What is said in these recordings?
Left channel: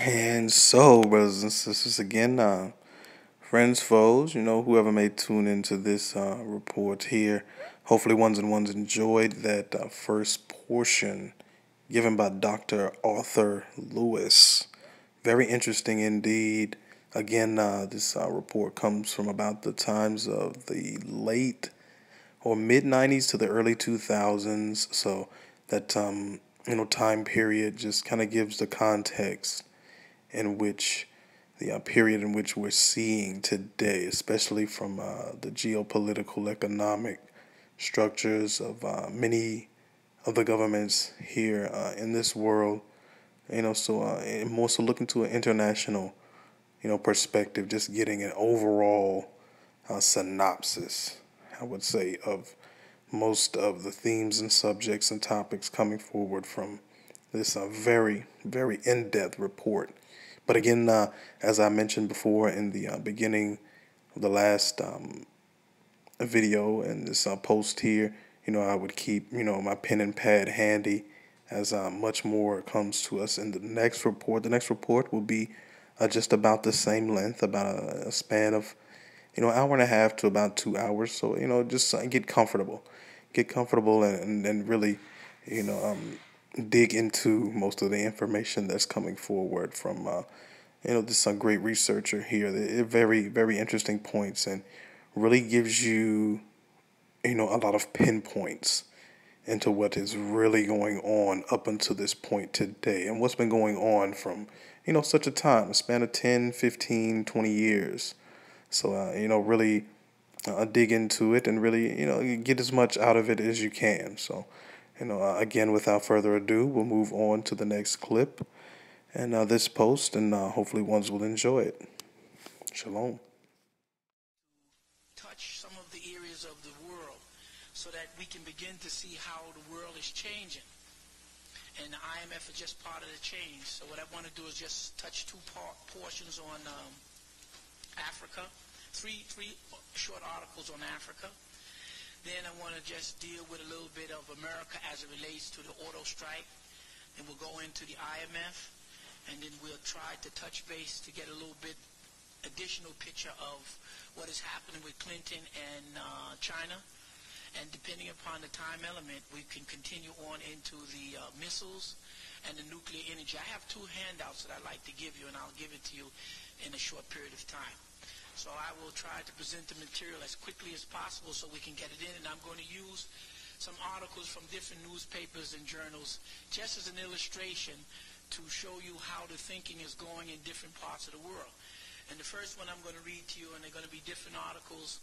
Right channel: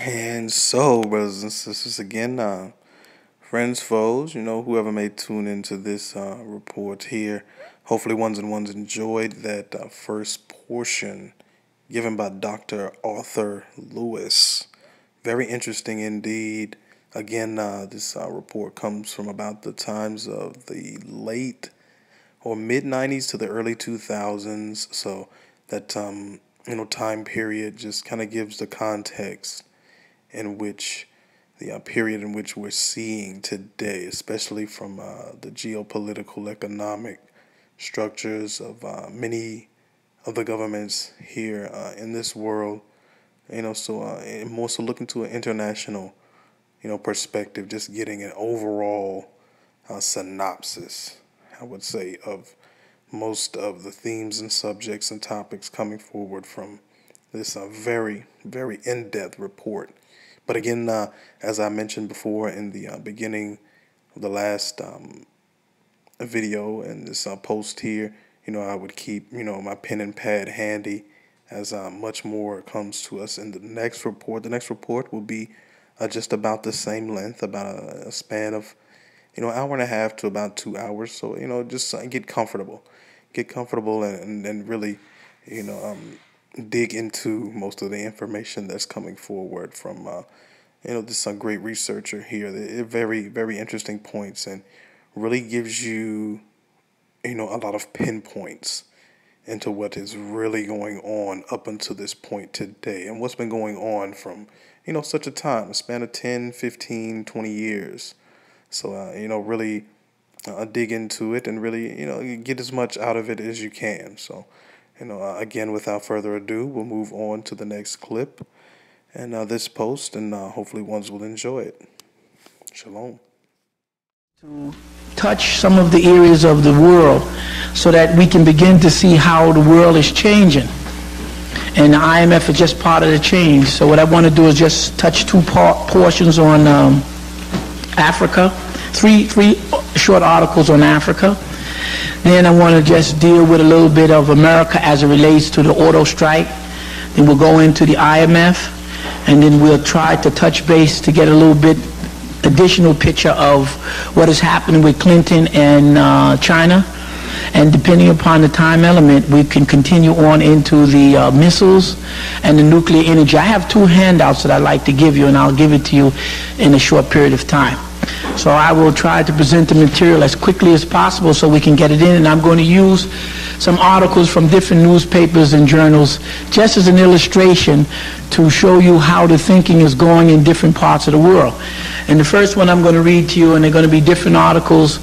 And so, brothers and sisters, again, friends, foes, whoever may tune into this report here, hopefully ones and ones enjoyed that first portion given by Dr. Arthur Lewis. Very interesting indeed. Again, this report comes from about the times of the late or mid 90s to the early 2000s. So that, time period just kind of gives the context in which the period in which we're seeing today, especially from the geopolitical economic structures of many of the governments here in this world, and more so looking to an international, perspective, just getting an overall synopsis, I would say, of most of the themes and subjects and topics coming forward from this very, very in-depth report. But again, as I mentioned before in the beginning of the last video and this post here, I would keep, my pen and pad handy as much more comes to us in the next report. The next report will be just about the same length, about a span of, hour and a half to about 2 hours. So, just get comfortable and really, dig into most of the information that's coming forward from, this great researcher here. They're very, very interesting points and really gives you, a lot of pinpoints into what is really going on up until this point today and what's been going on from, such a time, a span of 10, 15, 20 years. So, really dig into it and really, get as much out of it as you can. So, again, without further ado, we'll move on to the next clip and this post, and hopefully ones will enjoy it. Shalom. To touch some of the areas of the world so that we can begin to see how the world is changing. And the IMF is just part of the change. So what I want to do is just touch two portions on Africa, three short articles on Africa. Then I want to just deal with a little bit of America as it relates to the auto strike. Then we'll go into the IMF, and then we'll try to touch base to get a little bit additional picture of what is happening with Clinton and China. And depending upon the time element, we can continue on into the missiles and the nuclear energy. I have two handouts that I'd like to give you, and I'll give it to you in a short period of time. So I will try to present the material as quickly as possible so we can get it in, and I'm going to use some articles from different newspapers and journals just as an illustration to show you how the thinking is going in different parts of the world. And the first one I'm going to read to you, and they're going to be different articles,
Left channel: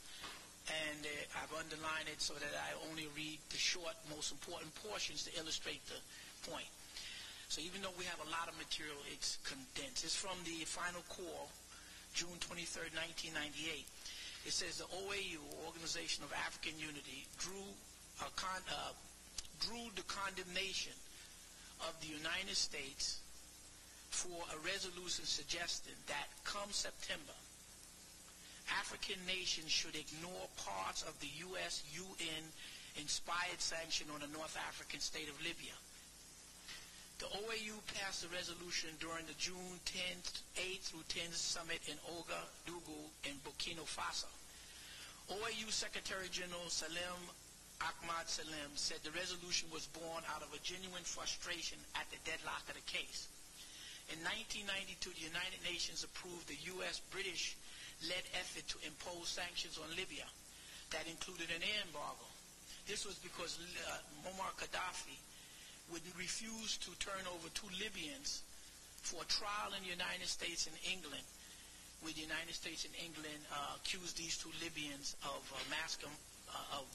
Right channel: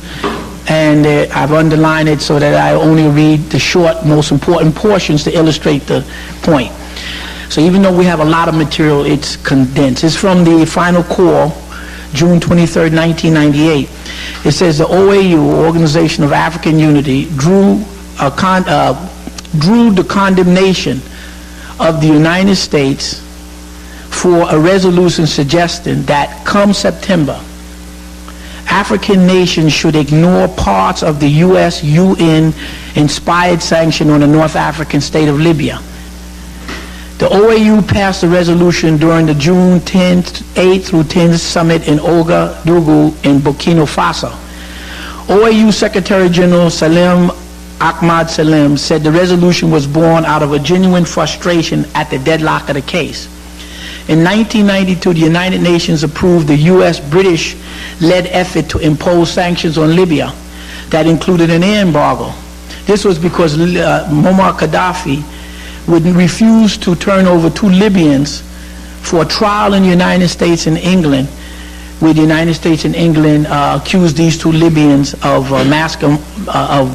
and I've underlined it so that I only read the short, most important portions to illustrate the point. So even though we have a lot of material, it's condensed. It's from the final call, June 23rd, 1998. It says the OAU, Organization of African Unity, drew the condemnation of the United States for a resolution suggesting that come September, African nations should ignore parts of the U.S. UN-inspired sanction on the North African state of Libya. The OAU passed a resolution during the June 8th through 10th summit in Ouagadougou in Burkina Faso. OAU Secretary General Salim Ahmad Salim said the resolution was born out of a genuine frustration at the deadlock of the case. In 1992, the United Nations approved the U.S.-British-led effort to impose sanctions on Libya that included an air embargo. This was because Muammar Gaddafi would refuse to turn over two Libyans for a trial in the United States and England, where the United States and England accused these two Libyans of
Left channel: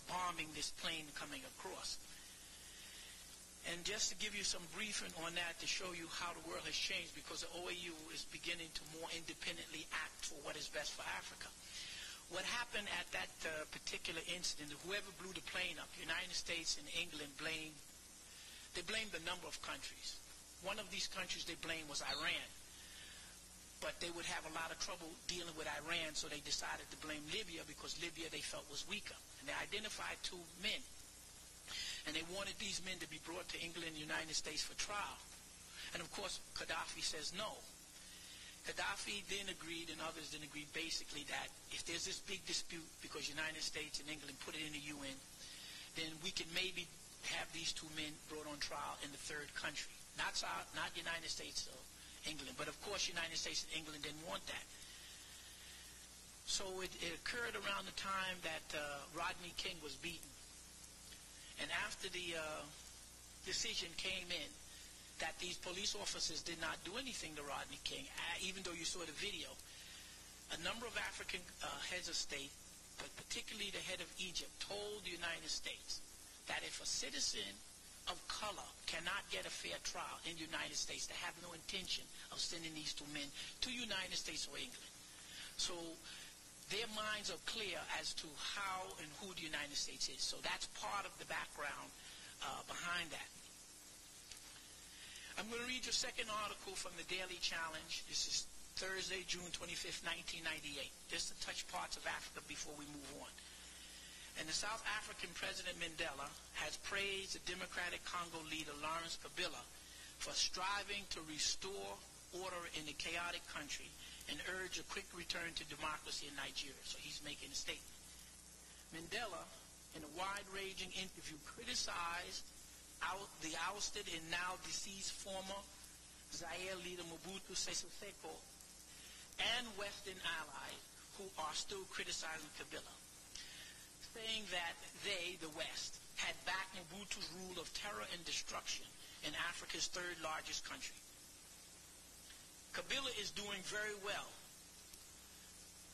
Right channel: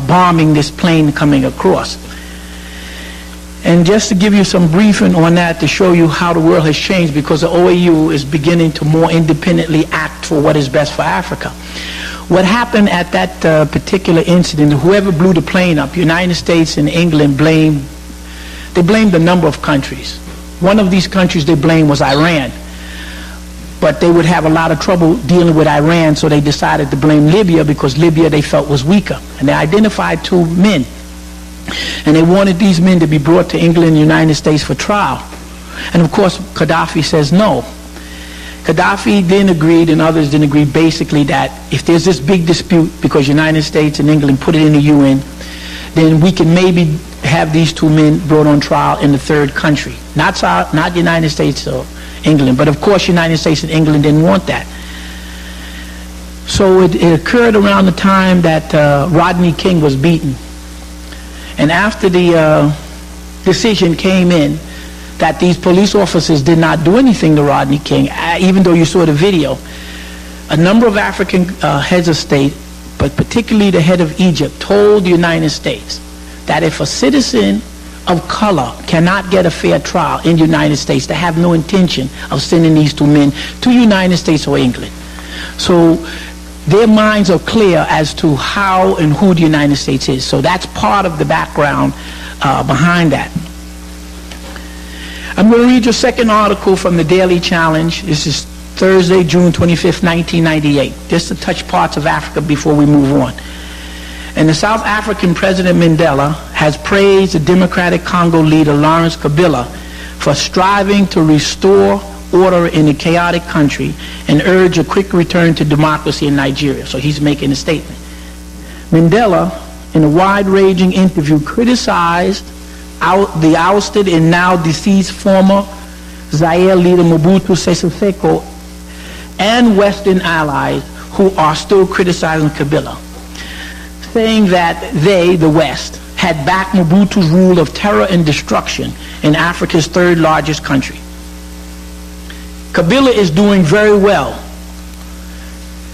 bombing this plane coming across. And just to give you some briefing on that to show you how the world has changed, because the OAU is beginning to more independently act for what is best for Africa. What happened at that particular incident, whoever blew the plane up, United States and England blamed a number of countries. One of these countries they blamed was Iran. But they would have a lot of trouble dealing with Iran, so they decided to blame Libya because Libya they felt was weaker. And they identified two men. And they wanted these men to be brought to England and the United States for trial. And of course, Gaddafi says no. Gaddafi then agreed, and others didn't agree, basically that if there's this big dispute because United States and England put it in the UN, then we can maybe have these two men brought on trial in the third country. Not United States or England, but of course United States and England didn't want that. So it occurred around the time that Rodney King was beaten. And after the decision came in that these police officers did not do anything to Rodney King, even though you saw the video, a number of African heads of state, but particularly the head of Egypt, told the United States that if a citizen of color cannot get a fair trial in the United States, they have no intention of sending these two men to the United States or England. So their minds are clear as to how and who the United States is. So that's part of the background behind that. I'm going to read your second article from the Daily Challenge. This is Thursday, June 25th, 1998. Just to touch parts of Africa before we move on. And the South African President Mandela has praised the Democratic Congo leader Lawrence Kabila for striving to restore order in a chaotic country and urge a quick return to democracy in Nigeria. So he's making a statement. Mandela, in a wide-ranging interview, criticized the ousted and now deceased former Zaire leader Mobutu Sese Seko and Western allies who are still criticizing Kabila, saying that they, the West, had backed Mobutu's rule of terror and destruction in Africa's third largest country. Kabila is doing very well.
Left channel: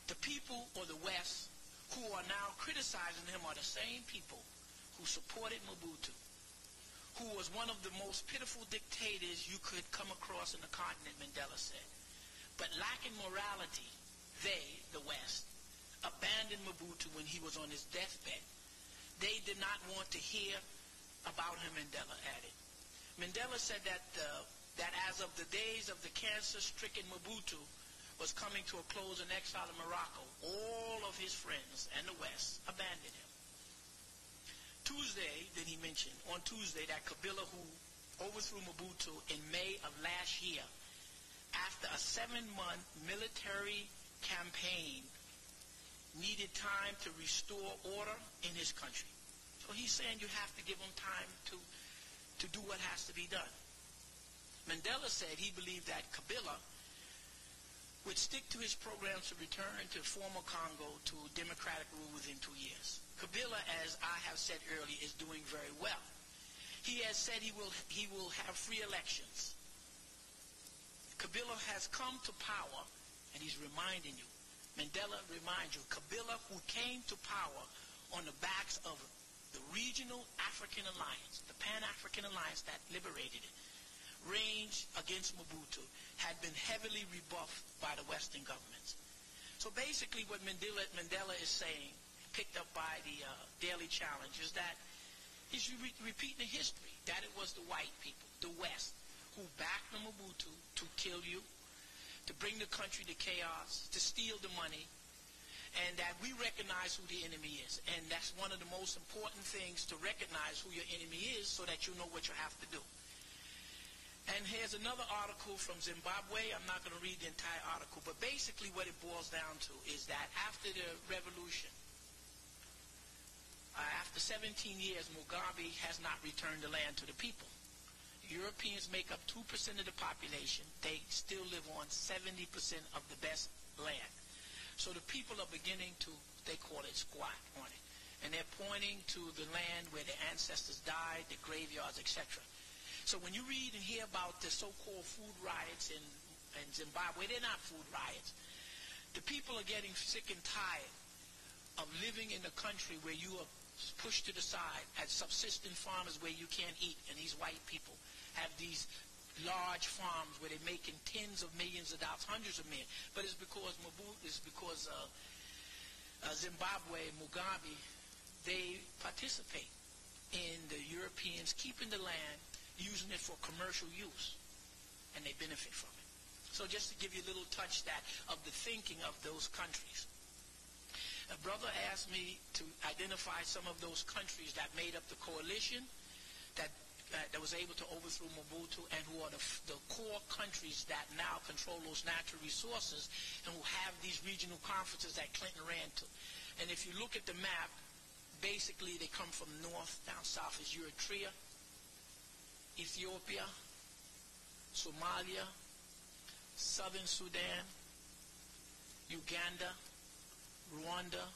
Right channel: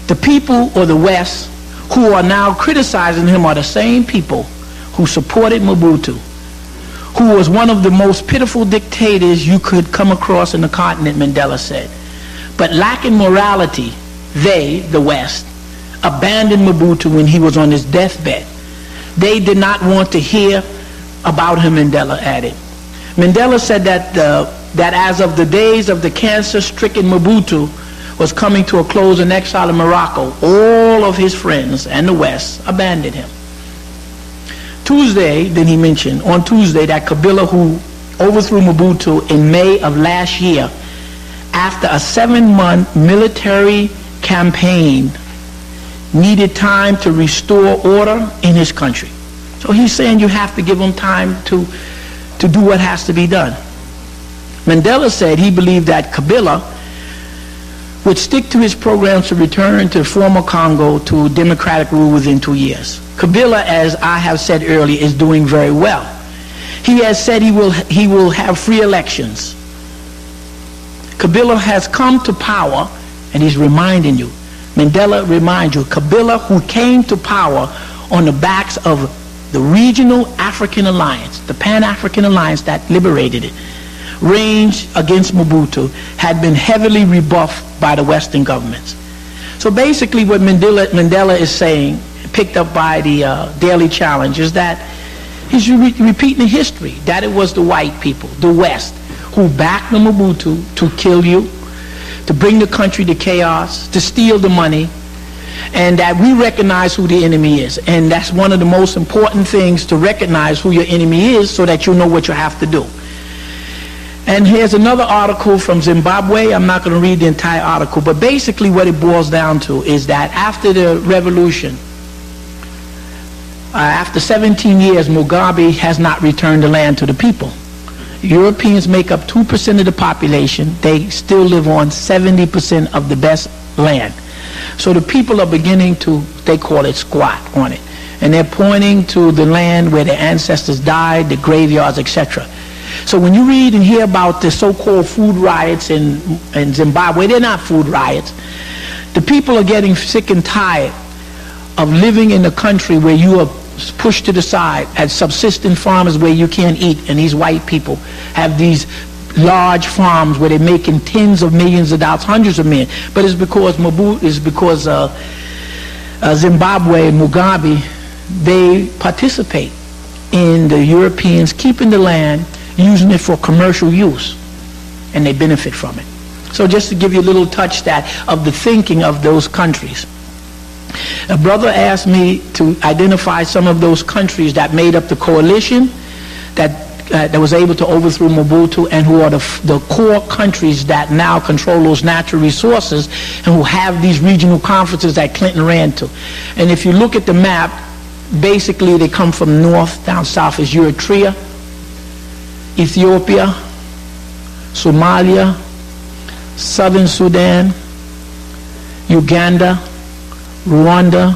The people or the West who are now criticizing him are the same people who supported Mobutu, who was one of the most pitiful dictators you could come across in the continent, Mandela said. But lacking morality, they, the West, abandoned Mobutu when he was on his deathbed. They did not want to hear about him, Mandela added. Mandela said that as of the days of the cancer-stricken Mobutu was coming to a close in exile in Morocco, all of his friends and the West abandoned him. Tuesday, then he mentioned, on Tuesday, that Kabila, who overthrew Mobutu in May of last year, after a 7-month military campaign, needed time to restore order in his country. So he's saying you have to give him time to do what has to be done. Mandela said he believed that Kabila would stick to his programs to return to former Congo to democratic rule within 2 years. Kabila, as I have said earlier, is doing very well. He has said he will have free elections. Kabila has come to power, and he's reminding you, Mandela reminds you, Kabila, who came to power on the backs of the regional African alliance, the Pan-African alliance that liberated it, ranged against Mobutu, had been heavily rebuffed by the Western governments. So basically what Mandela is saying, picked up by the Daily Challenge, is that he's repeating history, that it was the white people, the West, who backed the Mobutu to kill you, to bring the country to chaos, to steal the money, and that we recognize who the enemy is. And that's one of the most important things, to recognize who your enemy is so that you know what you have to do. And here's another article from Zimbabwe. I'm not going to read the entire article, but basically what it boils down to is that after the revolution, after 17 years, Mugabe has not returned the land to the people. Europeans make up 2% of the population. They still live on 70% of the best land. So the people are beginning to, they call it, squat on it. And they're pointing to the land where their ancestors died, the graveyards, etc. So when you read and hear about the so-called food riots in Zimbabwe, they're not food riots. The people are getting sick and tired of living in a country where you are pushed to the side as subsistence farmers where you can't eat, and these white people have these large farms where they're making tens of millions of dollars, hundreds of millions. But it's because Zimbabwe and Mugabe, they participate in the Europeans keeping the land, using it for commercial use, and they benefit from it. So just to give you a little touch of the thinking of those countries. A brother asked me to identify some of those countries that made up the coalition that that was able to overthrow Mobutu, and who are the core countries that now control those natural resources and who have these regional conferences that Clinton ran to. And if you look at the map, basically they come from north down south is Eritrea, Ethiopia, Somalia, Southern Sudan, Uganda, Rwanda,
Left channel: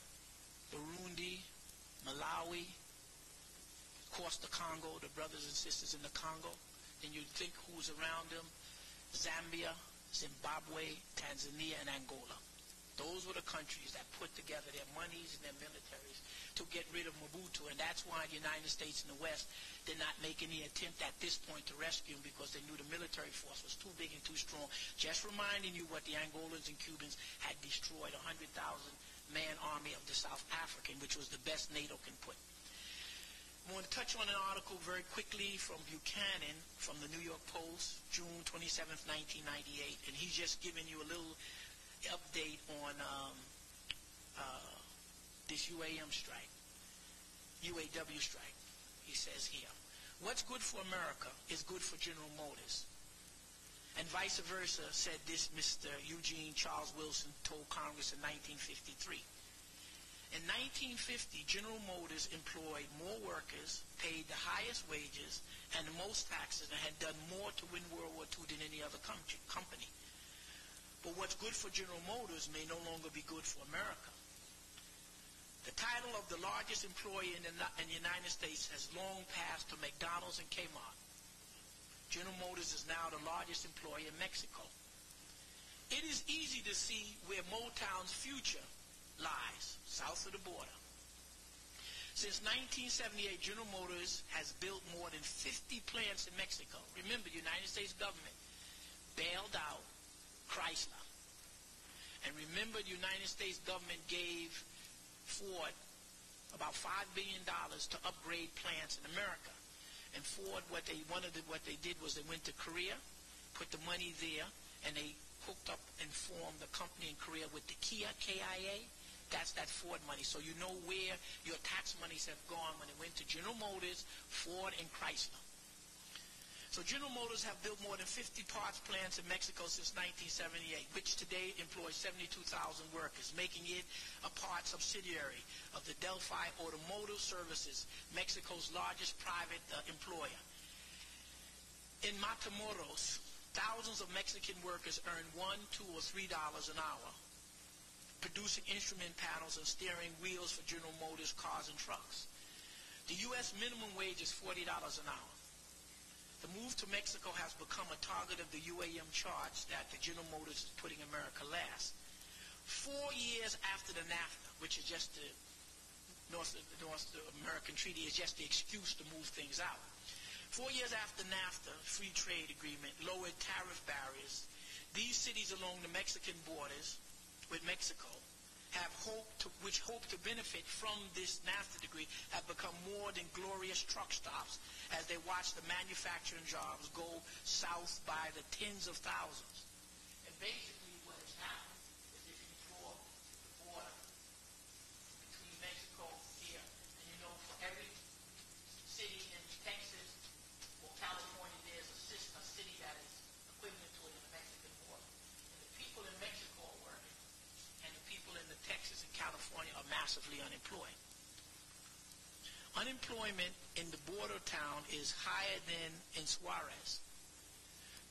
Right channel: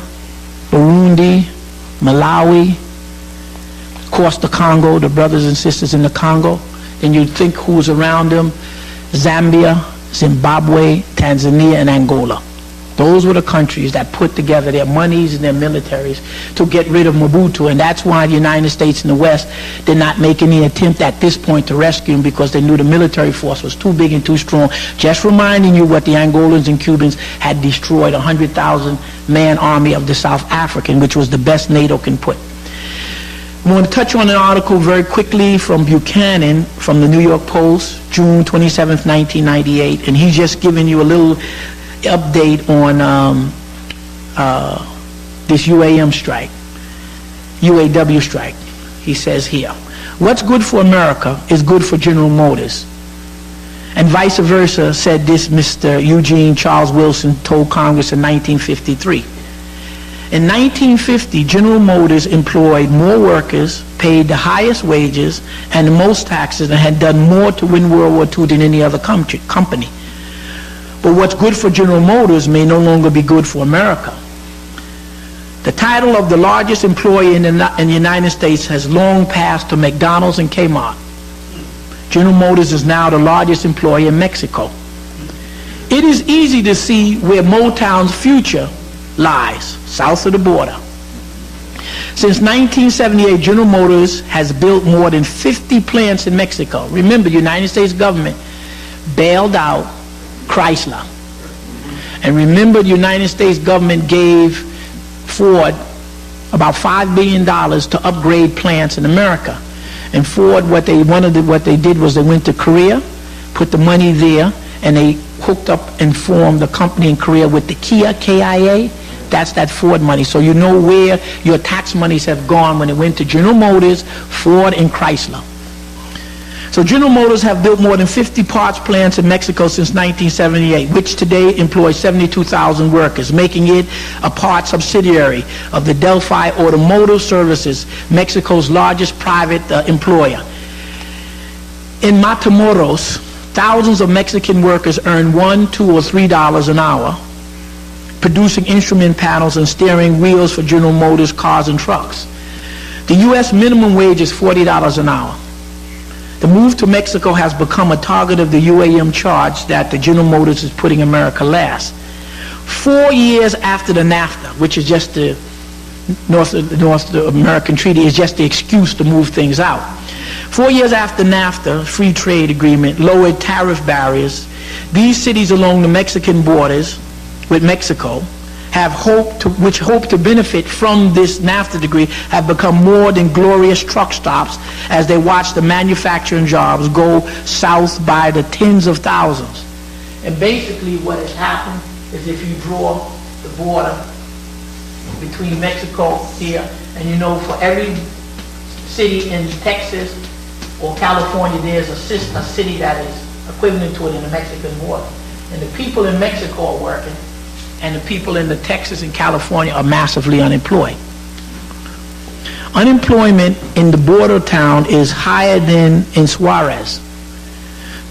Burundi, Malawi, of course the Congo, the brothers and sisters in the Congo. Then you think who's around them: Zambia, Zimbabwe, Tanzania, and Angola. Those were the countries that put together their monies and their militaries to get rid of Mobutu, and that's why the United States and the West did not make any attempt at this point to rescue him, because they knew the military force was too big and too strong. Just reminding you what the Angolans and Cubans had destroyed, 100,000-man army of the South African, which was the best NATO can put. I want to touch on an article very quickly from Buchanan from the New York Post, June 27th, 1998, and he's just giving you a little update on this UAW strike. He says here, what's good for America is good for General Motors. And vice versa, said this Mr. Eugene Charles Wilson told Congress in 1953. In 1950, General Motors employed more workers, paid the highest wages and the most taxes, and had done more to win World War II than any other company. But what's good for General Motors may no longer be good for America. The title of the largest employer in the United States has long passed to McDonald's and Kmart. General Motors is now the largest employer in Mexico. It is easy to see where Motown's future lies, south of the border. Since 1978, General Motors has built more than 50 plants in Mexico. Remember, the United States government bailed out Chrysler. And remember, the United States government gave Ford about $5 billion to upgrade plants in America. And Ford, what they did was they went to Korea, put the money there, and they hooked up and formed a company in Korea with the Kia, KIA. That's that Ford money. So you know where your tax monies have gone when it went to General Motors, Ford, and Chrysler. So General Motors have built more than 50 parts plants in Mexico since 1978, which today employs 72,000 workers, making it a part subsidiary of the Delphi Automotive Services, Mexico's largest private employer. In Matamoros, thousands of Mexican workers earn $1, $2, or $3 an hour, producing instrument panels and steering wheels for General Motors cars and trucks. The U.S. minimum wage is $40 an hour. The move to Mexico has become a target of the UAM charge that the General Motors is putting America last. 4 years after the NAFTA, which is just the North American Treaty, is just the excuse to move things out. 4 years after NAFTA, free trade agreement, lowered tariff barriers, these cities along the Mexican borders with Mexico which hope to benefit from this NAFTA degree, have become more than glorious truck stops as they watch the manufacturing jobs go south by the tens of thousands. And basically what has happened is, if you draw the border between Mexico here, and you know for every city in Texas or California, there's a city that is equivalent to it in the Mexican border. And the people in Mexico are working, and the people in the Texas and California are massively unemployed. Unemployment in the border town is higher than in Suarez,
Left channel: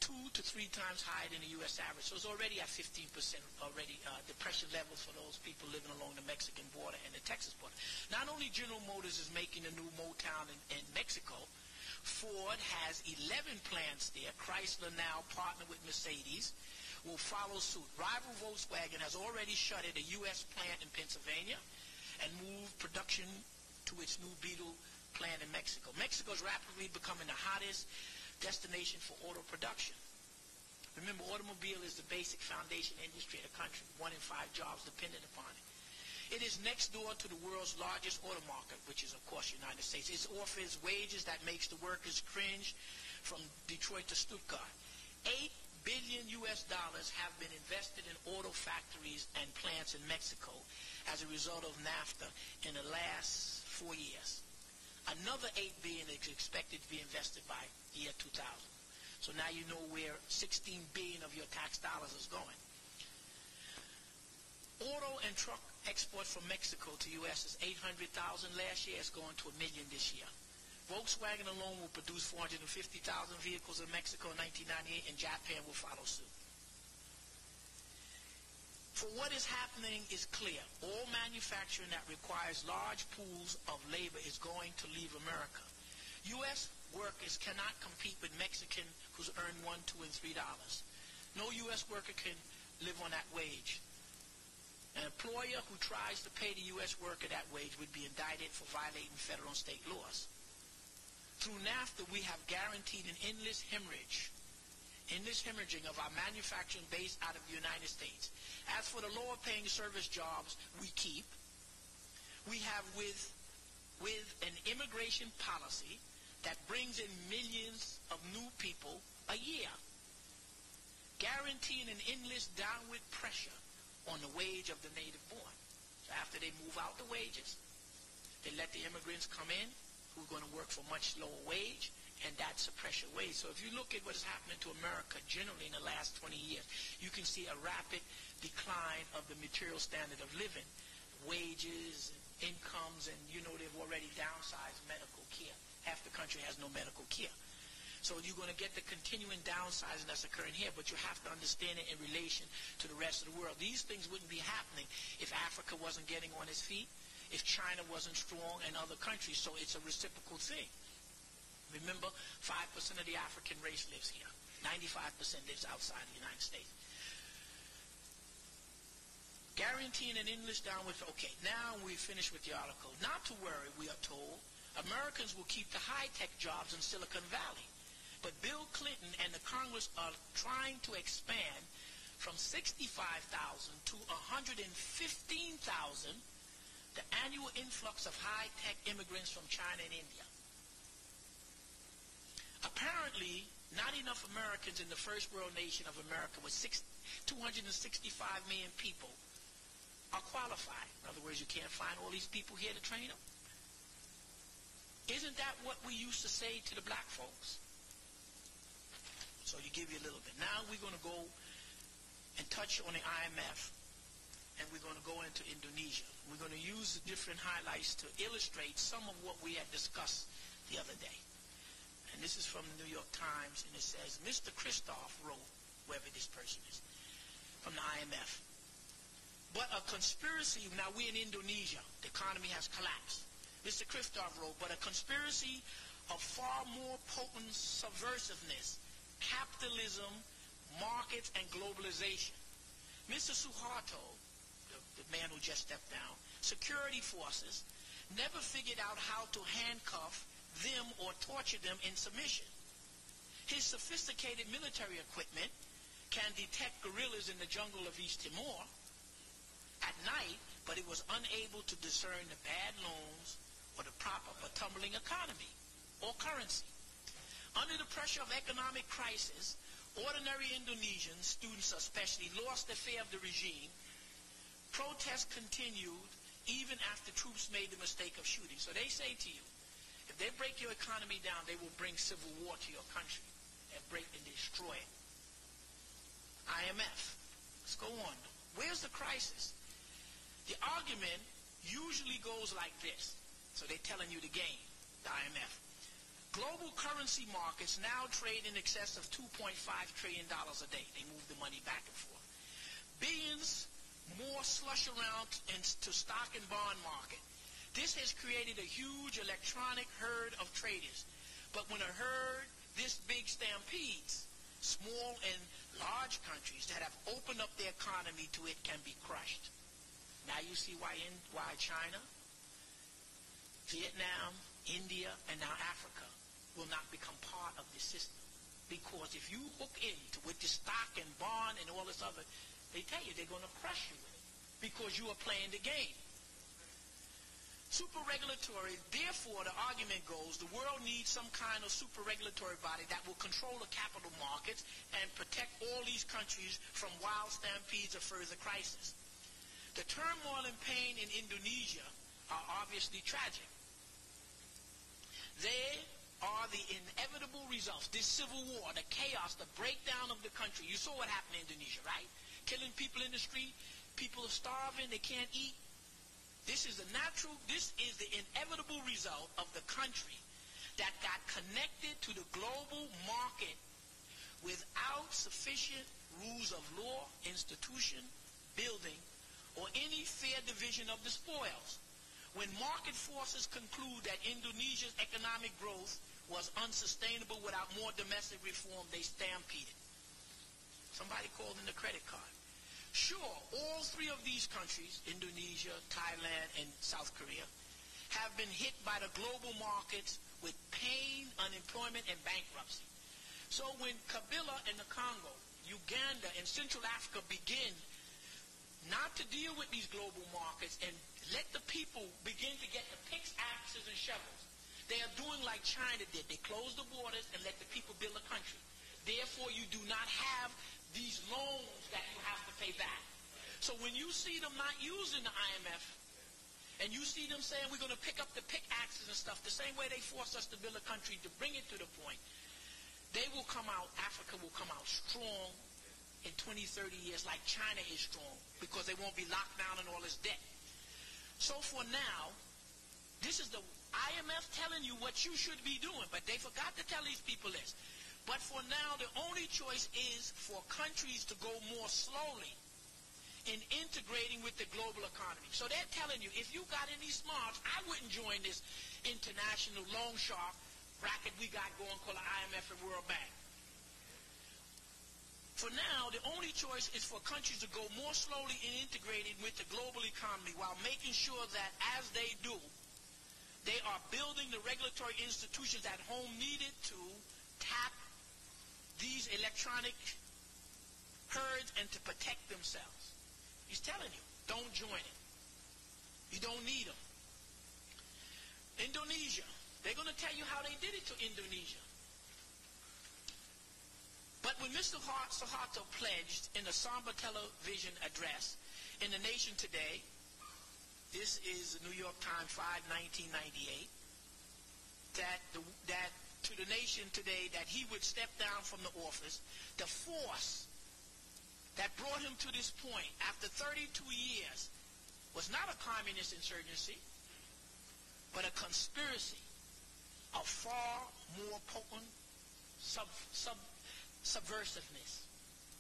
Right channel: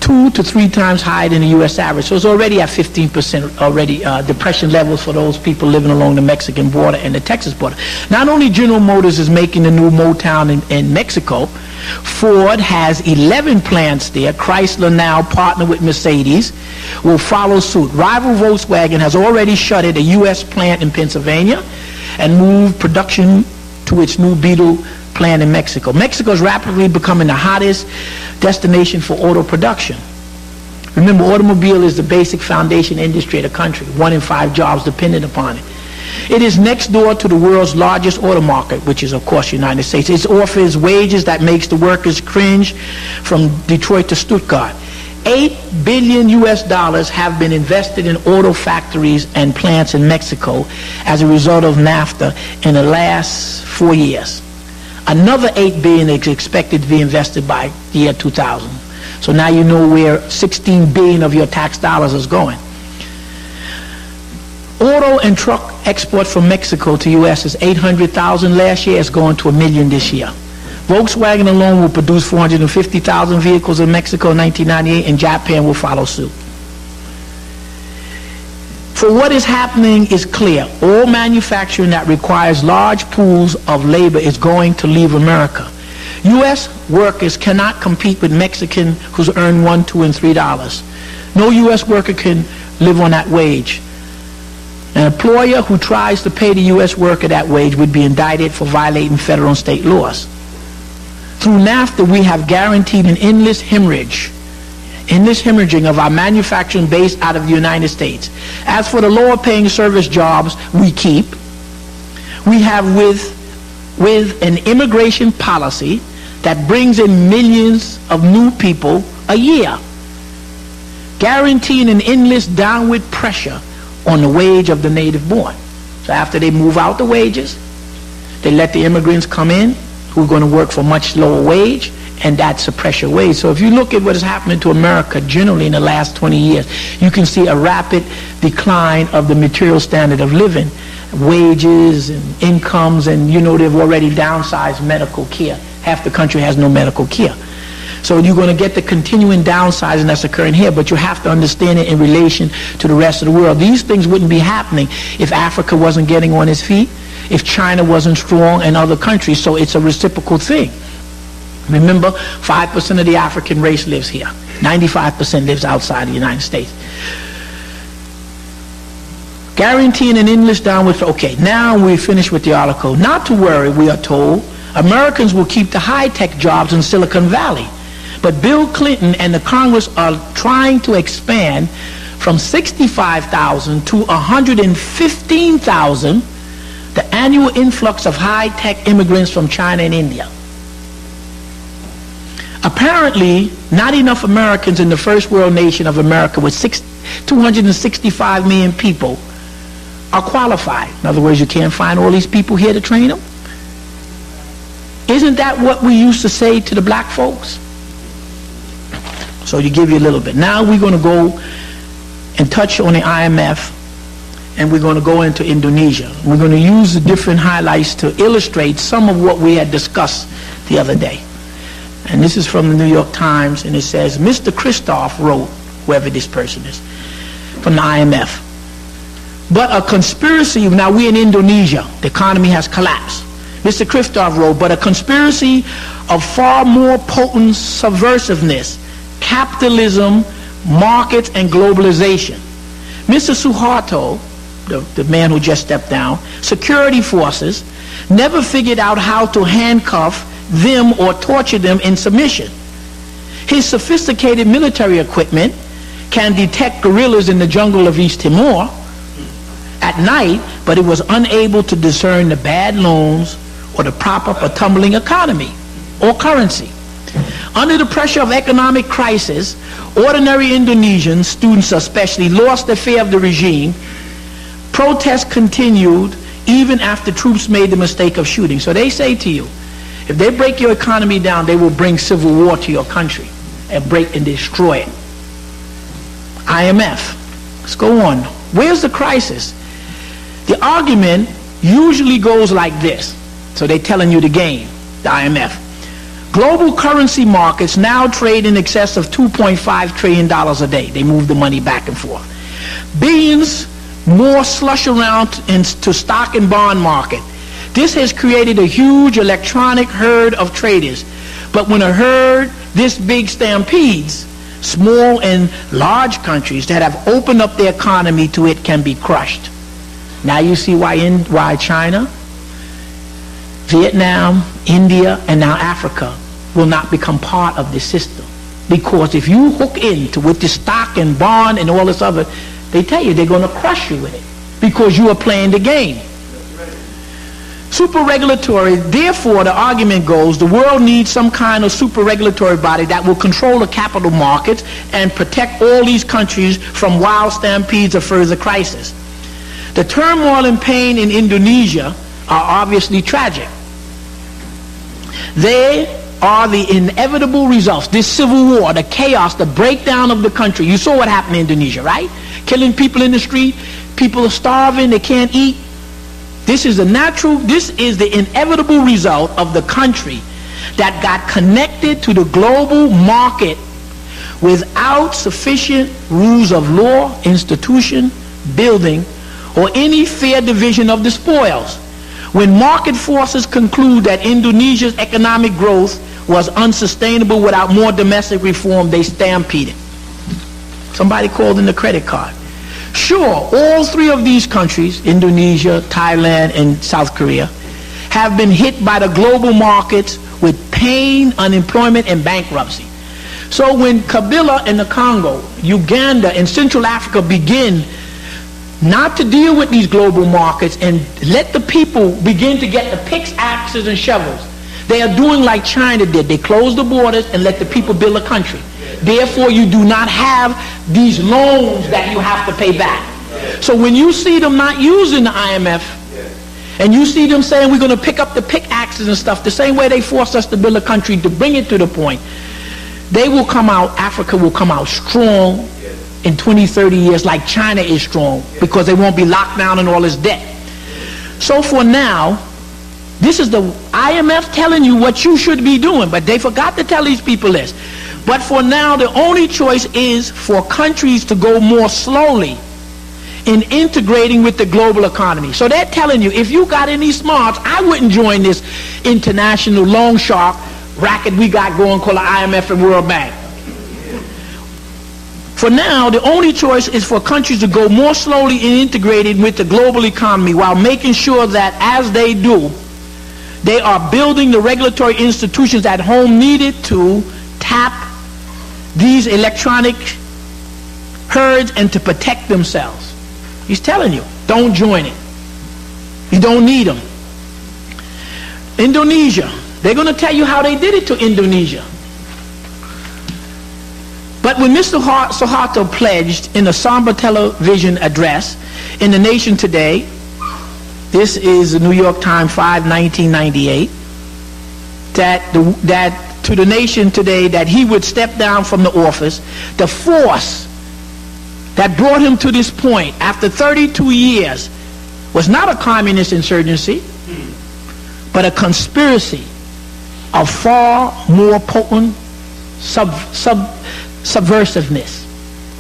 2 to 3 times higher than the U.S. average. So it's already at 15% already depression levels for those people living along the Mexican border and the Texas border. Not only General Motors is making the new Motown in Mexico, Ford has 11 plants there. Chrysler, now partnered with Mercedes, will follow suit. Rival Volkswagen has already shuttered a U.S. plant in Pennsylvania and moved production to its new Beetle plant in Mexico. Mexico is rapidly becoming the hottest destination for auto production. Remember, automobile is the basic foundation industry of the country. 1 in 5 jobs dependent upon it. It is next door to the world's largest auto market, which is, of course, the United States. It offers wages that makes the workers cringe from Detroit to Stuttgart. $8 billion have been invested in auto factories and plants in Mexico as a result of NAFTA in the last 4 years. Another $8 billion is expected to be invested by the year 2000. So now you know where $16 billion of your tax dollars is going. Auto and truck export from Mexico to U.S. is 800,000 last year. It's going to 1 million this year. Volkswagen alone will produce 450,000 vehicles in Mexico in 1998, and Japan will follow suit. For what is happening is clear. All manufacturing that requires large pools of labor is going to leave America. U.S. workers cannot compete with Mexicans who earn $1, $2, and $3. No U.S. worker can live on that wage. An employer who tries to pay the U.S. worker that wage would be indicted for violating federal and state laws. Through NAFTA, we have guaranteed an endless hemorrhaging of our manufacturing base out of the United States. As for the lower paying service jobs we keep, we have with an immigration policy that brings in millions of new people a year, guaranteeing an endless downward pressure on the wage of the native born. So after they move out the wages, they let the immigrants come in who are going to work for much lower wage, and that's a pressure wage. So if you look at what is happening to America generally in the last 20 years, you can see a rapid decline of the material standard of living, wages and incomes, and you know they've already downsized medical care. Half the country has no medical care. So you're going to get the continuing downsizing that's occurring here, but you have to understand it in relation to the rest of the world. These things wouldn't be happening if Africa wasn't getting on its feet, if China wasn't strong, and other countries. So it's a reciprocal thing. Remember, 5% of the African race lives here. 95% lives outside the United States. Guaranteeing an endless downward. Okay, now we finish with the article. Not to worry, we are told. Americans will keep the high-tech jobs in Silicon Valley. But Bill Clinton and the Congress are trying to expand from 65,000 to 115,000 the annual influx of high-tech immigrants from China and India. Apparently, not enough Americans in the first world nation of America with 265 million people are qualified. In other words, you can't find all these people here to train them. Isn't that what we used to say to the black folks? So you give you a little bit. Now we're going to go and touch on the IMF, and we're going to go into Indonesia. We're going to use the different highlights to illustrate some of what we had discussed the other day. And this is from the New York Times, and it says, Mr. Christoph wrote, whoever this person is, from the IMF. But a conspiracy, now we're in Indonesia, the economy has collapsed. Mr. Christoph wrote, but a conspiracy of far more potent subversiveness, capitalism, markets, and globalization. Mr. Suharto, the man who just stepped down, security forces never figured out how to handcuff them or torture them in submission. His sophisticated military equipment can detect guerrillas in the jungle of East Timor at night, but it was unable to discern the bad loans or the prop up a tumbling economy or currency. Under the pressure of economic crisis, ordinary Indonesians, students especially, lost their fear of the regime. Protests continued even after troops made the mistake of shooting. So they say to you, if they break your economy down, they will bring civil war to your country and break and destroy it. IMF. Let's go on. Where's the crisis? The argument usually goes like this. So they're telling you the game, the IMF. Global currency markets now trade in excess of $2.5 trillion a day. They move the money back and forth. Billions more slush around into stock and bond market. This has created a huge electronic herd of traders. But when a herd this big stampedes, small and large countries that have opened up their economy to it can be crushed. Now you see why China, Vietnam, India, and now Africa will not become part of this system. Because if you hook into with the stock and bond and all this other, they tell you they're going to crush you with it because you are playing the game. Super regulatory, therefore the argument goes, the world needs some kind of super regulatory body that will control the capital markets and protect all these countries from wild stampedes or further crisis. The turmoil and pain in Indonesia are obviously tragic. They are the inevitable results. This civil war, the chaos, the breakdown of the country. You saw what happened in Indonesia, right? Killing people in the street. People are starving. They can't eat. This is the inevitable result of the country that got connected to the global market without sufficient rules of law, institution, building, or any fair division of the spoils. When market forces conclude that Indonesia's economic growth was unsustainable without more domestic reform, they stampeded. Somebody called in the credit card. Sure, all three of these countries, Indonesia, Thailand, and South Korea, have been hit by the global markets with pain, unemployment, and bankruptcy. So when Kabila in the Congo, Uganda, and Central Africa begin not to deal with these global markets and let the people begin to get the picks, axes, and shovels, they are doing like China did. They closed the borders and let the people build a country. Therefore, you do not have these loans that you have to pay back. So when you see them not using the IMF, and you see them saying we're going to pick up the pickaxes and stuff, the same way they forced us to build a country to bring it to the point, they will come out, Africa will come out strong in 20, 30 years like China is strong, because they won't be locked down in all this debt. So for now, this is the IMF telling you what you should be doing, but they forgot to tell these people this. But for now, the only choice is for countries to go more slowly in integrating with the global economy. So they're telling you, if you got any smarts, I wouldn't join this international loan shark racket we got going called the IMF and World Bank. For now, the only choice is for countries to go more slowly in integrating with the global economy while making sure that as they do, they are building the regulatory institutions at home needed to tap these electronic herds and to protect themselves. He's telling you, don't join it. You don't need them. Indonesia, they're going to tell you how they did it to Indonesia. But when Mr. Suharto pledged in a somber television address in The Nation today, this is the New York Times 5/1998, that to the nation today that he would step down from the office, the force that brought him to this point after 32 years was not a communist insurgency, but a conspiracy of far more potent subversiveness.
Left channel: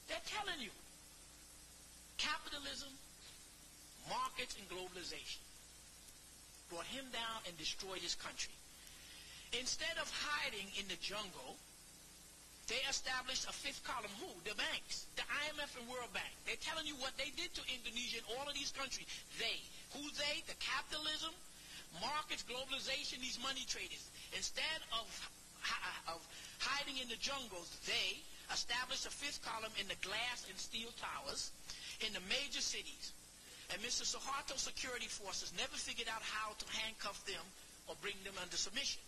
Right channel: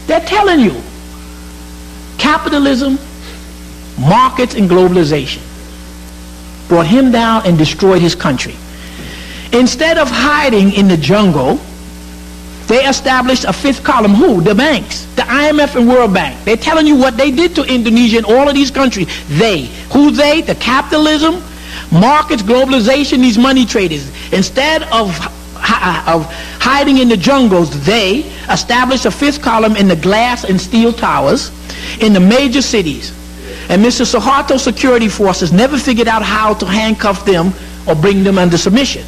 They're telling you, capitalism, markets, and globalization brought him down and destroyed his country. Instead of hiding in the jungle, they established a fifth column. Who? The banks, the IMF and World Bank. They're telling you what they did to Indonesia and all of these countries. They. Who they? The capitalism, markets, globalization, these money traders. Instead of hiding in the jungles, they established a fifth column in the glass and steel towers in the major cities. And Mr. Suharto's security forces never figured out how to handcuff them or bring them under submission.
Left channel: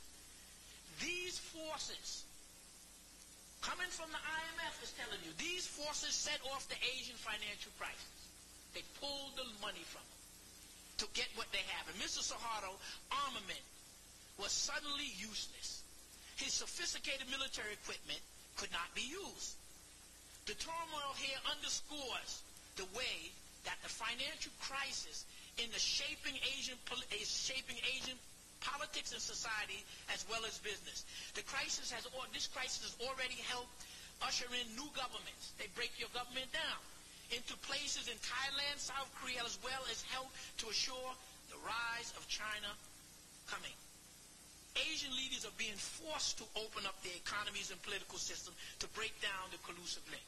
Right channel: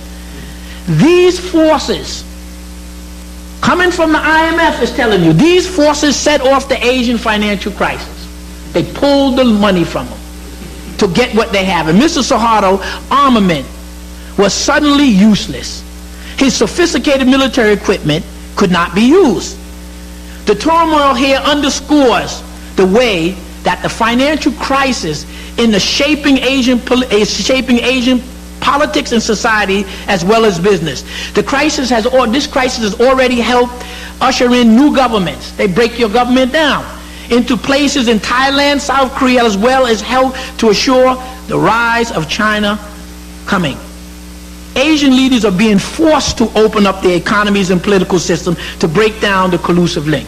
These forces, coming from the IMF, is telling you, these forces set off the Asian financial crisis. They pulled the money from them to get what they have. And Mr. Suharto's armament was suddenly useless. His sophisticated military equipment could not be used. The turmoil here underscores the way that the financial crisis in the shaping Asian politics and society as well as business. This crisis has already helped usher in new governments. They break your government down into places in Thailand, South Korea, as well as help to assure the rise of China coming. Asian leaders are being forced to open up their economies and political system to break down the collusive link.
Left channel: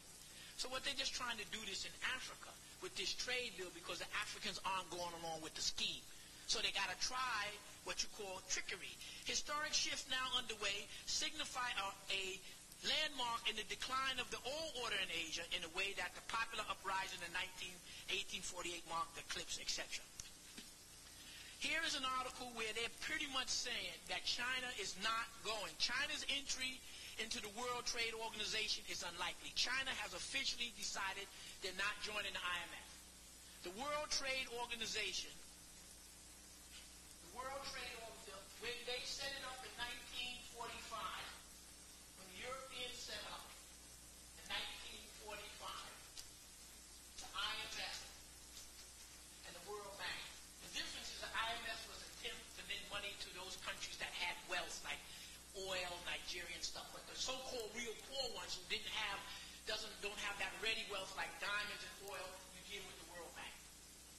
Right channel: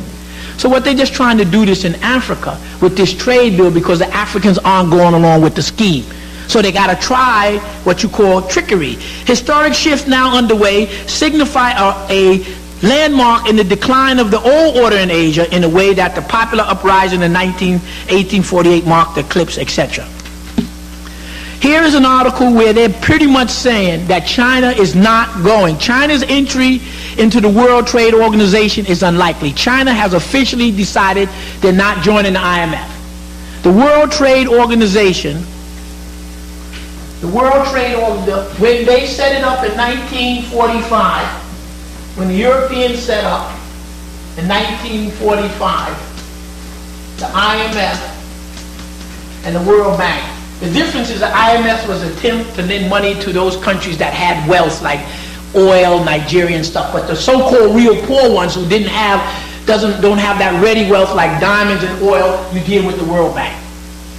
So what they're just trying to do this in Africa with this trade bill because the Africans aren't going along with the scheme. So they got to try what you call trickery. Historic shifts now underway signify a landmark in the decline of the old order in Asia in a way that the popular uprising in 1848 marked the eclipse, etc. Here is an article where they're pretty much saying that China is not going. China's entry into the World Trade Organization is unlikely. China has officially decided they're not joining the IMF. The World Trade Organization, The World Trade Order, when they set it up in 1945, when the Europeans set up in 1945, the IMF and the World Bank. The difference is the IMF was an attempt to lend money to those countries that had wealth, like oil, Nigeria and stuff, but the so-called real poor ones who don't have that ready wealth like diamonds and oil, you deal with the World Bank.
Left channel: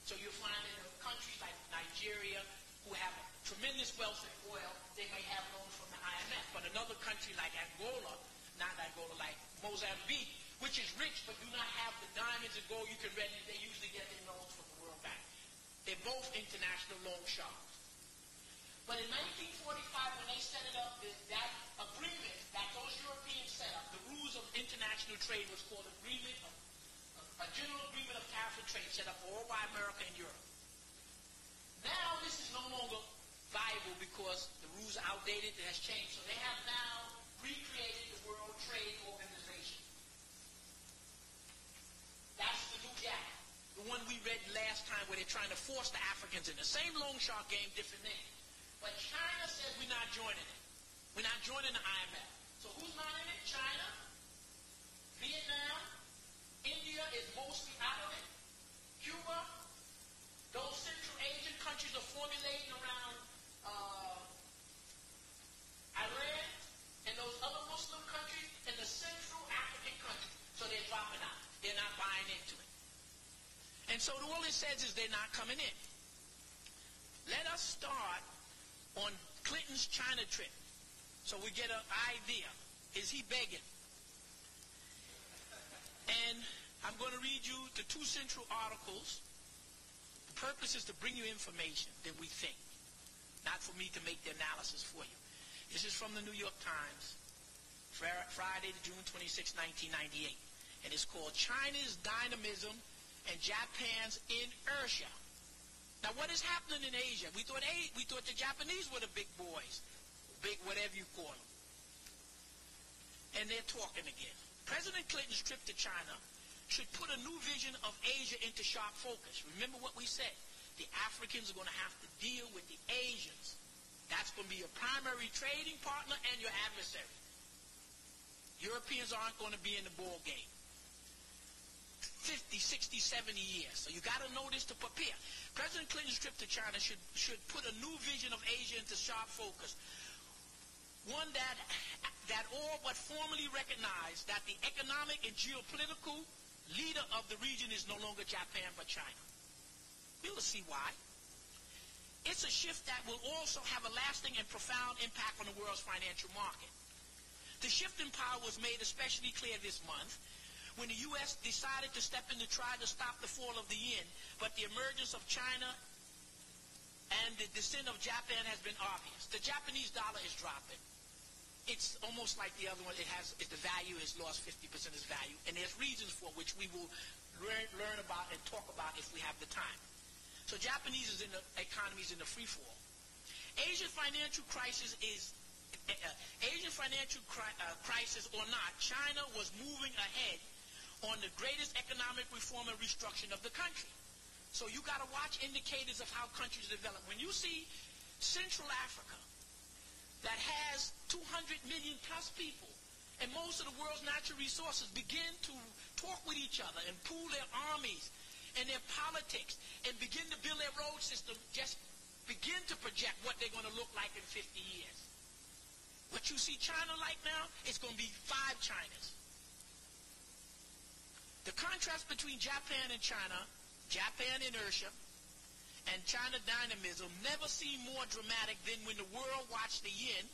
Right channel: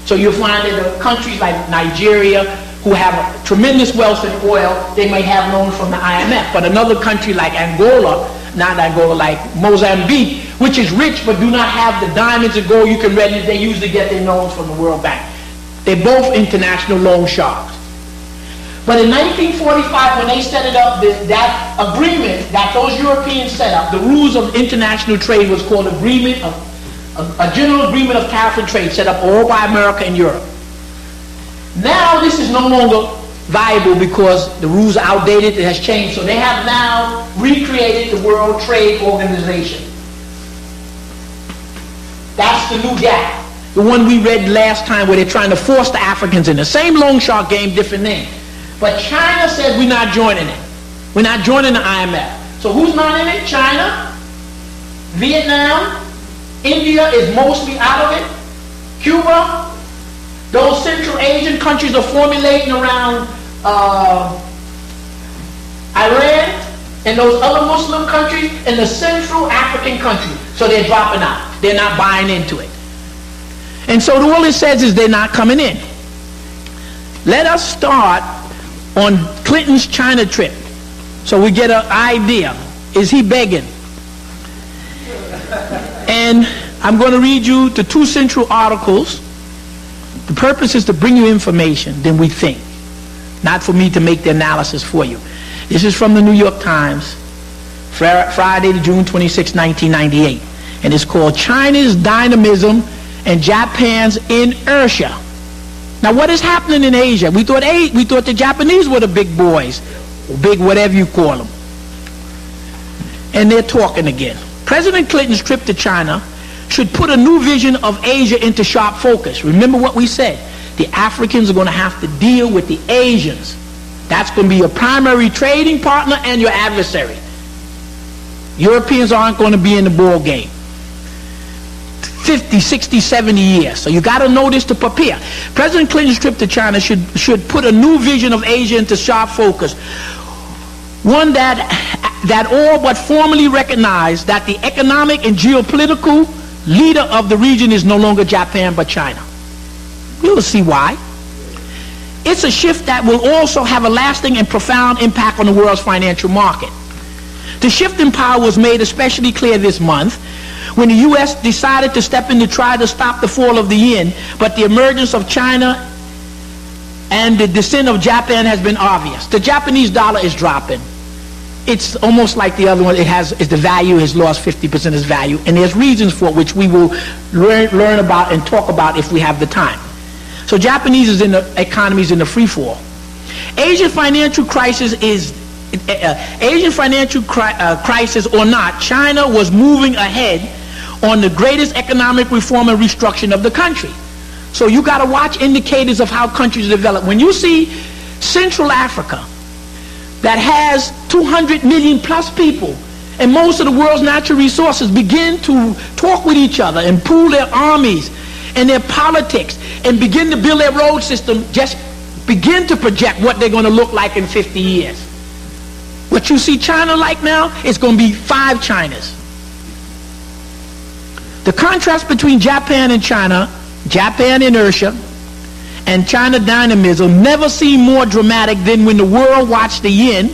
So you'll find that the countries like Nigeria who have tremendous wealth in oil, they may have loans from the IMF, but another country like Angola, not Angola, like Mozambique, which is rich but do not have the diamonds and gold you can readily, they usually get their loans from the World Bank. They're both international loan sharks. But in 1945, when they set it up, that agreement that those Europeans set up, the rules of international trade was called a general agreement of tariff and trade, set up all by America and Europe. Now this is no longer viable because the rules are outdated, it has changed. So they have now recreated the World Trade Organization. That's the new gap. The one we read last time where they're trying to force the Africans in. The same loan shark game, different name. But China said we're not joining it. We're not joining the IMF. So who's not in it? China, Vietnam, India is mostly out of it, Cuba, those Central Asian countries are formulating around Iran and those other Muslim countries and the Central African countries. So they're dropping out. They're not buying into it. And so all it says is they're not coming in. Let us start on Clinton's China trip so we get an idea. Is he begging? And I'm going to read you the two central articles. The purpose is to bring you information, then we think, not for me to make the analysis for you. This is from the New York Times, Friday, June 26, 1998, and it's called China's Dynamism and Japan's Inertia. Now, what is happening in Asia? We thought the Japanese were the big boys, or big whatever you call them, and they're talking again. President Clinton's trip to China should put a new vision of Asia into sharp focus. Remember what we said. The Africans are going to have to deal with the Asians. That's going to be your primary trading partner and your adversary. Europeans aren't going to be in the ball game. 50, 60, 70 years. So you got to know this to prepare. President Clinton's trip to China should put a new vision of Asia into sharp focus. One that all but formally recognize that the economic and geopolitical leader of the region is no longer Japan but China. We'll see why. It's a shift that will also have a lasting and profound impact on the world's financial market. The shift in power was made especially clear this month when the U.S. decided to step in to try to stop the fall of the yen, but the emergence of China and the descent of Japan has been obvious. The Japanese dollar is dropping. It's almost like the other one. The value has lost 50% of its value, and there's reasons for it, which we will learn about and talk about if we have the time. So Japanese economy is in the free fall. Asian financial crisis or not, China was moving ahead on the greatest economic reform and restructuring of the country. So you got to watch indicators of how countries develop. When you see Central Africa, that has 200 million plus people, and most of the world's natural resources begin to talk with each other and pool their armies and their politics and begin to build their road system, just begin to project what they're going to look like in 50 years. What you see China like now, it's going to be 5 Chinas. The contrast between Japan and China, Japan inertia, and China dynamism never seemed more dramatic than when the world watched the yen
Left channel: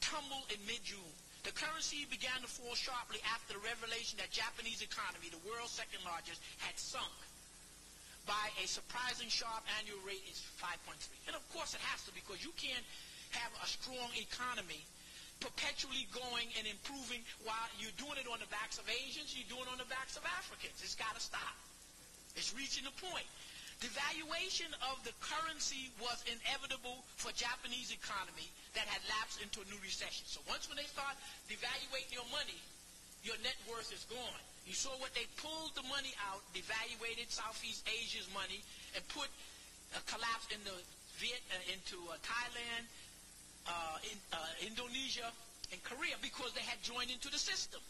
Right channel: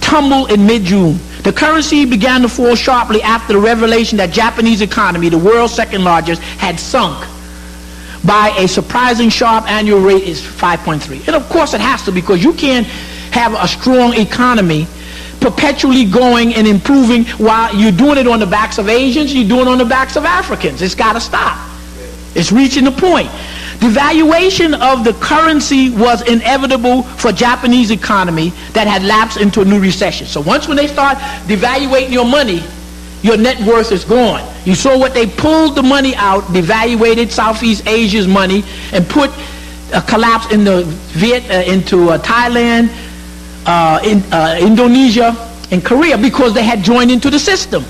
tumble in mid-June. The currency began to fall sharply after the revelation that Japanese economy, the world's second largest, had sunk by a surprising sharp annual rate is 5.3. And of course it has to, because you can't have a strong economy perpetually going and improving while you're doing it on the backs of Asians, you're doing it on the backs of Africans. It's got to stop. It's reaching the point. Devaluation of the currency was inevitable for Japanese economy that had lapsed into a new recession. So when they start devaluating your money, your net worth is gone. You saw what they pulled the money out, devaluated Southeast Asia's money, and put collapse into Thailand, Indonesia, and Korea because they had joined into the system.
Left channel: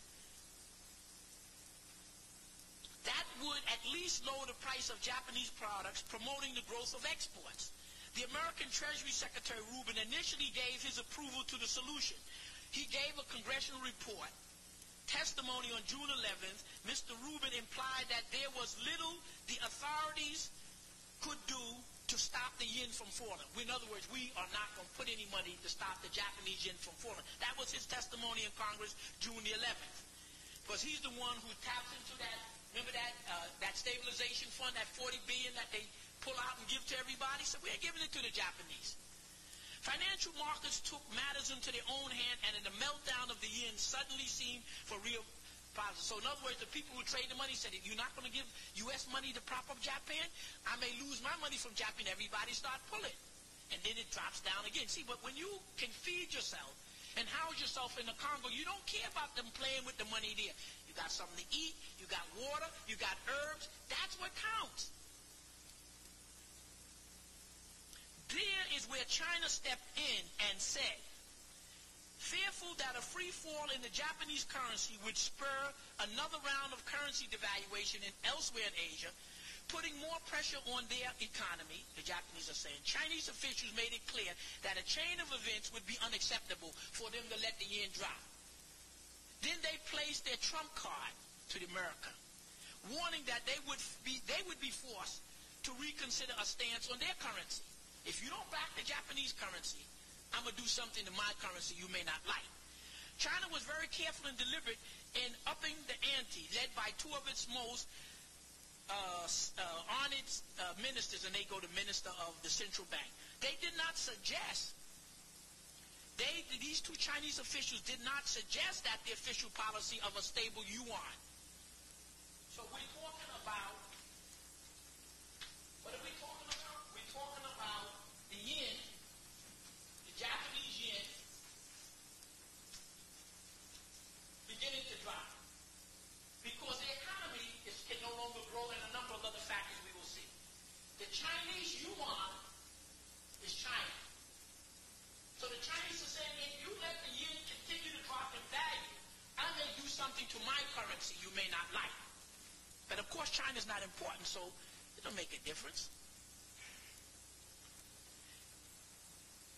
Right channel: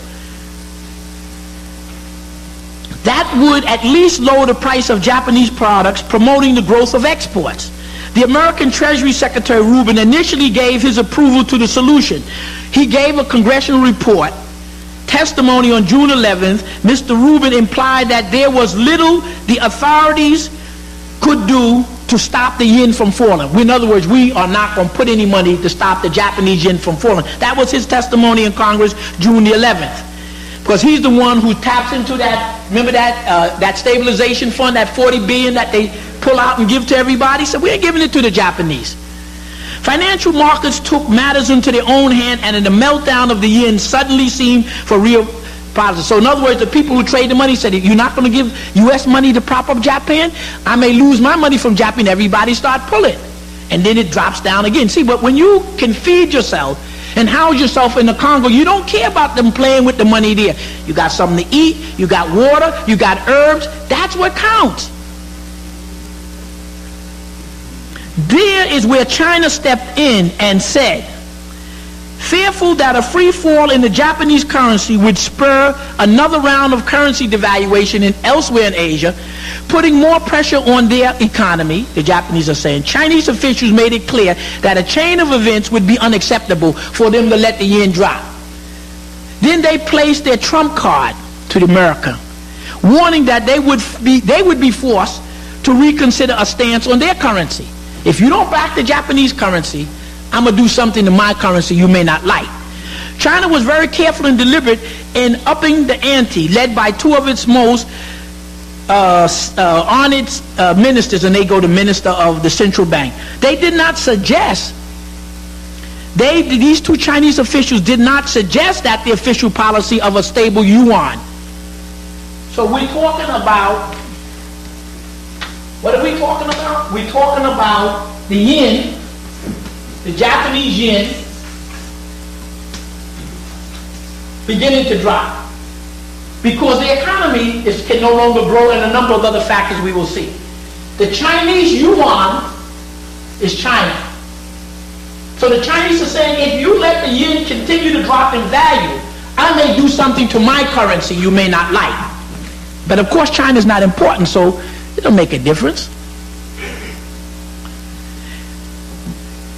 That would at least lower the price of Japanese products, promoting the growth of exports. The American Treasury Secretary Rubin initially gave his approval to the solution. He gave a congressional report, testimony on June 11th. Mr. Rubin implied that there was little the authorities could do to stop the yen from falling. In other words, we are not going to put any money to stop the Japanese yen from falling. That was his testimony in Congress June the 11th. Because he's the one who taps into that, remember that stabilization fund, that $40 billion that they pull out and give to everybody? So we ain't giving it to the Japanese. Financial markets took matters into their own hand, and in the meltdown of the yen suddenly seemed for real positive. So in other words, the people who trade the money said, you're not going to give U.S. money to prop up Japan? I may lose my money from Japan. Everybody start pulling. And then it drops down again. See, but when you can feed yourself and house yourself in the Congo, you don't care about them playing with the money there. You got something to eat, you got water, you got herbs. That's what counts. There is where China stepped in and said, fearful that a free fall in the Japanese currency would spur another round of currency devaluation elsewhere in Asia, putting more pressure on their economy, the Japanese are saying. Chinese officials made it clear that a chain of events would be unacceptable for them to let the yen drop. Then they placed their trump card to America, warning that they would be forced to reconsider a stance on their currency. If you don't back the Japanese currency, I'm going to do something to my currency you may not like. China was very careful and deliberate in upping the ante, led by two of its most on its ministers, and they go to minister of the central bank. They did not suggest, these two Chinese officials did not suggest that the official policy of a stable yuan. So we're talking about, what are we talking about? We're talking about the yen, the Japanese yen, beginning to drop. Because the economy can no longer grow, and a number of other factors we will see. The Chinese yuan is China. So the Chinese are saying, if you let the yen continue to drop in value, I may do something to my currency you may not like. But of course China is not important, so it don't make a difference.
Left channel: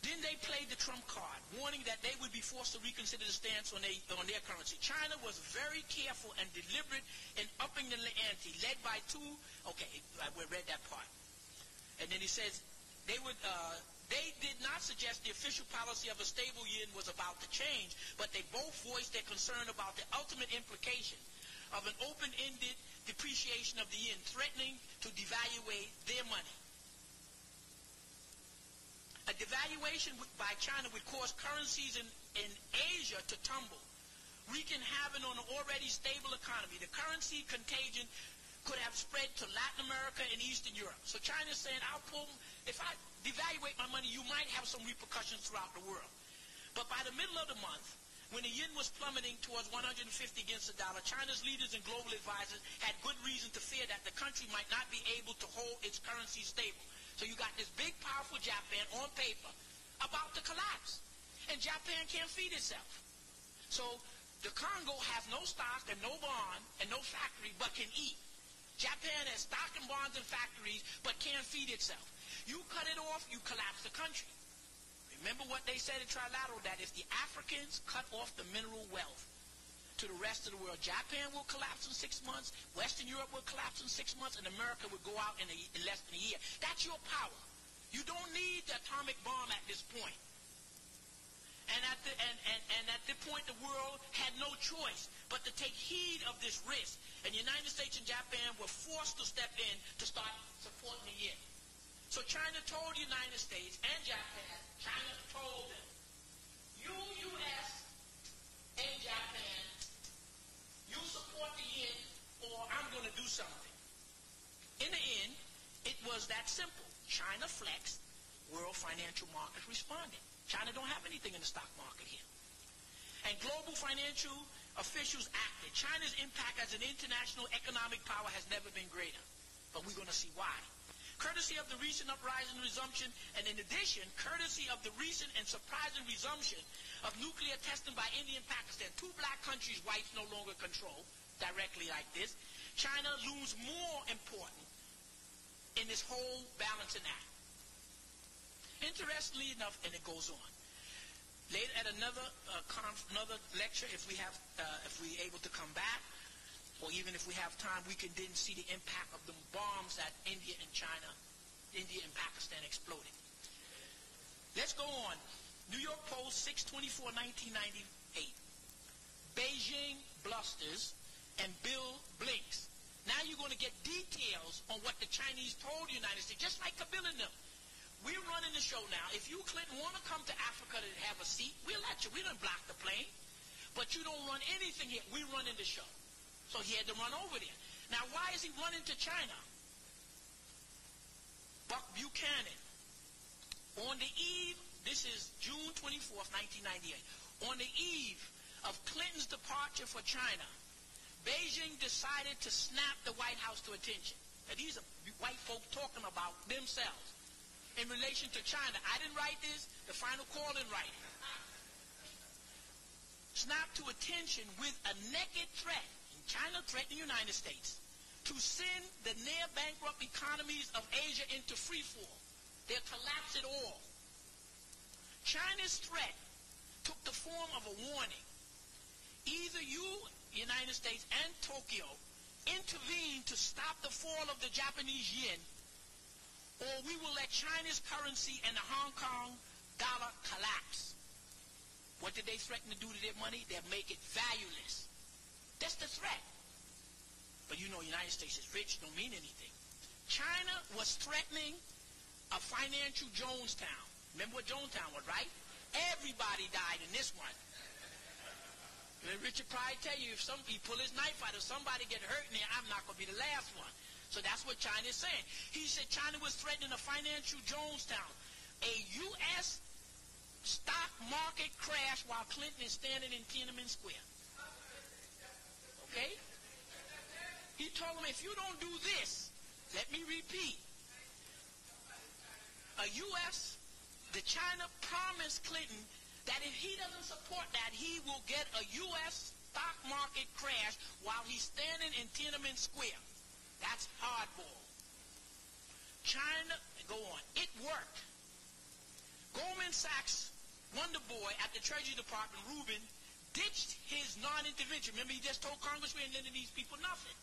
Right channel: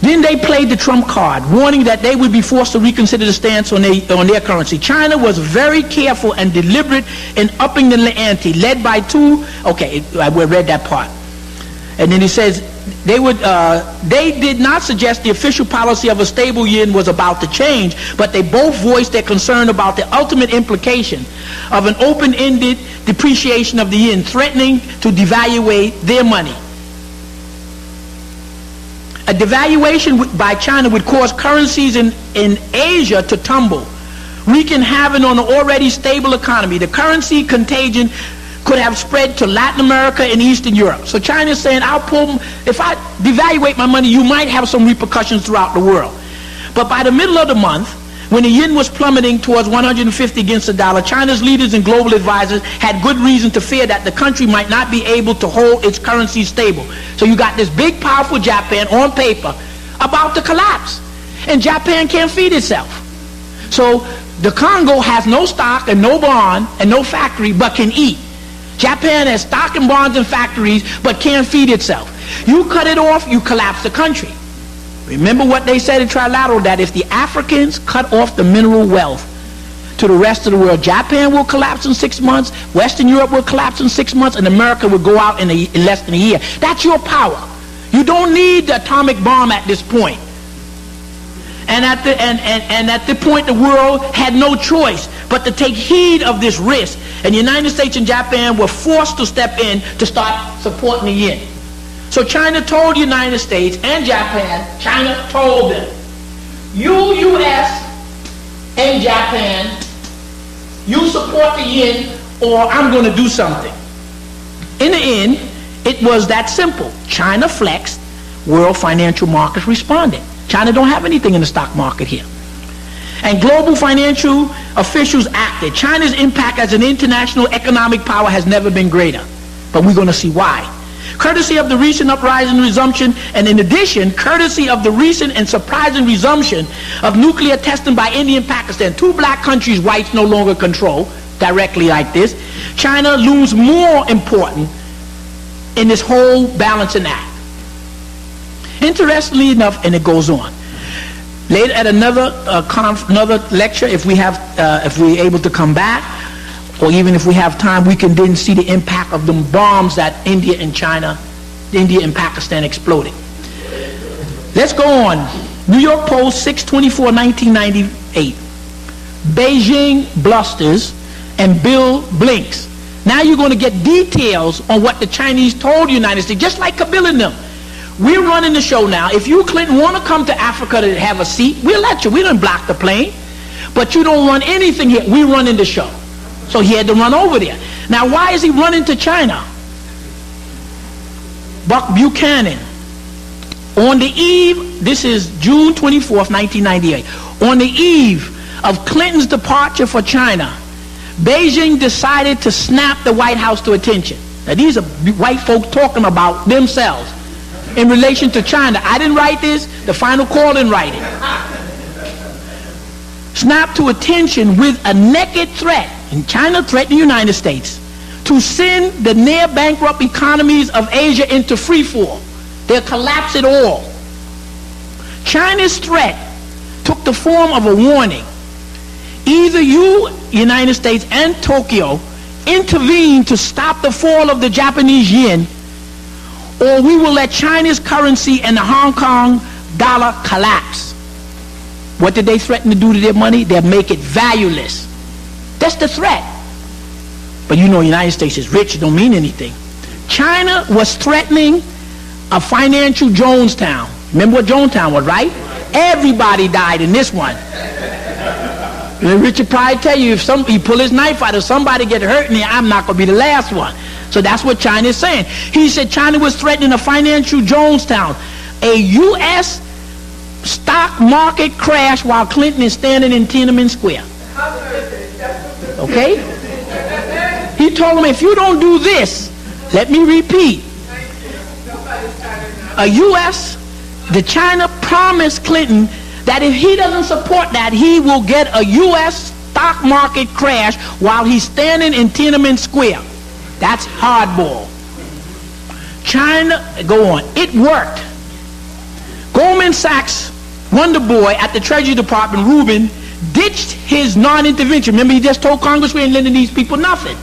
Then they played the trump card, warning that they would be forced to reconsider the stance on their currency. China was very careful and deliberate in upping the ante, led by two, okay, we read that part. And then he says, they did not suggest the official policy of a stable yen was about to change, but they both voiced their concern about the ultimate implication of an open-ended depreciation of the yen, threatening to devaluate their money. A devaluation by China would cause currencies in Asia to tumble, wreaking havoc on an already stable economy. The currency contagion could have spread to Latin America and Eastern Europe. So China is saying, if I devaluate my money, you might have some repercussions throughout the world. But by the middle of the month, when the yen was plummeting towards 150 against the dollar, China's leaders and global advisors had good reason to fear that the country might not be able to hold its currency stable. So you got this big, powerful Japan on paper about to collapse. And Japan can't feed itself. So the Congo has no stock and no bond and no factory, but can eat. Japan has stock and bonds and factories, but can't feed itself. You cut it off, you collapse the country. Remember what they said in Trilateral, that if the Africans cut off the mineral wealth to the rest of the world, Japan will collapse in 6 months, Western Europe will collapse in 6 months, and America will go out in less than a year. That's your power. You don't need the atomic bomb at this point. And at the point, the world had no choice but to take heed of this risk. And the United States and Japan were forced to step in to start supporting the yen. So China told the United States and Japan, China told them, you U.S. and Japan, you support the yen or I'm going to do something. In the end, it was that simple. China flexed, world financial markets responded. China don't have anything in the stock market here. And global financial officials acted. China's impact as an international economic power has never been greater. But we're going to see why. Courtesy of the recent uprising and resumption, and in addition, courtesy of the recent and surprising resumption of nuclear testing by India and Pakistan, two black countries whites no longer control, directly like this, China looms more important in this whole balancing act. Interestingly enough, and it goes on. Later at another lecture, if we're able to come back, or even if we have time, we can then see the impact of the bombs that India and Pakistan exploding. Let's go on. New York Post, 6/24/1998. Beijing blusters and Bill blinks. Now you're going to get details on what the Chinese told the United States, just like Kabila and them. We're running the show now. If you, Clinton, want to come to Africa to have a seat, we'll let you. We don't block the plane. But you don't run anything here. We're running the show. So he had to run over there. Now, why is he running to China? Buck Buchanan. On the eve, this is June 24th, 1998. On the eve of Clinton's departure for China, Beijing decided to snap the White House to attention. Now, these are white folks talking about themselves in relation to China. I didn't write this. The Final Call didn't write it. Snap to attention with a naked threat, and China threatened the United States, to send the near-bankrupt economies of Asia into free fall. They'll collapse it all. China's threat took the form of a warning. Either you, United States, and Tokyo intervene to stop the fall of the Japanese yen, or we will let China's currency and the Hong Kong dollar collapse. What did they threaten to do to their money? They'll make it valueless. That's the threat. But you know, the United States is rich, it don't mean anything. China was threatening a financial Jonestown. Remember what Jonestown was, right? Everybody died in this one. And Richard probably tell you, if he pull his knife out, if somebody get hurt in there, I'm not going to be the last one. So that's what China is saying. He said China was threatening a financial Jonestown, a U.S. stock market crash while Clinton is standing in Tiananmen Square. Okay? He told him, if you don't do this, let me repeat, the China promised Clinton that if he doesn't support that, he will get a U.S. stock market crash while he's standing in Tiananmen Square. That's hardball. China, go on. It worked. Goldman Sachs Wonder Boy at the Treasury Department, Rubin, ditched his non-intervention. Remember, he just told Congress we ain't lending these people nothing.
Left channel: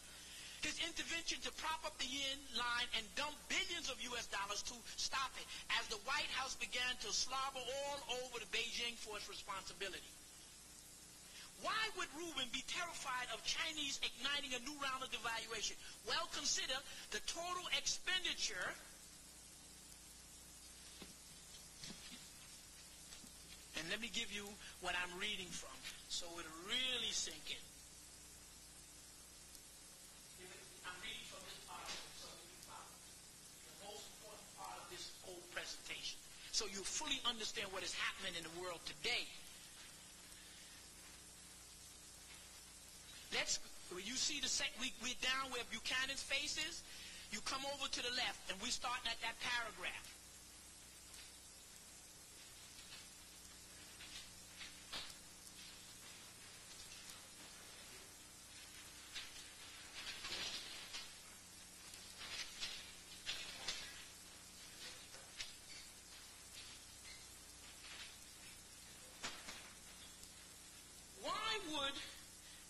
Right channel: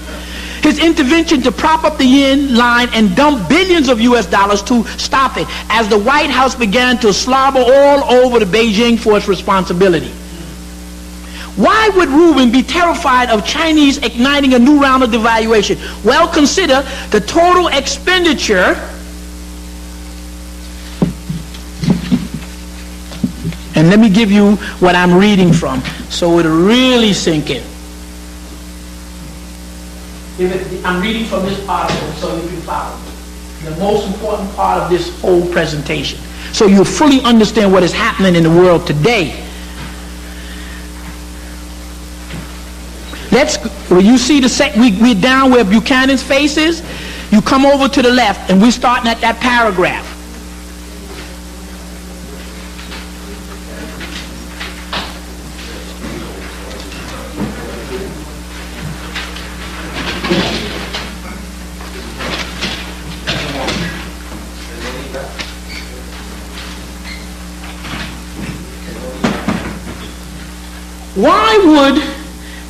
His intervention to prop up the yen line and dump billions of U.S. dollars to stop it, as the White House began to slobber all over the Beijing for its responsibility. Why would Rubin be terrified of Chinese igniting a new round of devaluation? Well, consider the total expenditure, and let me give you what I'm reading from so it'll really sink in. I'm reading from this article so you can follow. The most important part of this whole presentation, so you'll fully understand what is happening in the world today. When you see we're down where Buchanan's face is, you come over to the left, and we're starting at that paragraph. Why would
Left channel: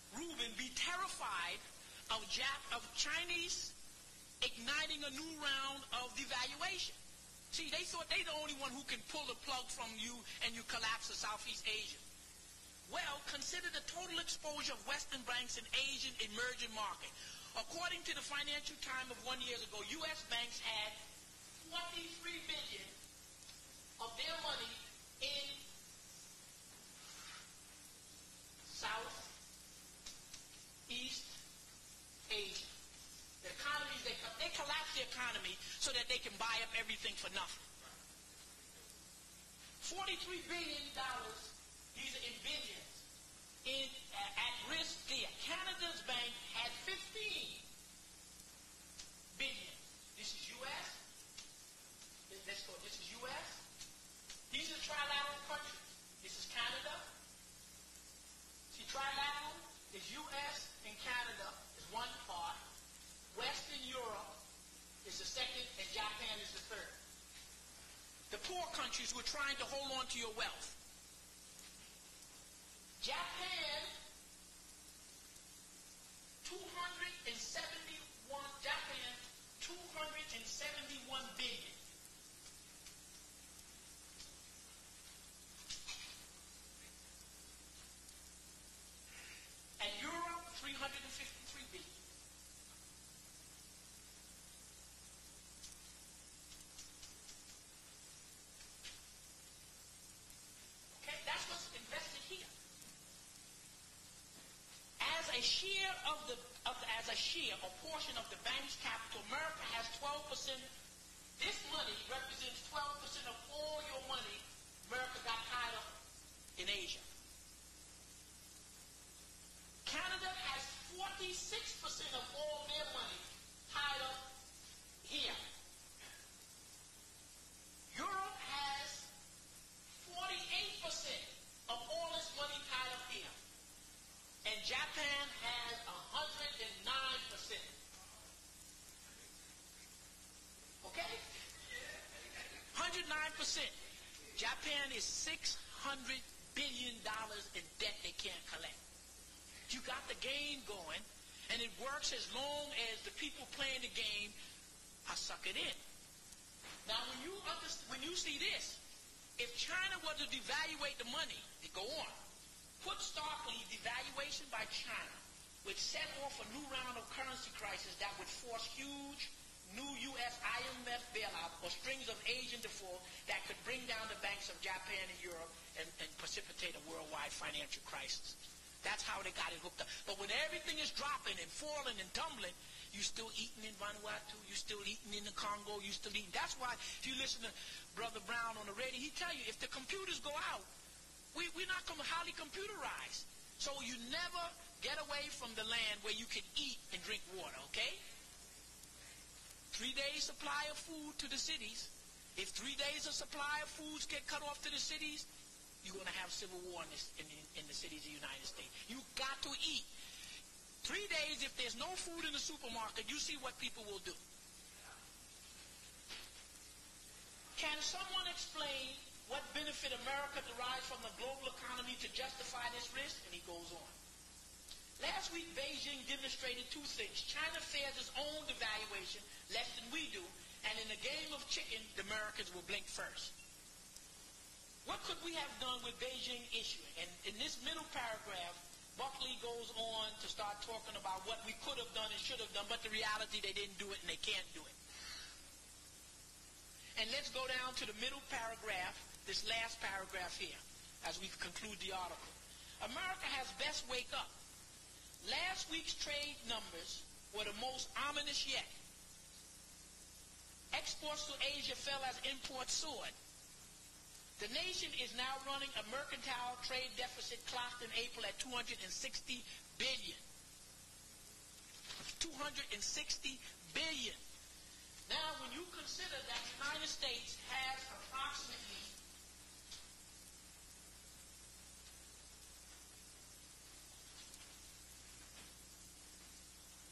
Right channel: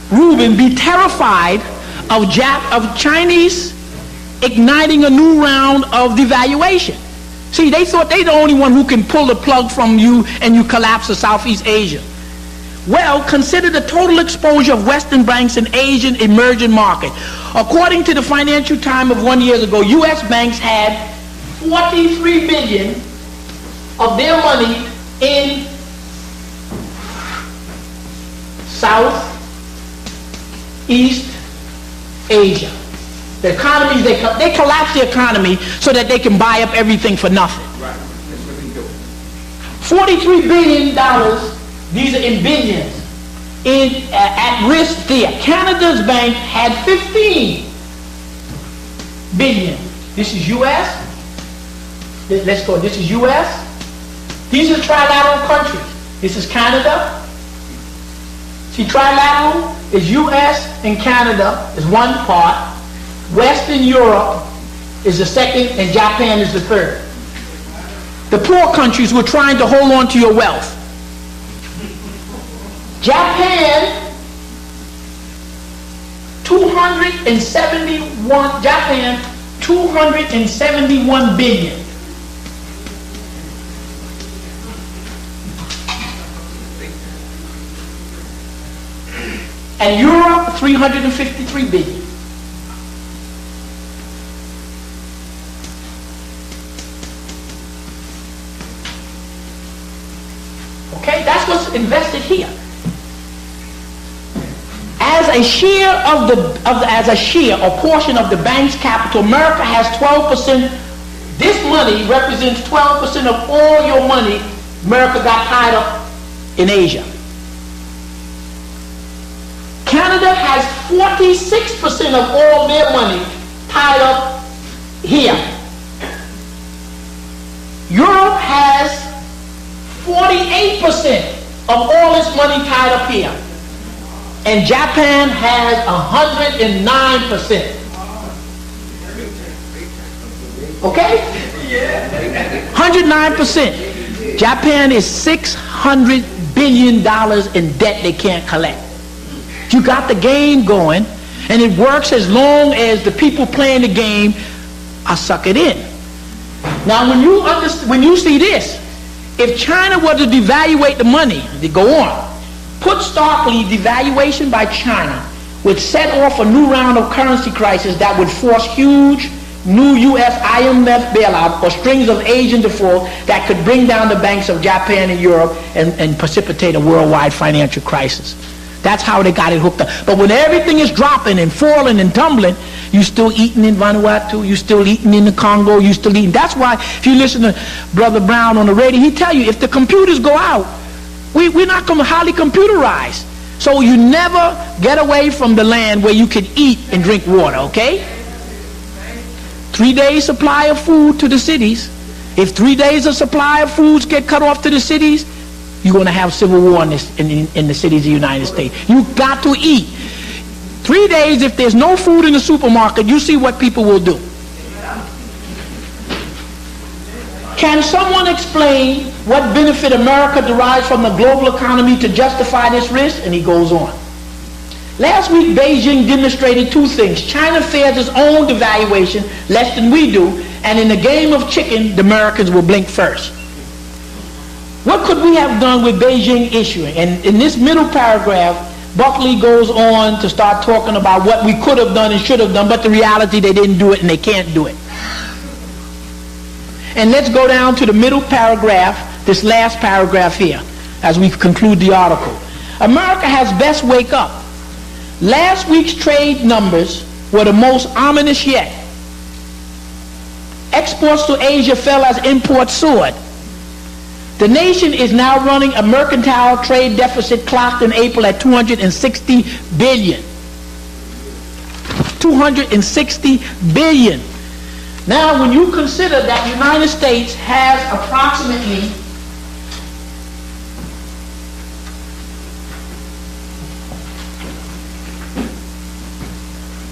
Rubin be terrified of Chinese igniting a new round of devaluation? See, they thought they're the only one who can pull the plug from you and you collapse the Southeast Asia. Well, consider the total exposure of Western banks in Asian emerging market. According to the Financial Times of 1 year ago, U.S. banks had $43 billion of their money in Southeast Asia. The economies, they collapse the economy so that they can buy up everything for nothing. Right. That's what they do. $43 billion, these are in billions, at risk there. Canada's bank had $15 billion. This is U.S., Let's go. This is U.S. These are trilateral countries. This is Canada. See, trilateral is U.S. and Canada is one part. Western Europe is the second, and Japan is the third. The poor countries were trying to hold on to your wealth. Japan, 271 billion. And Europe, 353 billion. Okay, that's what's invested here. As a share as a share or portion of the bank's capital, America has 12%. This money represents 12% of all your money America got tied up in Asia. Canada has 46% of all their money tied up here. Europe has 48% of all its money tied up here. And Japan has 109%. Okay? 109%. Japan is $600 billion in debt they can't collect. You got the game going, and it works as long as the people playing the game are suckered in. Now, when you see this, if China were to devaluate the money, they go on. Put starkly, devaluation by China would set off a new round of currency crisis that would force huge new U.S. IMF bailout or strings of Asian default that could bring down the banks of Japan and Europe and precipitate a worldwide financial crisis. That's how they got it hooked up. But when everything is dropping and falling and tumbling, you still eating in Vanuatu, you still eating in the Congo, you still eating. That's why if you listen to Brother Brown on the radio, he tell you if the computers go out, we're not going to highly computerize. So you never get away from the land where you can eat and drink water, okay? 3 days supply of food to the cities. If 3 days of supply of foods get cut off to the cities, you're going to have civil war in the cities of the United States. You got to eat. 3 days, if there's no food in the supermarket, you see what people will do. Can someone explain what benefit America derives from the global economy to justify this risk? And he goes on. Last week, Beijing demonstrated two things. China fears its own devaluation less than we do, and in the game of chicken, the Americans will blink first. What could we have done with Beijing issuing? And in this middle paragraph, Buckley goes on to start talking about what we could have done and should have done, but the reality they didn't do it and they can't do it. And let's go down to the middle paragraph, this last paragraph here, as we conclude the article. America has best wake up. Last week's trade numbers were the most ominous yet. Exports to Asia fell as imports soared. The nation is now running a mercantile trade deficit clocked in April at $260 billion. $260 billion. Now, when you consider that the United States has approximately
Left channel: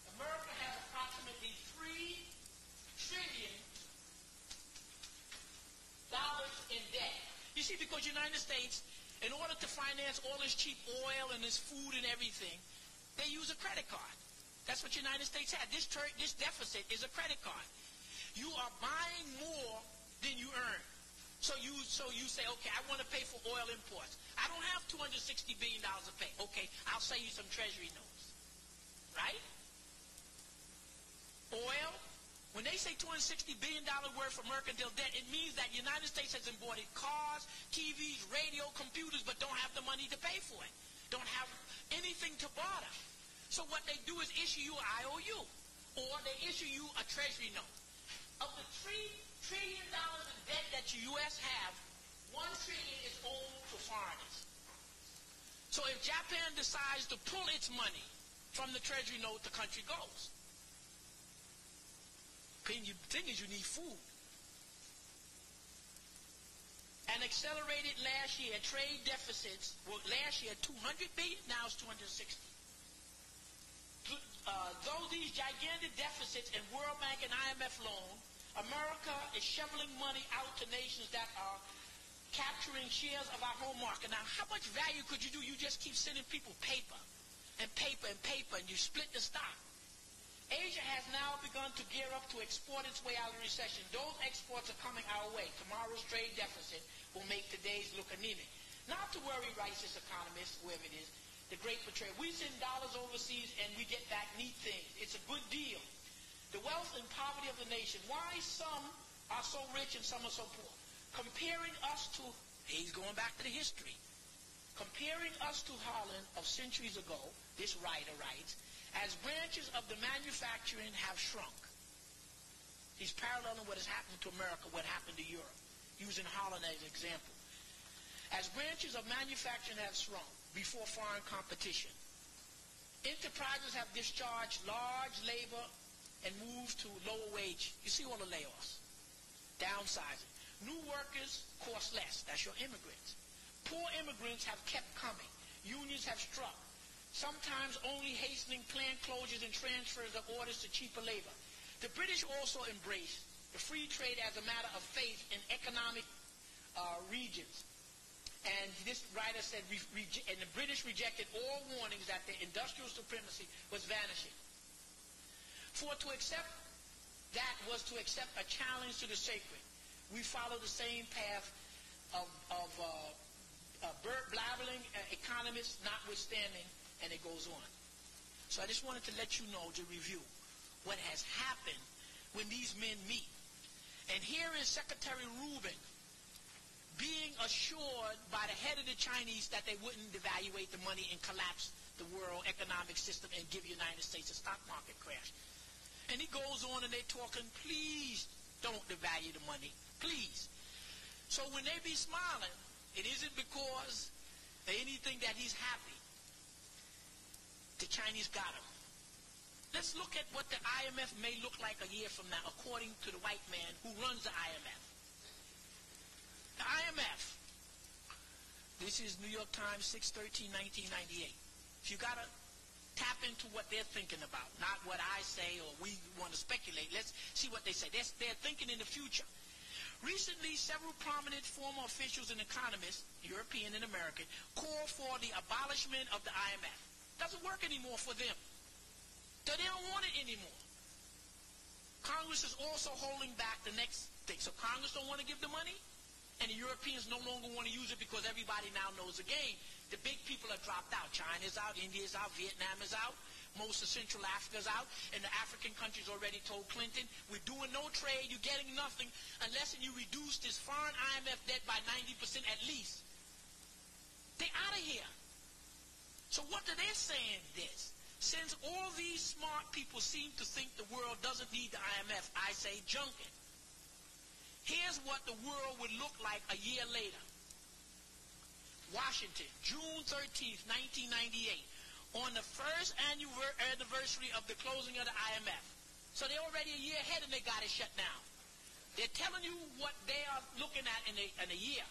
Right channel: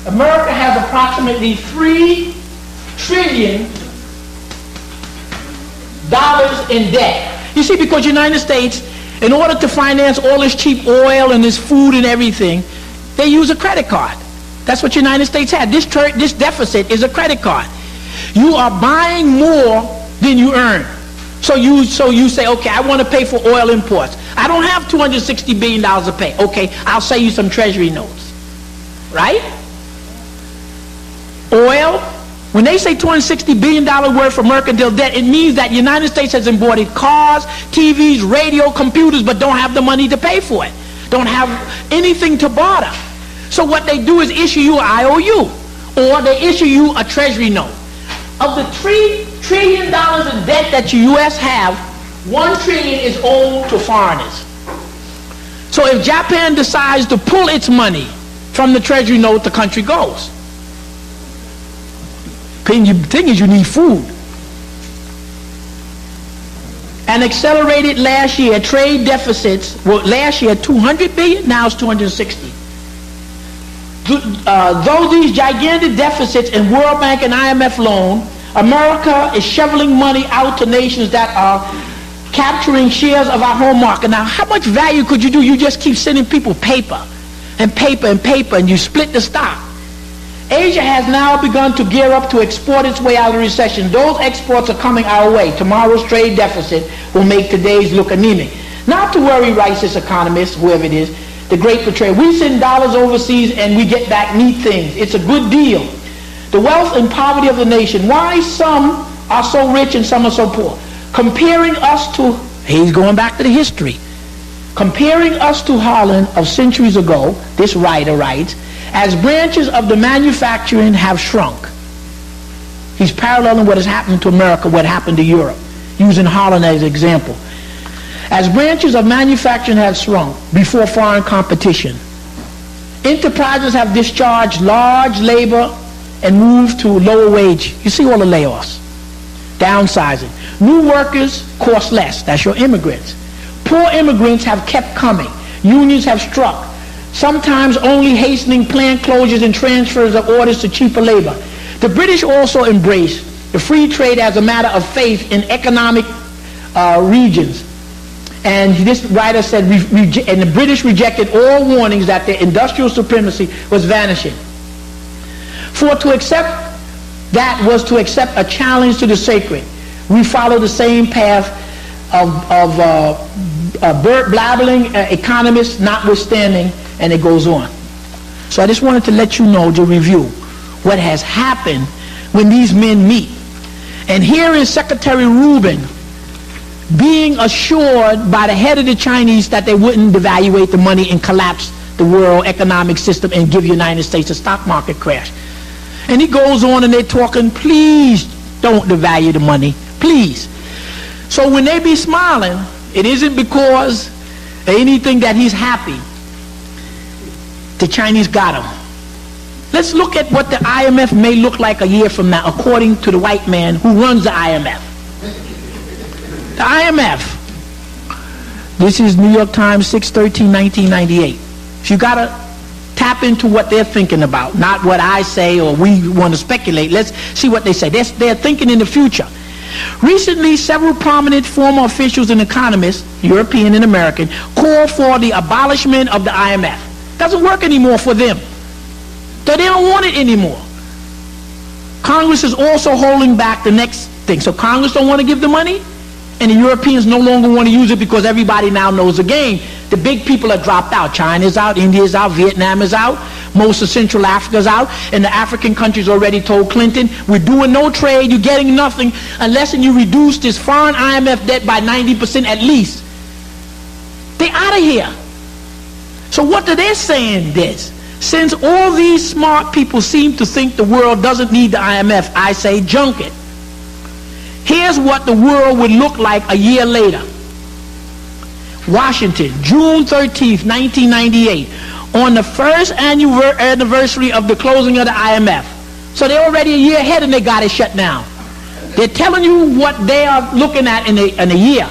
America has approximately $3 trillion in debt. You see, because the United States, in order to finance all this cheap oil and this food and everything, they use a credit card. That's what the United States had. This deficit is a credit card. You are buying more than you earn. So you say, okay, I want to pay for oil imports. I don't have $260 billion to pay. Okay, I'll sell you some treasury notes. Right? Oil. When they say $260 billion worth of mercantile debt, it means that the United States has imported cars, TVs, radio, computers, but don't have the money to pay for it. Don't have anything to barter. So what they do is issue you an IOU, or they issue you a treasury note. Of the $3 trillion in debt that the U.S. have, $1 trillion is owed to foreigners. So if Japan decides to pull its money from the treasury note, the country goes. The thing is, you need food. and accelerated last year. Trade deficits were last year 200 billion, now it's 260. Though these gigantic deficits in World Bank and IMF loan, America is shoveling money out to nations that are capturing shares of our home market. Now, how much value could you do? You just keep sending people paper and paper and paper, and you split the stock. Asia has now begun to gear up to export its way out of the recession. Those exports are coming our way. Tomorrow's trade deficit will make today's look anemic. Not to worry, writes this economist, whoever it is, the great betrayer. We send dollars overseas and we get back neat things. It's a good deal. The wealth and poverty of the nation. Why some are so rich and some are so poor? Comparing us to, he's going back to the history. Comparing us to Holland of centuries ago, this writer writes, as branches of the manufacturing have shrunk. He's paralleling what has happened to America, what happened to Europe, using Holland as an example. As branches of manufacturing have shrunk before foreign competition, enterprises have discharged large labor and moved to lower wage. You see all the layoffs, downsizing. New workers cost less. That's your immigrants. Poor immigrants have kept coming. Unions have struck, sometimes only hastening plant closures and transfers of orders to cheaper labor. The British also embraced the free trade as a matter of faith in economic regions. And this writer said, and the British rejected all warnings that their industrial supremacy was vanishing. For to accept that was to accept a challenge to the sacred. We follow the same path of blabbering economists notwithstanding, and it goes on. So I just wanted to let you know, to review what has happened when these men meet. And here is Secretary Rubin being assured by the head of the Chinese that they wouldn't devaluate the money and collapse the world economic system and give the United States a stock market crash. And he goes on and they're talking, please don't devalue the money, please. So when they be smiling, it isn't because of anything that he's happy. The Chinese got him. Let's look at what the IMF may look like a year from now, according to the white man who runs the IMF. The IMF. This is New York Times, 6/13/1998. So you got to tap into what they're thinking about, not what I say or we want to speculate. Let's see what they say. They're thinking in the future. Recently, several prominent former officials and economists, European and American, called for the abolishment of the IMF. Doesn't work anymore for them. So they don't want it anymore. Congress is also holding back the next thing. So Congress don't want to give the money, and the Europeans no longer want to use it because everybody now knows the game. The big people are dropped out. China's out, India's out, Vietnam is out, most of Central Africa's out, and the African countries already told Clinton, we're doing no trade, you're getting nothing unless you reduce this foreign IMF debt by 90% at least. They're out of here. So what are they saying this? Since all these smart people seem to think the world doesn't need the IMF, I say junk it. Here's what the world would look like a year later. Washington, June 13th, 1998, on the first anniversary of the closing of the IMF. So they're already a year ahead and they got it shut down. They're telling you what they are looking at in a year.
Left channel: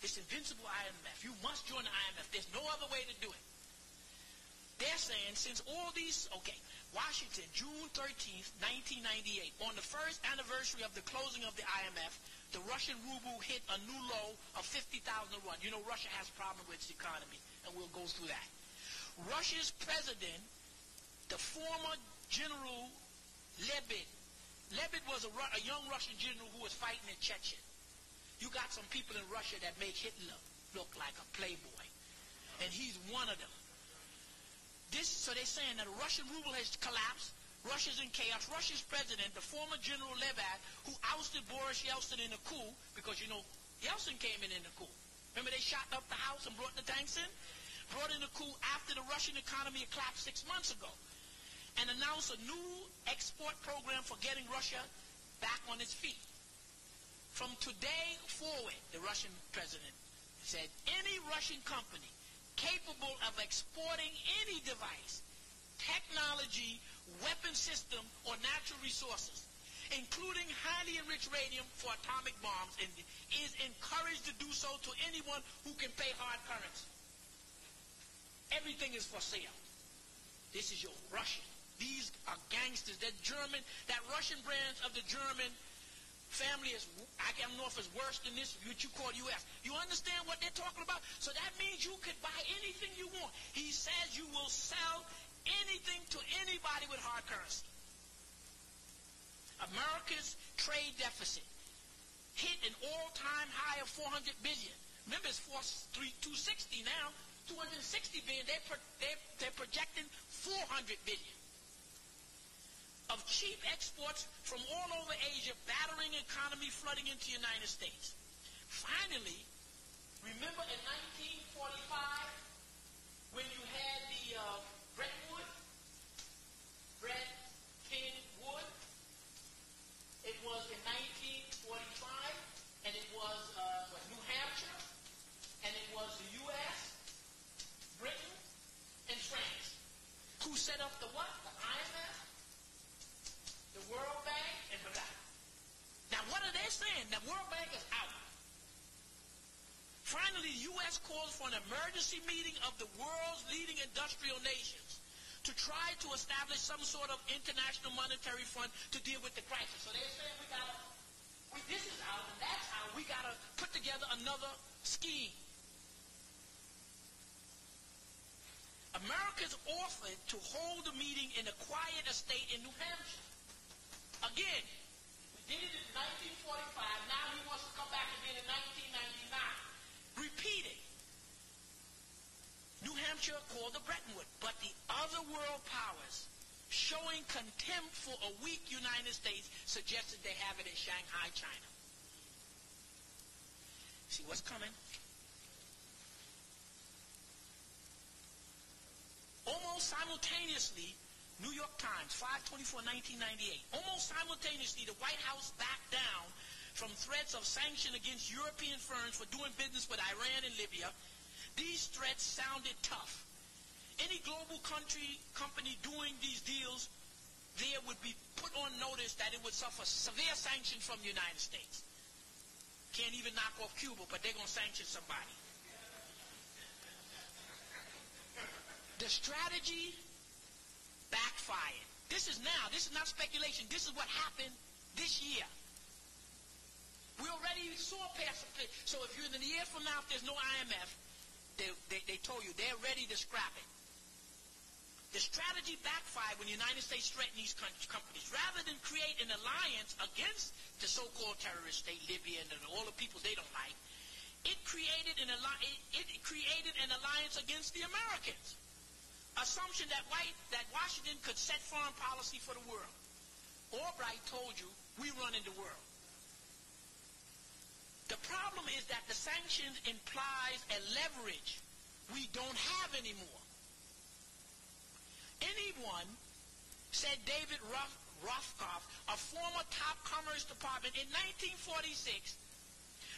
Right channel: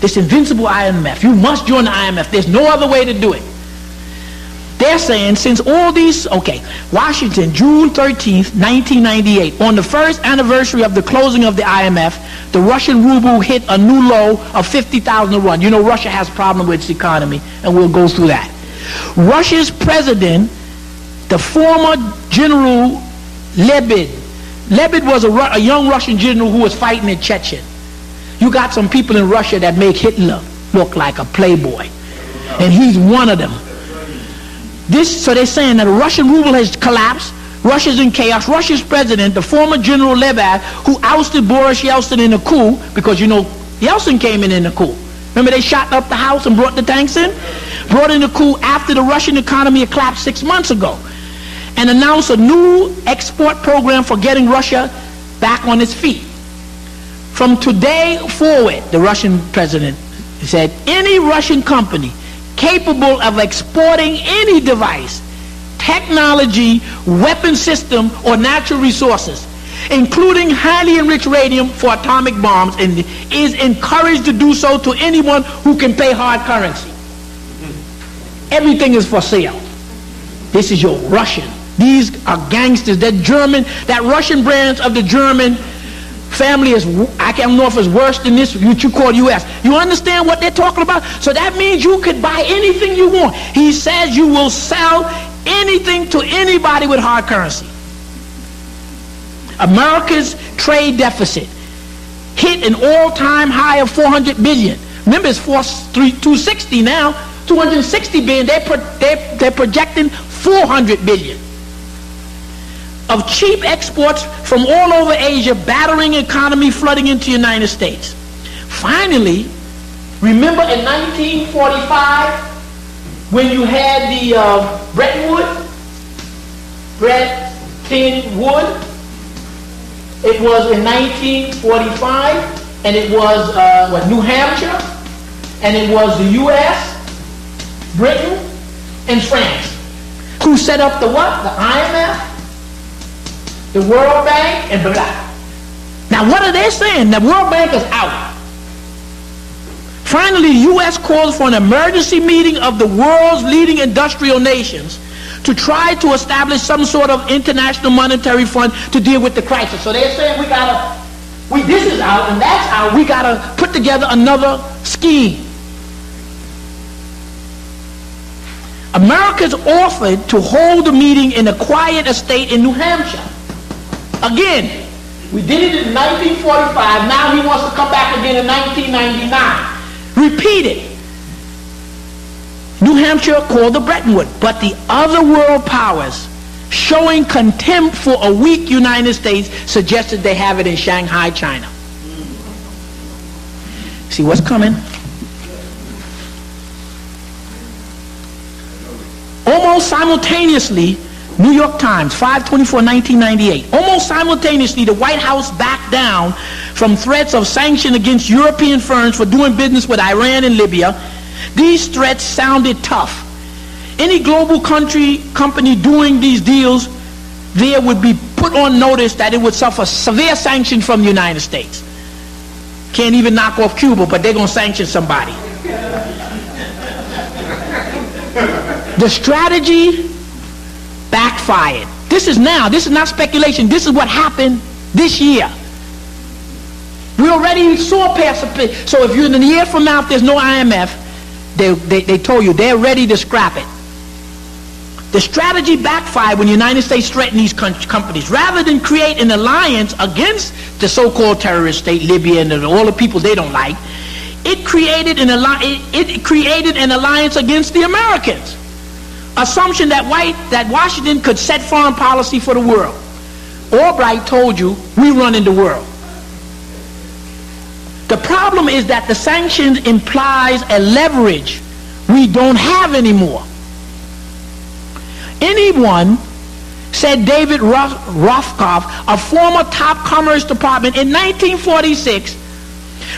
This invincible IMF. You must join the IMF. There's no other way to do it. They're saying since all these, okay, Washington, June 13th, 1998, on the first anniversary of the closing of the IMF, the Russian ruble hit a new low of 50,000 to 1. You know Russia has a problem with its economy, and we'll go through that. Russia's president, the former General Levee. Levee was a young Russian general who was fighting in Chechnya. You got some people in Russia that make Hitler look like a playboy, and he's one of them. So they're saying that the Russian ruble has collapsed. Russia's in chaos. Russia's president, the former General Levee, who ousted Boris Yeltsin in a coup, because you know Yeltsin came in a coup. Remember they shot up the house and brought the tanks in? Brought in a coup after the Russian economy had collapsed 6 months ago, and announced a new export program for getting Russia back on its feet. From today forward, the Russian president said, any Russian company capable of exporting any device, technology, weapon system, or natural resources including highly enriched uranium for atomic bombs, and is encouraged to do so to anyone who can pay hard currency. Everything is for sale. This is your Russian. These are gangsters. That German, that Russian branch of the German family is, I don't know if it's worse than this, what you call U.S. You understand what they're talking about? So that means you could buy anything you want. He says you will sell anything to anybody with hard currency. America's trade deficit hit an all-time high of $400 billion. Remember, it's 260 now, 260 billion. They're projecting 400 billion of cheap exports from all over Asia, battering economy, flooding into the United States. Finally, remember in 1945 when you had the Bretton Woods? It was in 1945, and it was New Hampshire, and it was the U.S., Britain, and France. Who set up the what? The IMF, the World Bank, and blah. Now what are they saying? The World Bank is out. Finally, the U.S. calls for an emergency meeting of the world's leading industrial nations to try to establish some sort of international monetary fund to deal with the crisis. So they're saying this is out and that's out, we gotta put together another scheme. America's offered to hold a meeting in a quiet estate in New Hampshire. Again, we did it in 1945, now he wants to come back again in 1999. Repeated. New Hampshire called the Bretton Woods, but the other world powers, showing contempt for a weak United States, suggested they have it in Shanghai, China. See what's coming? Almost simultaneously, New York Times, 5/24/1998. Almost simultaneously, the White House backed down from threats of sanction against European firms for doing business with Iran and Libya. These threats sounded tough. Any global company doing these deals there would be put on notice that it would suffer severe sanctions from the United States. Can't even knock off Cuba, but they're going to sanction somebody. The strategy backfired. This is not speculation. This is what happened this year. We already saw past the, so if you're in a year from now, if there's no IMF, they told you they're ready to scrap it. The strategy backfired when the United States threatened these companies. Rather than create an alliance against the so-called terrorist state, Libya, and all the people they don't like, it created an alliance against the Americans. Assumption that Washington could set foreign policy for the world. Albright told you, we run in the world. The problem is that the sanctions implies a leverage we don't have anymore. Anyone, said David Rothkopf, a former top Commerce Department, in 1946,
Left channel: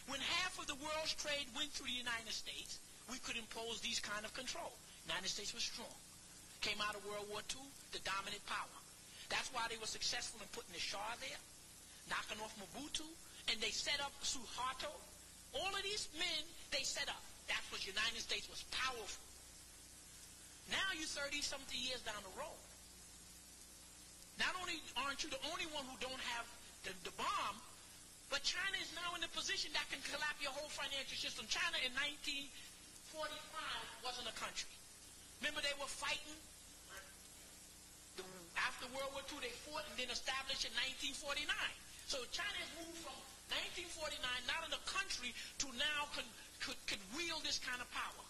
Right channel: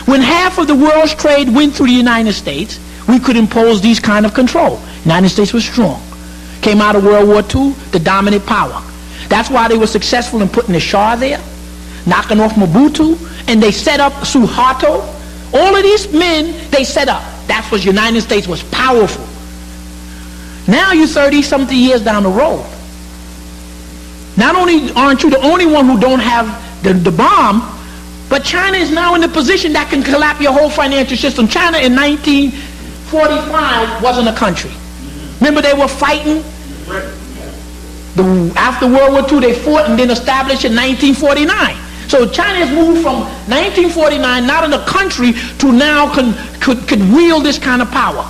when half of the world's trade went through the United States, we could impose these kind of control. The United States was strong. Came out of World War II, the dominant power. That's why they were successful in putting the Shah there, knocking off Mobutu, and they set up Suharto. All of these men, they set up. That's what the United States was powerful. Now you're 30-something years down the road. Not only aren't you the only one who don't have the bomb, but China is now in a position that can collapse your whole financial system. China in 1945 wasn't a country. Remember they were fighting? After World War II, they fought and then established in 1949. So China has moved from 1949, not in a country, to now could wield this kind of power.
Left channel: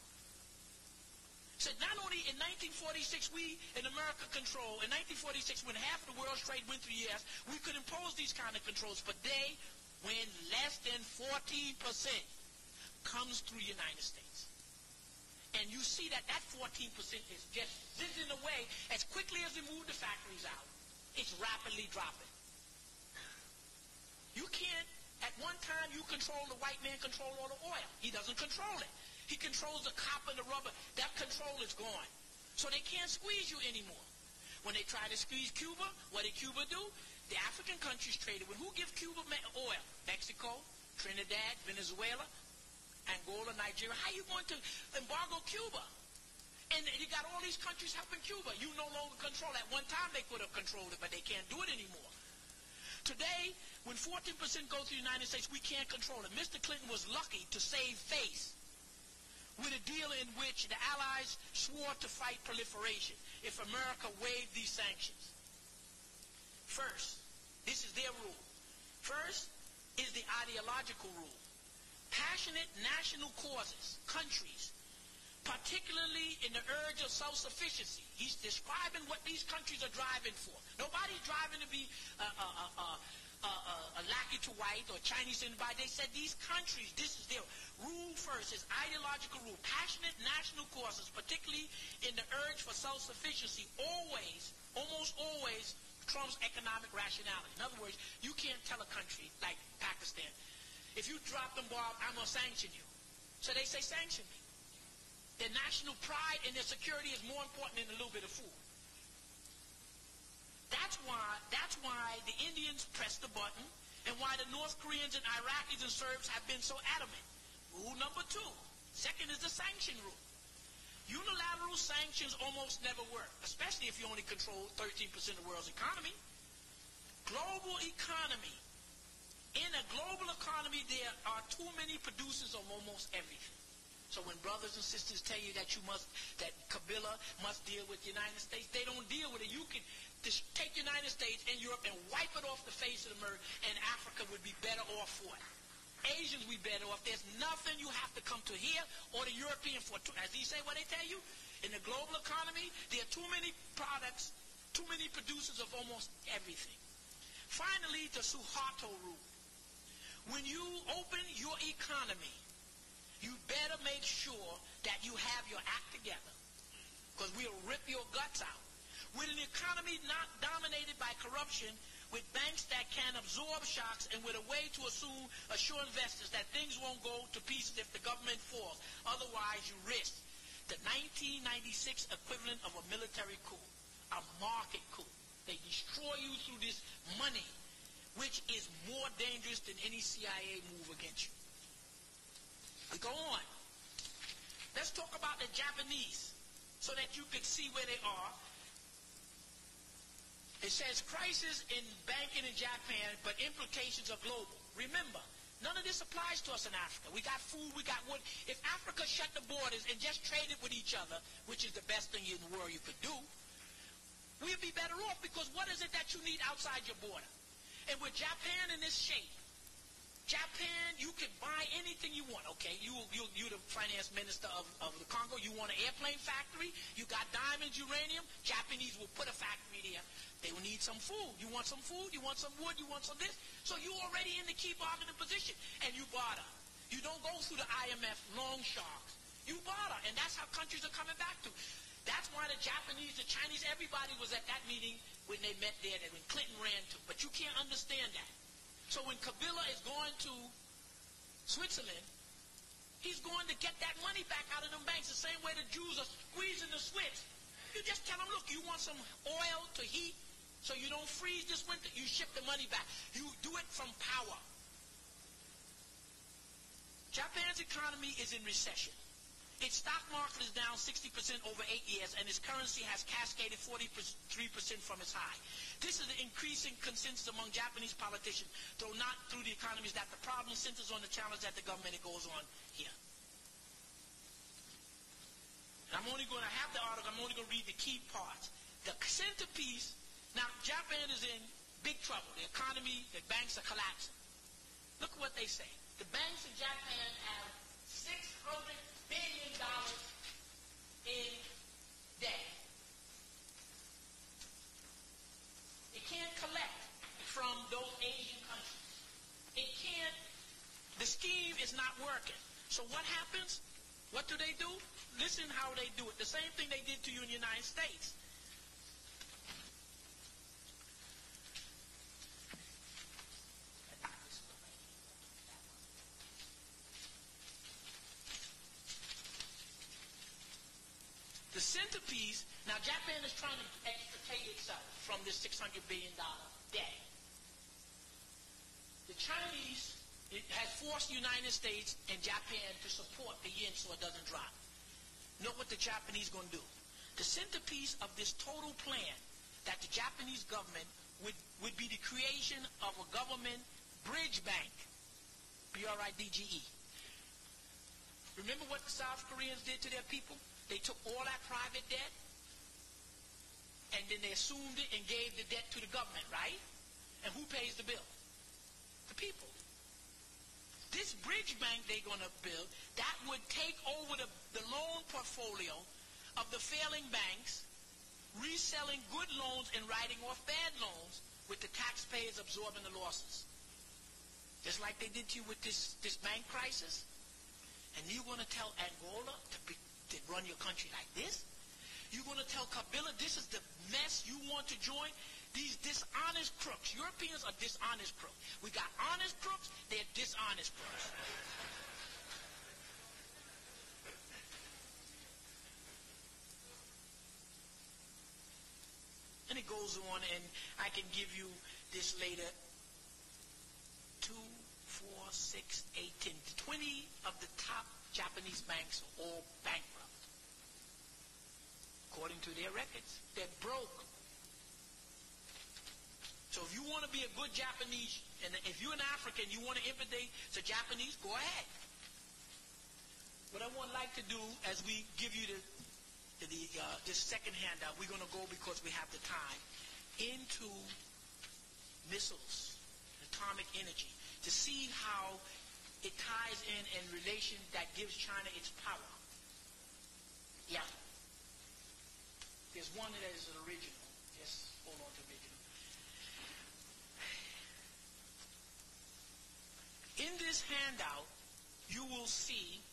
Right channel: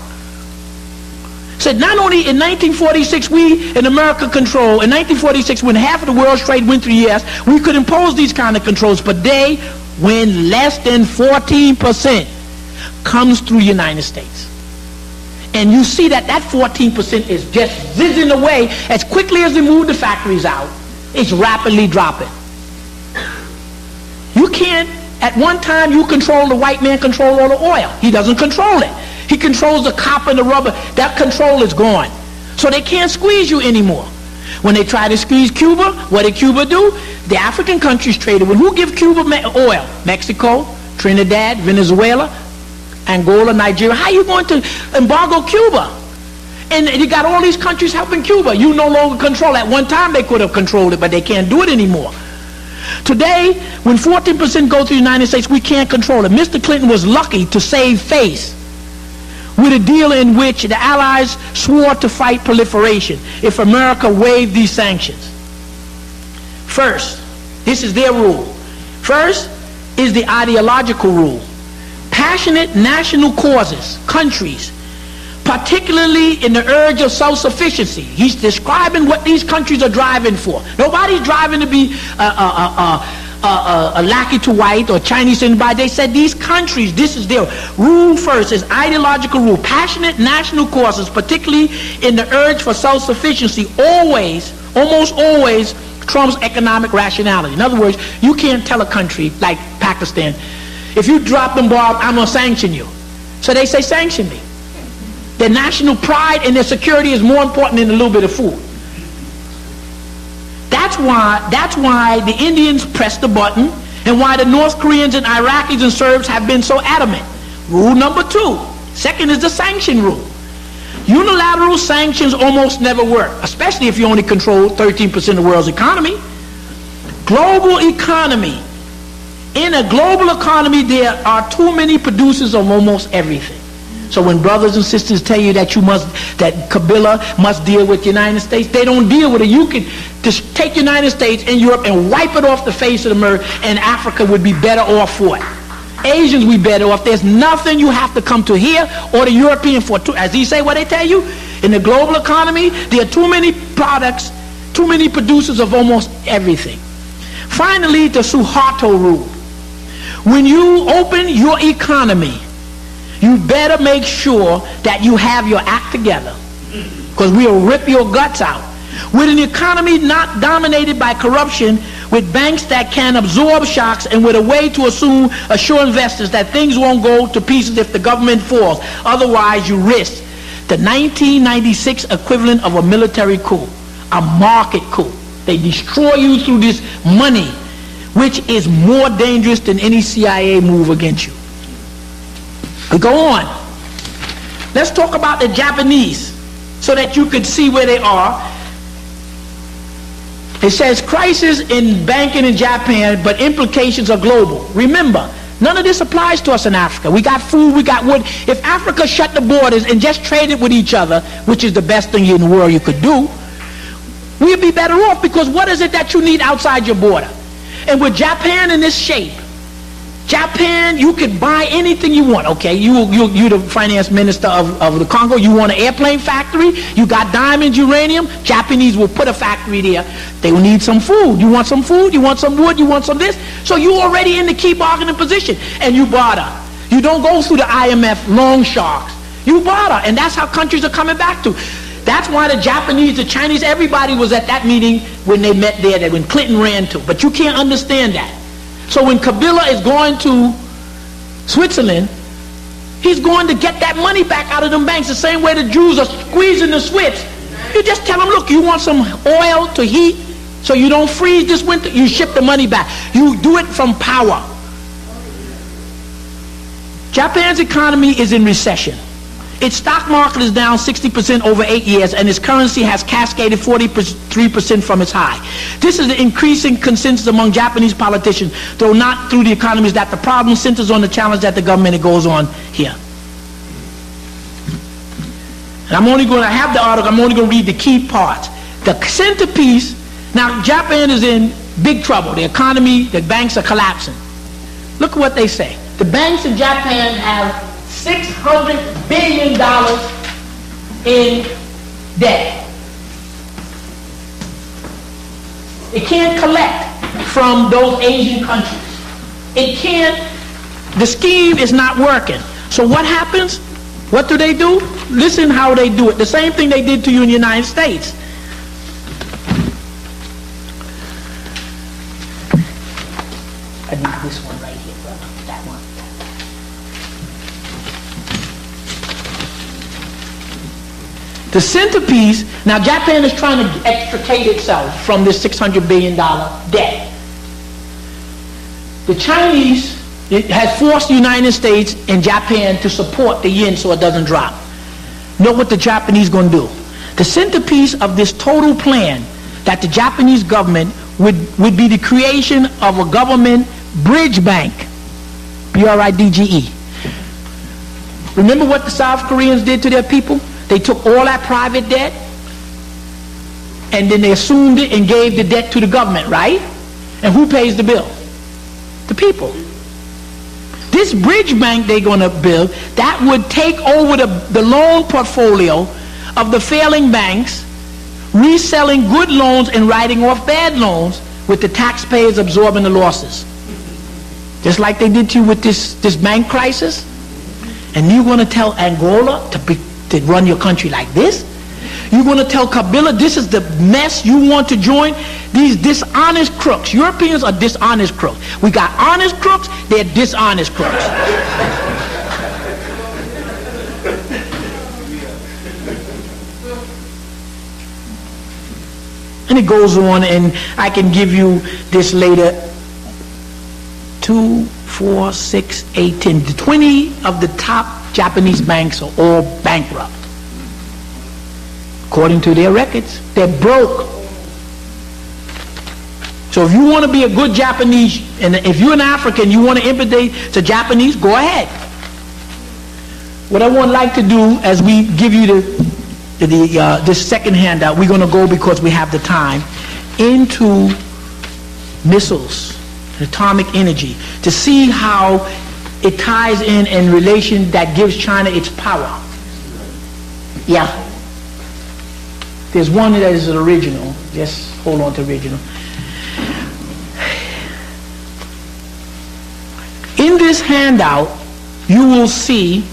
Said not only in 1946 we in America control, in 1946 when half of the world's trade went through the U.S., we could impose these kind of controls, but they, when less than 14% comes through the United States. And you see that 14% is just zizzing away. As quickly as they move the factories out, it's rapidly dropping. You can't, at one time you control, the white man control all the oil. He doesn't control it. He controls the copper and the rubber. That control is gone. So they can't squeeze you anymore. When they tried to squeeze Cuba, what did Cuba do? The African countries traded with who give Cuba oil? Mexico, Trinidad, Venezuela, Angola, Nigeria. How are you going to embargo Cuba? And you got all these countries helping Cuba. You no longer control. At one time they could have controlled it, but they can't do it anymore. Today, when 14% go to the United States, we can't control it. Mr. Clinton was lucky to save face with a deal in which the Allies swore to fight proliferation if America waived these sanctions. First, this is their rule. First is the ideological rule. Passionate national causes, countries, particularly in the urge of self-sufficiency. He's describing what these countries are driving for. Nobody's driving to be a lackey to white or Chinese to anybody. They said these countries, this is their rule first, is ideological rule. Passionate national causes, particularly in the urge for self-sufficiency, always, almost always, trumps economic rationality. In other words, you can't tell a country like Pakistan, if you drop them bombs, I'm going to sanction you. So they say, sanction me. Their national pride and their security is more important than a little bit of food. That's why the Indians pressed the button and why the North Koreans and Iraqis and Serbs have been so adamant. Rule number 2. Second is the sanction rule. Unilateral sanctions almost never work, especially if you only control 13% of the world's economy. Global economy. In a global economy, there are too many producers of almost everything. So when brothers and sisters tell you that that Kabila must deal with the United States, they don't deal with it. You can just take the United States and Europe and wipe it off the face of the earth, and Africa would be better off for it. Asians would be better off. There's nothing you have to come to here or the European for. As he say, what they tell you, in the global economy, there are too many products, too many producers of almost everything. Finally, the Suharto rule. When you open your economy, you better make sure that you have your act together, because we'll rip your guts out. With an economy not dominated by corruption, with banks that can absorb shocks, and with a way to assure investors that things won't go to pieces if the government falls. Otherwise, you risk the 1996 equivalent of a military coup, a market coup. They destroy you through this money, which is more dangerous than any CIA move against you. We go on. Let's talk about the Japanese so that you can see where they are. It says crisis in banking in Japan, but implications are global. Remember, none of this applies to us in Africa. We got food, we got wood. If Africa shut the borders and just traded with each other, which is the best thing in the world you could do, we'd be better off, because what is it that you need outside your border? And with Japan in this shape, Japan, you could buy anything you want, okay? You the finance minister of the Congo, you want an airplane factory, you got diamonds, uranium, Japanese will put a factory there. They will need some food. You want some food, you want some wood, you want some this. So you already in the key bargaining position, and you barter. You don't go through the IMF long sharks. You barter, and that's how countries are coming back to. That's why the Japanese, the Chinese, everybody was at that meeting when they met there, that when Clinton ran to. But you can't understand that. So when Kabila is going to Switzerland, he's going to get that money back out of them banks the same way the Jews are squeezing the Swiss. You just tell them, look, you want some oil to heat so you don't freeze this winter? You ship the money back. You do it from power. Japan's economy is in recession. Its stock market is down 60% over 8 years, and its currency has cascaded 43% from its high. This is the increasing consensus among Japanese politicians, though not through the economies, that the problem centers on the challenge that the government goes on here. And I'm only going to have the article, I'm only going to read the key parts. The centerpiece, now Japan is in big trouble. The economy, the banks are collapsing. Look at what they say. The banks in Japan have $600 billion in debt. It can't collect from those Asian countries. It can't, the scheme is not working. So what happens? What do? Listen how they do it. The same thing they did to you in the United States. I need this one right here, brother. That one. The centerpiece, now Japan is trying to extricate itself from this $600 billion debt. The Chinese, it has forced the United States and Japan to support the yen so it doesn't drop. Know what the Japanese going to do? The centerpiece of this total plan that the Japanese government would be the creation of a government bridge bank, B-R-I-D-G-E. Remember what the South Koreans did to their people? They took all that private debt and then they assumed it and gave the debt to the government, right? And who pays the bill? The people. This bridge bank they're going to build, that would take over the loan portfolio of the failing banks, reselling good loans and writing off bad loans, with the taxpayers absorbing the losses. Just like they did to you with this bank crisis. And you're going to tell Angola to run your country like this? You're going to tell Kabila this is the mess you want to join? These dishonest crooks. Europeans are dishonest crooks. We got honest crooks, they're dishonest crooks. And it goes on, and I can give you this later. 2, 4, 6, 8, 10. 20 of the top Japanese banks are all bankrupt. According to their records, they're broke. So if you want to be a good Japanese, and if you're an African, you want to imitate the Japanese, go ahead. What I would like to do as we give you this second handout, we're going to go, because we have the time, into missiles, atomic energy, to see how it ties in relation that gives China its power. Yeah. There's one that is original. Just hold on to original. In this handout, you will see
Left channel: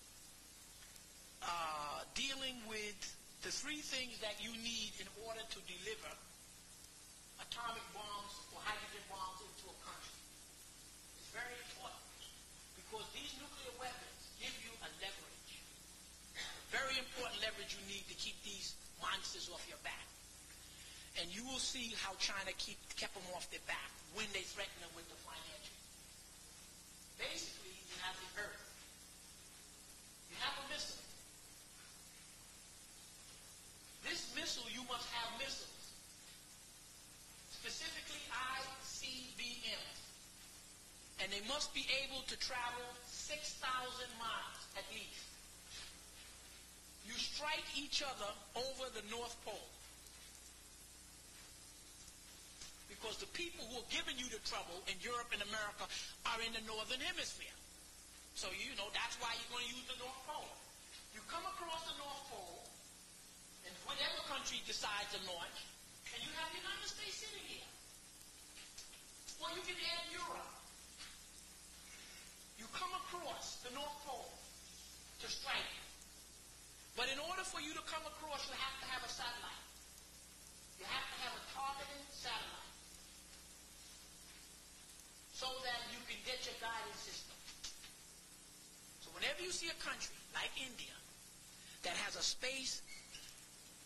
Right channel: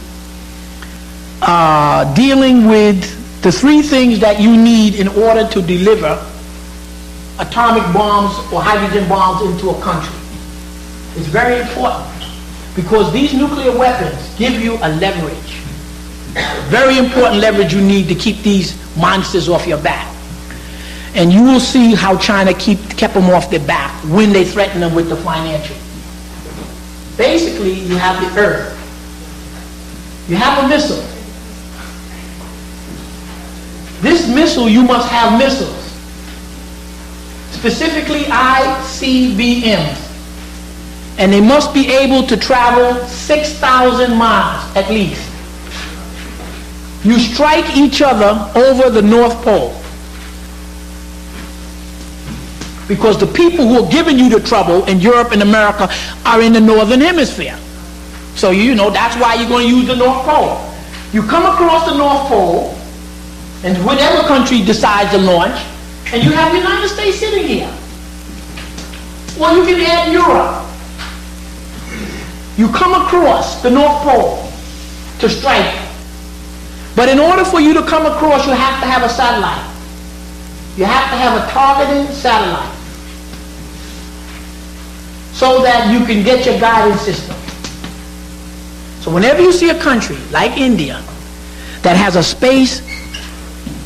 dealing with the 3 things that you need in order to deliver atomic bombs or hydrogen bombs into a country. It's very important, because these nuclear weapons give you a leverage. Very important leverage you need to keep these monsters off your back. And you will see how China kept them off their back when they threatened them with the financial. Basically, you have the earth. You have a missile. This missile, you must have missiles. Specifically ICBMs. And they must be able to travel 6,000 miles at least. You strike each other over the North Pole. Because the people who are giving you the trouble in Europe and America are in the Northern Hemisphere. So you know that's why you're going to use the North Pole. You come across the North Pole, and whatever country decides to launch, and you have the United States sitting here. Well, you can add Europe. You come across the North Pole to strike. But in order for you to come across, you have to have a satellite. You have to have a targeting satellite, so that you can get your guidance system. So whenever you see a country like India that has a space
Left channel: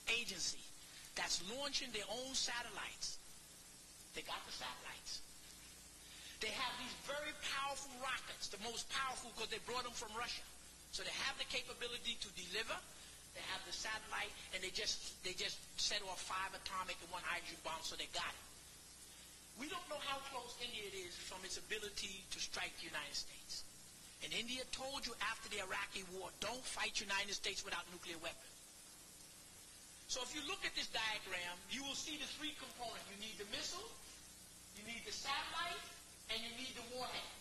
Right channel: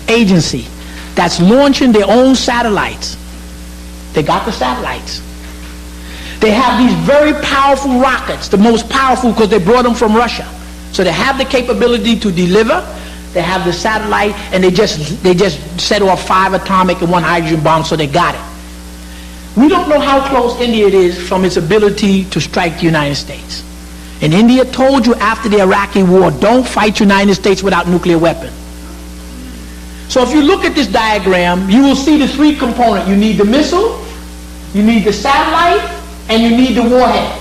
agency that's launching their own satellites, they got the satellites. They have these very powerful rockets, the most powerful because they brought them from Russia. So they have the capability to deliver. They have the satellite, and they just set off 5 atomic and 1 hydrogen bomb, so they got it. We don't know how close India is from its ability to strike the United States. And India told you after the Iraqi war, don't fight the United States without nuclear weapons. So if you look at this diagram, you will see the 3 components. You need the missile, you need the satellite, and you need the warhead.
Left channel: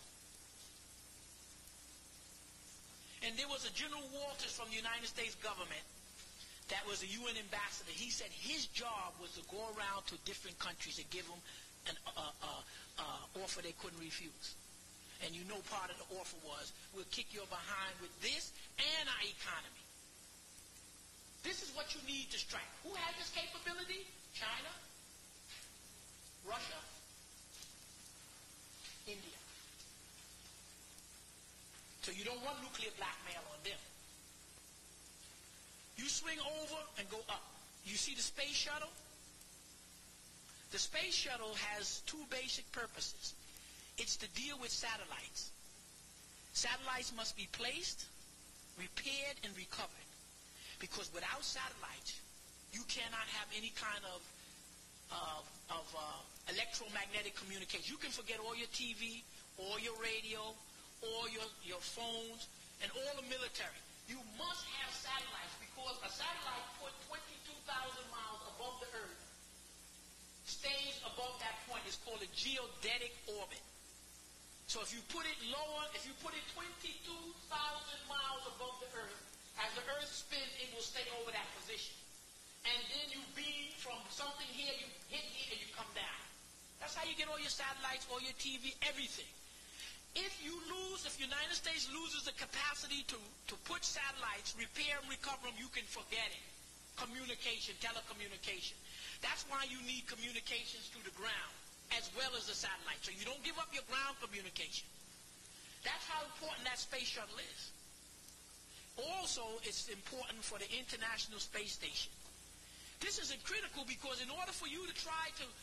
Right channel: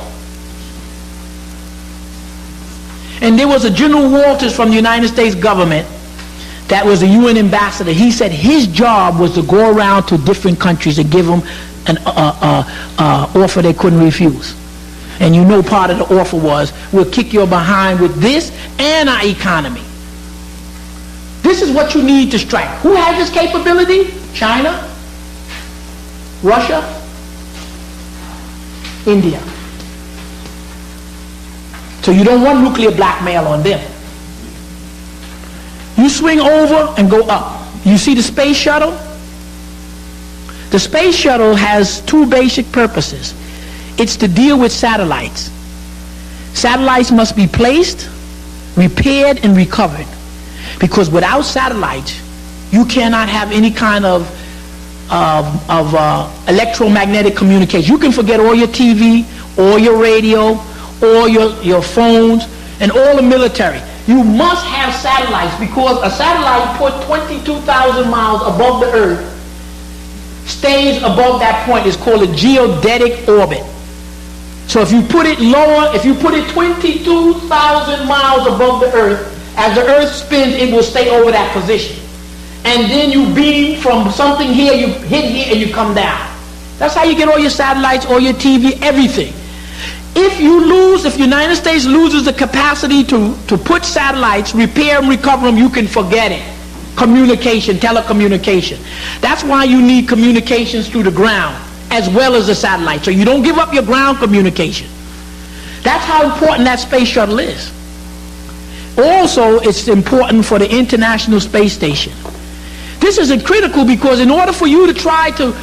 And there was a General Walters from the United States government that was a UN ambassador. He said his job was to go around to different countries and give them an offer they couldn't refuse. And you know part of the offer was, we'll kick your behind with this and our economy. This is what you need to strike. Who has this capability? China, Russia, India. So you don't want nuclear blackmail on them. You swing over and go up. You see the space shuttle? The space shuttle has two basic purposes. It's to deal with satellites. Satellites must be placed, repaired, and recovered. Because without satellites, you cannot have any kind of electromagnetic communication. You can forget all your TV, all your radio, all your phones, and all the military. You must have satellites, because a satellite put 22,000 miles above the Earth stays above that point. It's called a geodetic orbit. So if you put it lower, if you put it 22,000 miles above the Earth, as the Earth spins, it will stay over that position. And then you beam from something here, you hit here, and you come down. That's how you get all your satellites, all your TV, everything. If the United States loses the capacity to put satellites, repair and recover them, you can forget it. Communication, telecommunication. That's why you need communications through the ground as well as the satellite. So you don't give up your ground communication. That's how important that space shuttle is. Also, it's important for the International Space Station. This is critical because in order for you to try to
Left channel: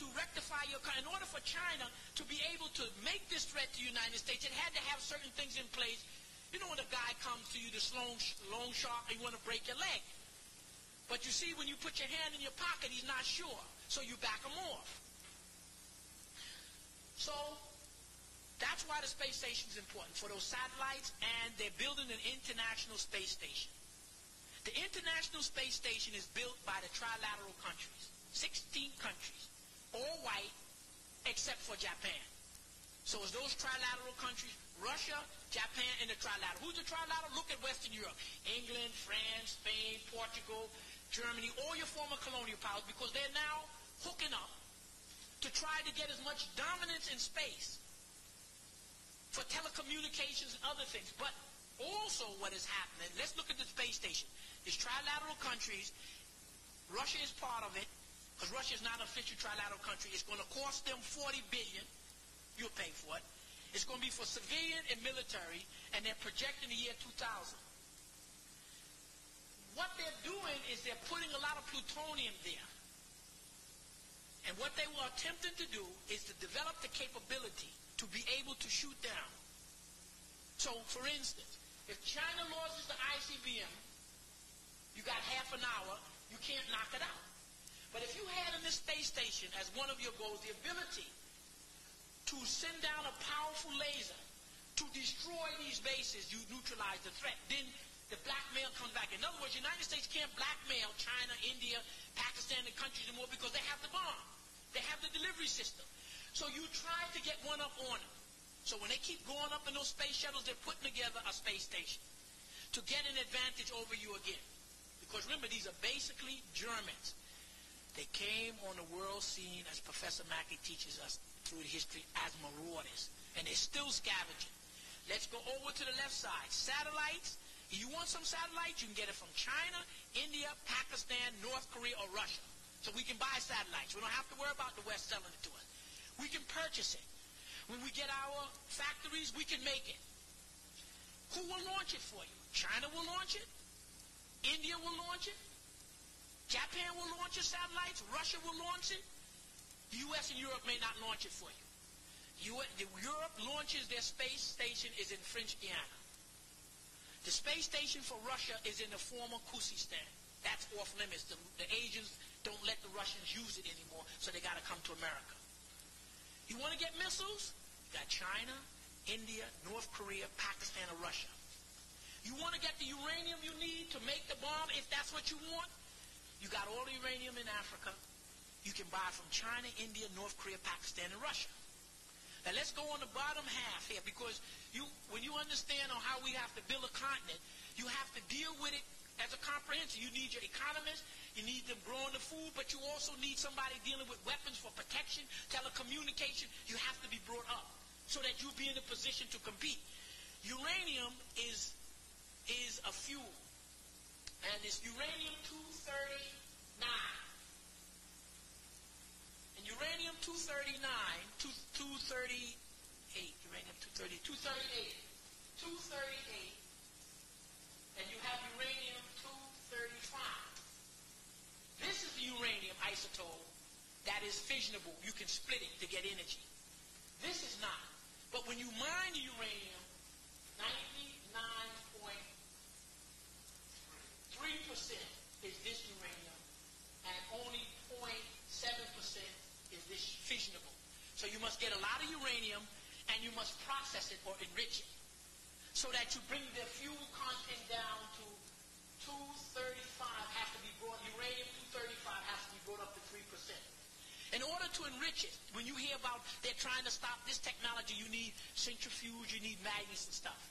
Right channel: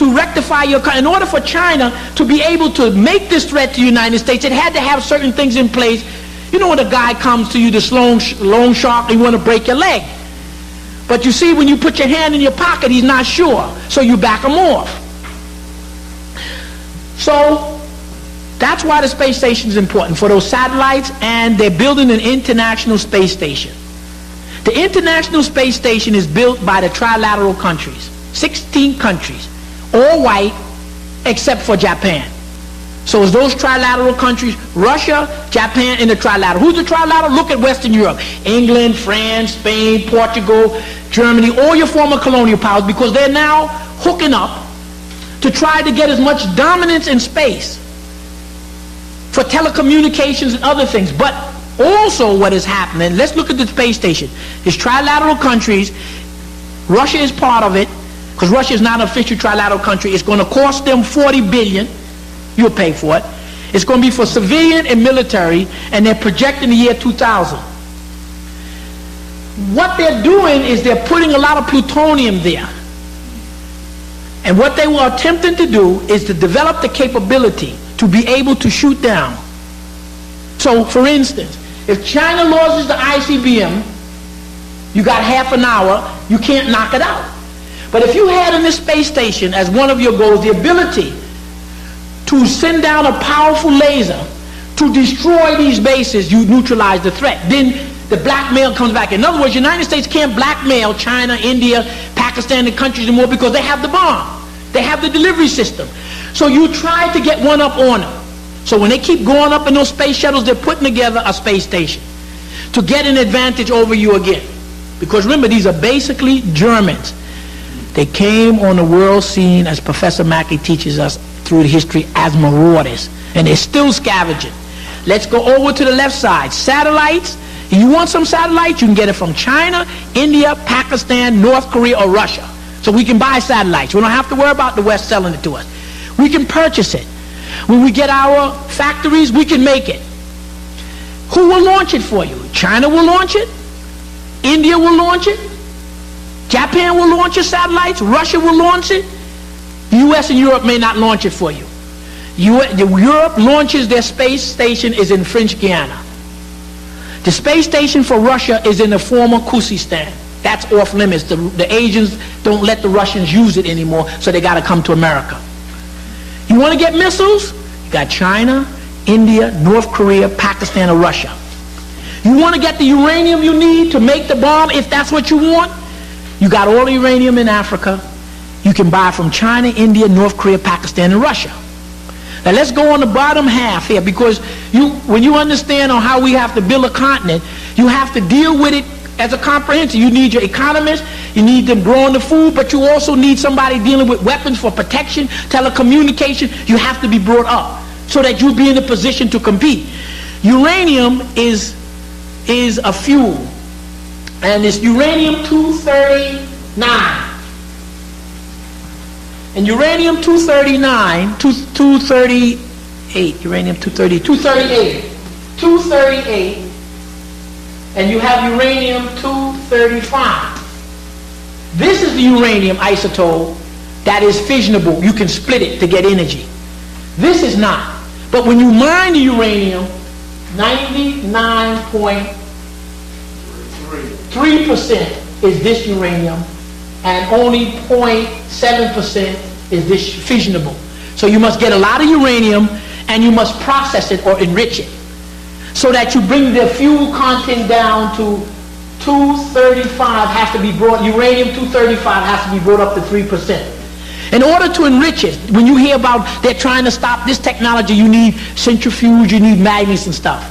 rectify in order for China to be able to make this threat to the United States, it had to have certain things in place. You know when a guy comes to you, this loan shark, and you want to break your leg. But you see, when you put your hand in your pocket, he's not sure. So you back him off. So that's why the space station is important, for those satellites, and they're building an international space station. The International Space Station is built by the trilateral countries, 16 countries, all white except for Japan. So it's those trilateral countries, Russia, Japan, and the trilateral. Who's the trilateral? Look at Western Europe. England, France, Spain, Portugal, Germany, all your former colonial powers, because they're now hooking up to try to get as much dominance in space for telecommunications and other things. But also what is happening, let's look at the space station. It's trilateral countries. Russia is part of it, because Russia is not an official trilateral country. It's going to cost them $40 billion. You'll pay for it. It's going to be for civilian and military, and they're projecting the year 2000. What they're doing is they're putting a lot of plutonium there. And what they were attempting to do is to develop the capability to be able to shoot down. So, for instance, if China loses the ICBM, you got half an hour, you can't knock it out. But if you had in this space station as one of your goals the ability to send down a powerful laser to destroy these bases, you neutralize the threat. Then the blackmail comes back. In other words, the United States can't blackmail China, India, Pakistan, and countries anymore because they have the bomb. They have the delivery system. So you try to get one up on them. So when they keep going up in those space shuttles, they're putting together a space station to get an advantage over you again. Because remember, these are basically Germans. They came on the world scene, as Professor Mackey teaches us through the history, as marauders. And they're still scavenging. Let's go over to the left side. Satellites. If you want some satellites, you can get it from China, India, Pakistan, North Korea, or Russia. So we can buy satellites. We don't have to worry about the West selling it to us. We can purchase it. When we get our factories, we can make it. Who will launch it for you? China will launch it. India will launch it. Japan will launch your satellites. Russia will launch it. The U.S. and Europe may not launch it for you. Europe launches their space station is in French Guiana. The space station for Russia is in the former Khuzestan. That's off limits. The Asians don't let the Russians use it anymore, so they got to come to America. You want to get missiles? You got China, India, North Korea, Pakistan, or Russia. You want to get the uranium you need to make the bomb, if that's what you want? You got all the uranium in Africa. You can buy from China, India, North Korea, Pakistan, and Russia. Now let's go on the bottom half here, because when you understand on how we have to build a continent, you have to deal with it as a comprehensive. You need your economists, you need them growing the food, but you also need somebody dealing with weapons for protection, telecommunication. You have to be brought up so that you'll be in a position to compete. Uranium is a fuel, and it's uranium-239. And uranium-239, 238, uranium-238, 238, and you have uranium-235. This is the uranium isotope that is fissionable. You can split it to get energy. This is not. But when you mine the uranium, 99.3% is this uranium, and only 0.7% is this fissionable. So you must get a lot of uranium, and you must process it or enrich it, so that you bring the fuel content down to 235 has to be brought, uranium-235 has to be brought up to 3%. In order to enrich it, when you hear about they're trying to stop this technology, you need centrifuge, you need magnets and stuff.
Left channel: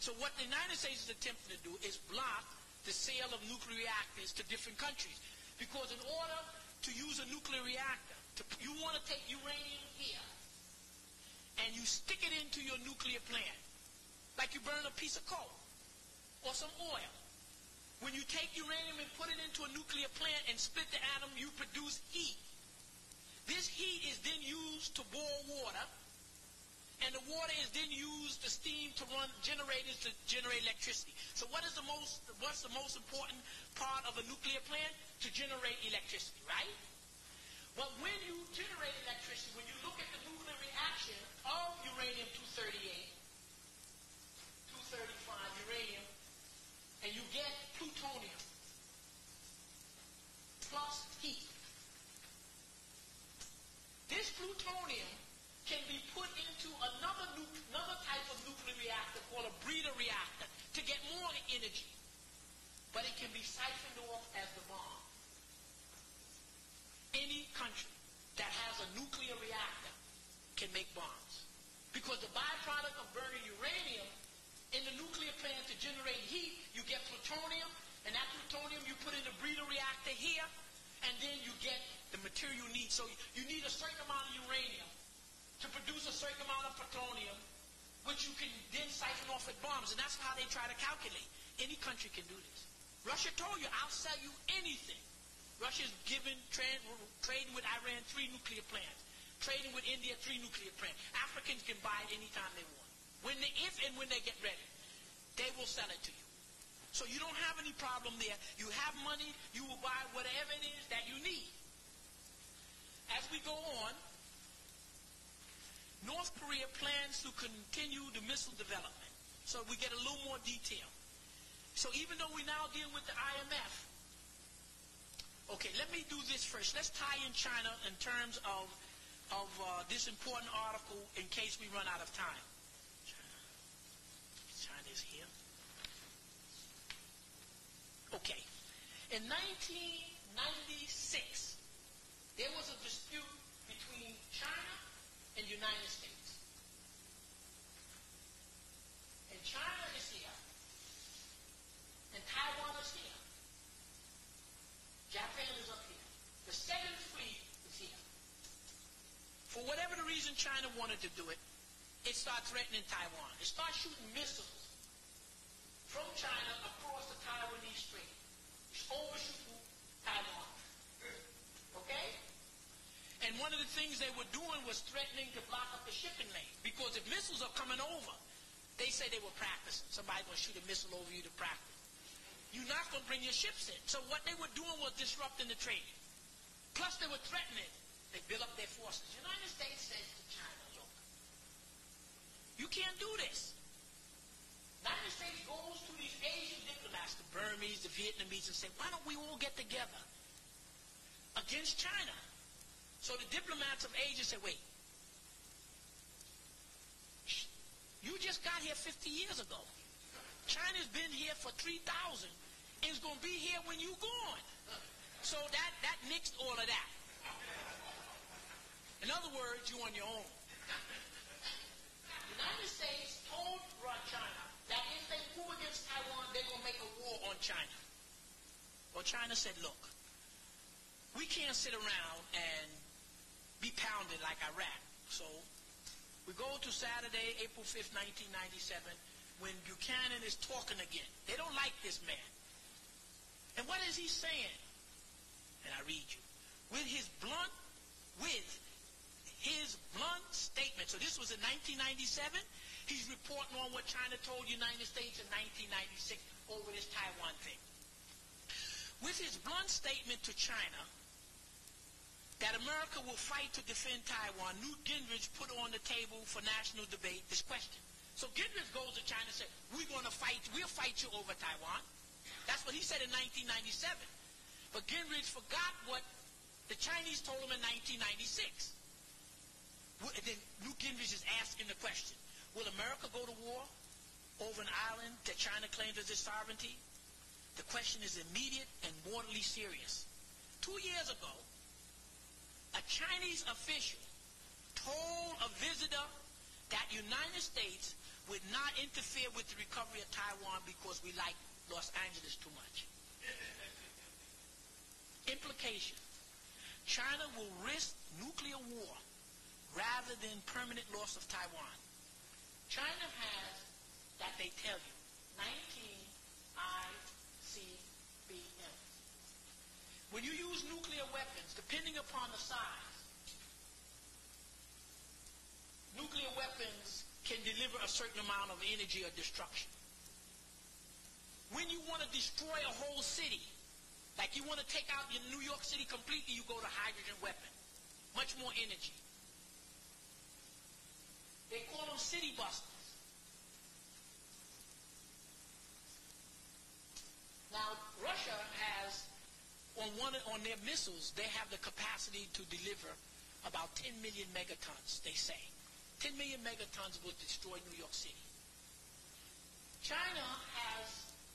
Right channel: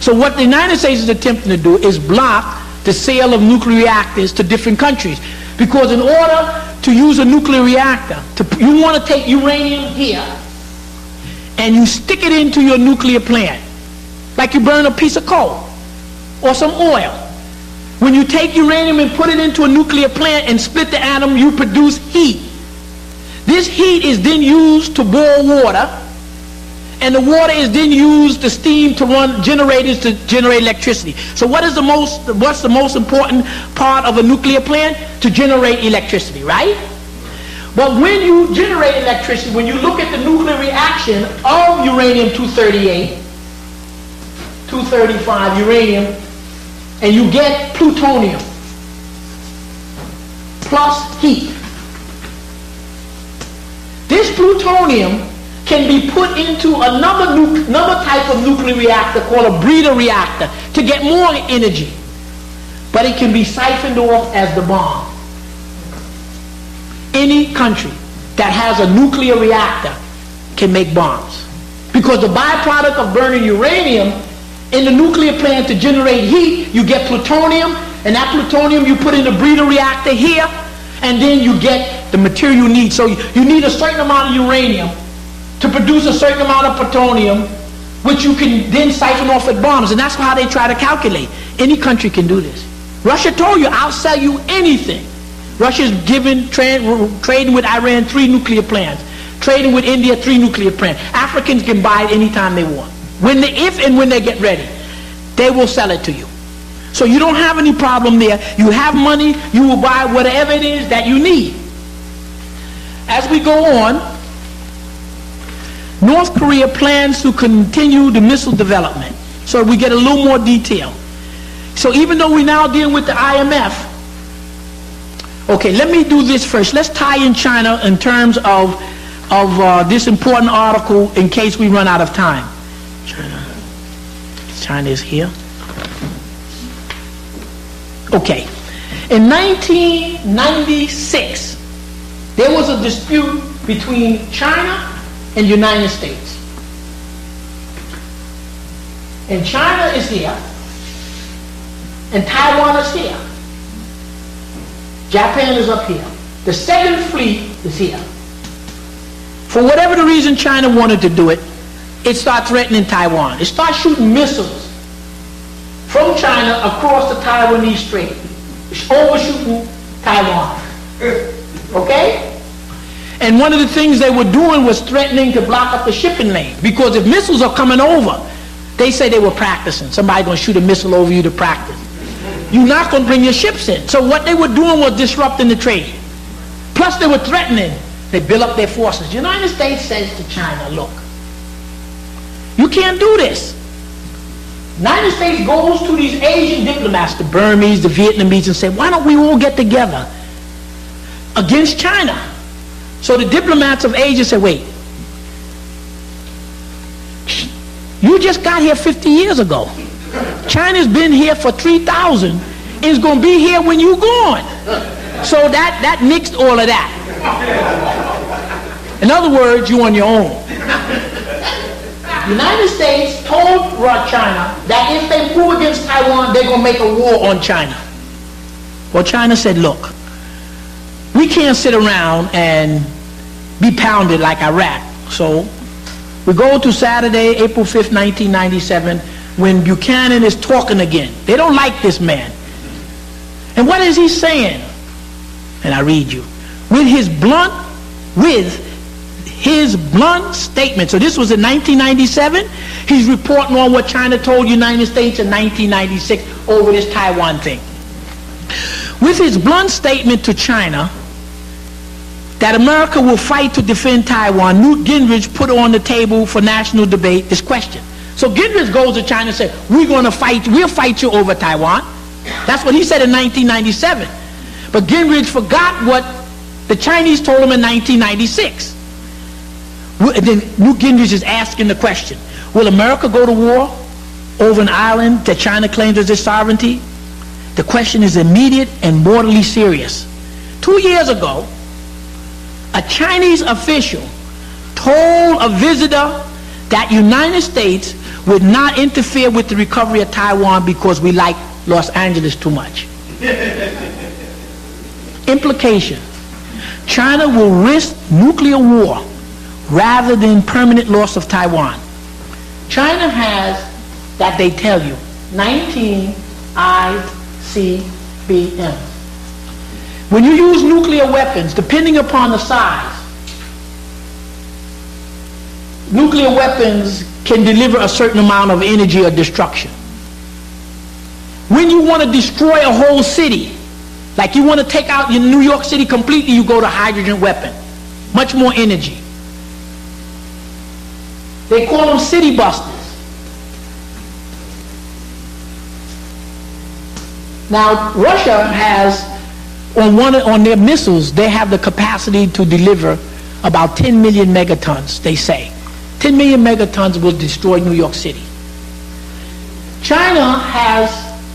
So what the United States is attempting to do is block the sale of nuclear reactors to different countries. Because in order to use a nuclear reactor, you want to take uranium here and you stick it into your nuclear plant, like you burn a piece of coal or some oil. When you take uranium and put it into a nuclear plant and split the atom, you produce heat. This heat is then used to boil water, and the water is then used to steam to run generators to generate electricity. So what's the most important part of a nuclear plant? To generate electricity, right? But when you generate electricity, when you look at the nuclear reaction of uranium-238, 235 uranium, and you get plutonium plus heat. This plutonium can be put into another type of nuclear reactor called a breeder reactor to get more energy. But it can be siphoned off as the bomb. Any country that has a nuclear reactor can make bombs. Because the byproduct of burning uranium in the nuclear plant to generate heat, you get plutonium, and that plutonium you put in the breeder reactor here, and then you get the material you need. So you need a certain amount of uranium to produce a certain amount of plutonium, which you can then siphon off at bombs. And that's how they try to calculate. Any country can do this. Russia told you, I'll sell you anything. Russia's trading with Iran 3 nuclear plants. Trading with India 3 nuclear plants. Africans can buy it anytime they want. If and when they get ready, they will sell it to you. So you don't have any problem there. You have money, you will buy whatever it is that you need. As we go on, North Korea plans to continue the missile development. So we get a little more detail. So even though we're now dealing with the IMF, okay, let me do this first. Let's tie in China in terms of this important article in case we run out of time. China is here. Okay. In 1996, there was a dispute between China and the United States. And China is here, and Taiwan is here. Japan is up here. The Second Fleet is here. For whatever the reason China wanted to do it, it starts threatening Taiwan. It starts shooting missiles from China across the Taiwanese Strait. It's overshooting Taiwan. Okay? And one of the things they were doing was threatening to block up the shipping lane. Because if missiles are coming over, they say they were practicing. Somebody's going to shoot a missile over you to practice. You're not going to bring your ships in. So what they were doing was disrupting the trade. Plus they were threatening. They build up their forces. The United States says to China, look, you can't do this. The United States goes to these Asian diplomats, the Burmese, the Vietnamese, and say, why don't we all get together against China? So the diplomats of Asia say, wait, you just got here 50 years ago. China's been here for 3,000 and is going to be here when you're gone. So that nixed all of that. In other words, you're on your own. The United States told China that if they move against Taiwan, they're going to make a war on China. Well, China said, look, we can't sit around and be pounded like Iraq. So we go to Saturday, April 5th, 1997, when Buchanan is talking again. They don't like this man. And what is he saying? And I read you. With his blunt his blunt statement. So this was in 1997. He's reporting on what China told the United States in 1996 over this Taiwan thing. With his blunt statement to China that America will fight to defend Taiwan, Newt Gingrich put on the table for national debate this question. So Gingrich goes to China and says, we'll fight you over Taiwan. That's what he said in 1997. But Gingrich forgot what the Chinese told him in 1996. And then Newt Gingrich is asking the question, will America go to war over an island that China claims as its sovereignty? The question is immediate and mortally serious. 2 years ago, a Chinese official told a visitor that United States would not interfere with the recovery of Taiwan because we like Los Angeles too much. Implication: China will risk nuclear war rather than permanent loss of Taiwan. China has, that they tell you, 19 ICBMs. When you use nuclear weapons, depending upon the size, nuclear weapons can deliver a certain amount of energy or destruction. When you want to destroy a whole city, like you want to take out your New York City completely, you go to hydrogen weapon. Much more energy. They call them city busters. Now, Russia has, on their missiles, they have the capacity to deliver about 10 million megatons, they say. 10 million megatons will destroy New York City. China has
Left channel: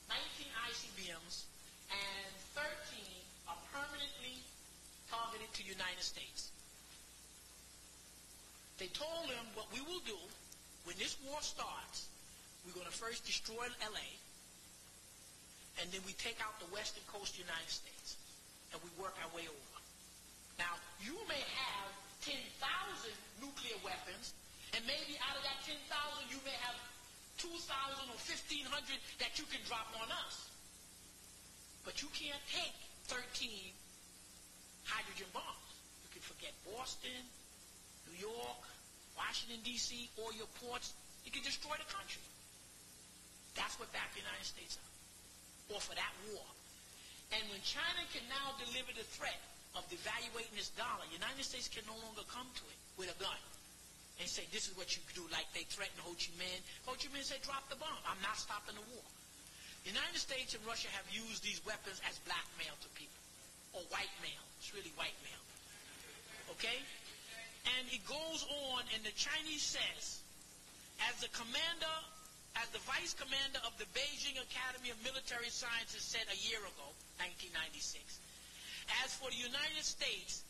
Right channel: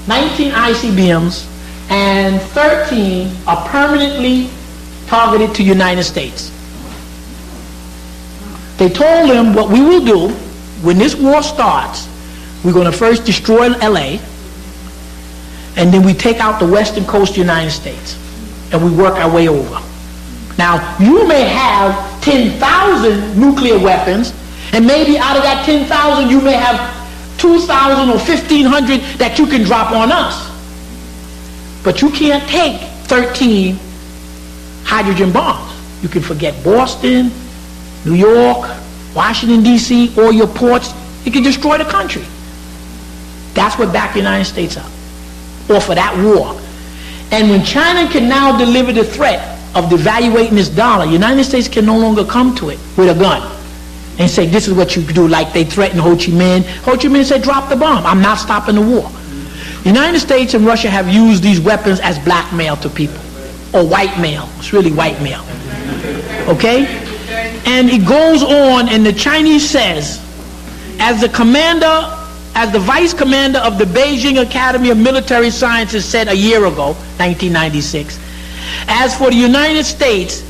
19 ICBMs and 13 are permanently targeted to United States. They told them what we will do when this war starts, we're going to first destroy LA, and then we take out the western coast of the United States, and we work our way over. Now, you may have 10,000 nuclear weapons, and maybe out of that 10,000, you may have 2,000 or 1,500 that you can drop on us. But you can't take 13 hydrogen bombs. You can forget Boston, New York, Washington, D.C., or your ports. You can destroy the country. That's what backed the United States up, or for that war. And when China can now deliver the threat of devaluating this dollar, United States can no longer come to it with a gun and say, this is what you do, like they threatened Ho Chi Minh. Ho Chi Minh said, drop the bomb. I'm not stopping the war. The United States and Russia have used these weapons as blackmail to people, or white mail. It's really white mail. Okay? And it goes on, and the Chinese says, as the vice commander of the Beijing Academy of Military Sciences said a year ago, 1996, as for the United States,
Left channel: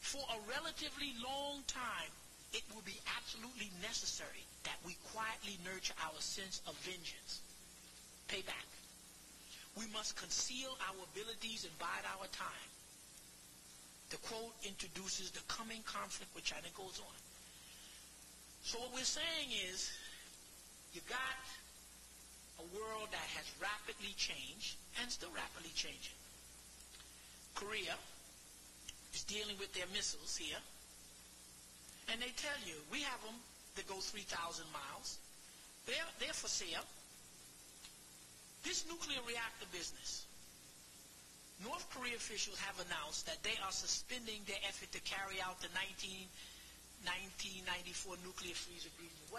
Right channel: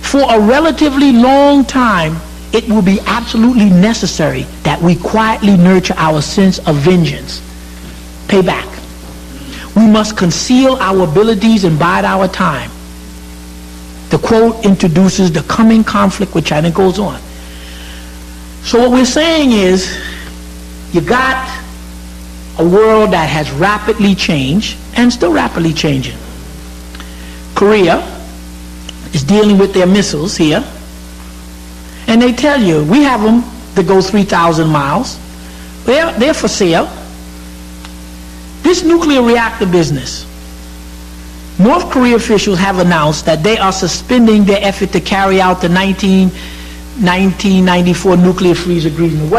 for a relatively long time, it will be absolutely necessary that we quietly nurture our sense of vengeance. Pay back. We must conceal our abilities and bide our time. The quote introduces the coming conflict with China. Goes on. So what we're saying is, you got a world that has rapidly changed and still rapidly changing. Korea is dealing with their missiles here, and they tell you, we have them that go 3,000 miles. They're for sale. This nuclear reactor business, North Korea officials have announced that they are suspending their effort to carry out the 1994 nuclear freeze agreement.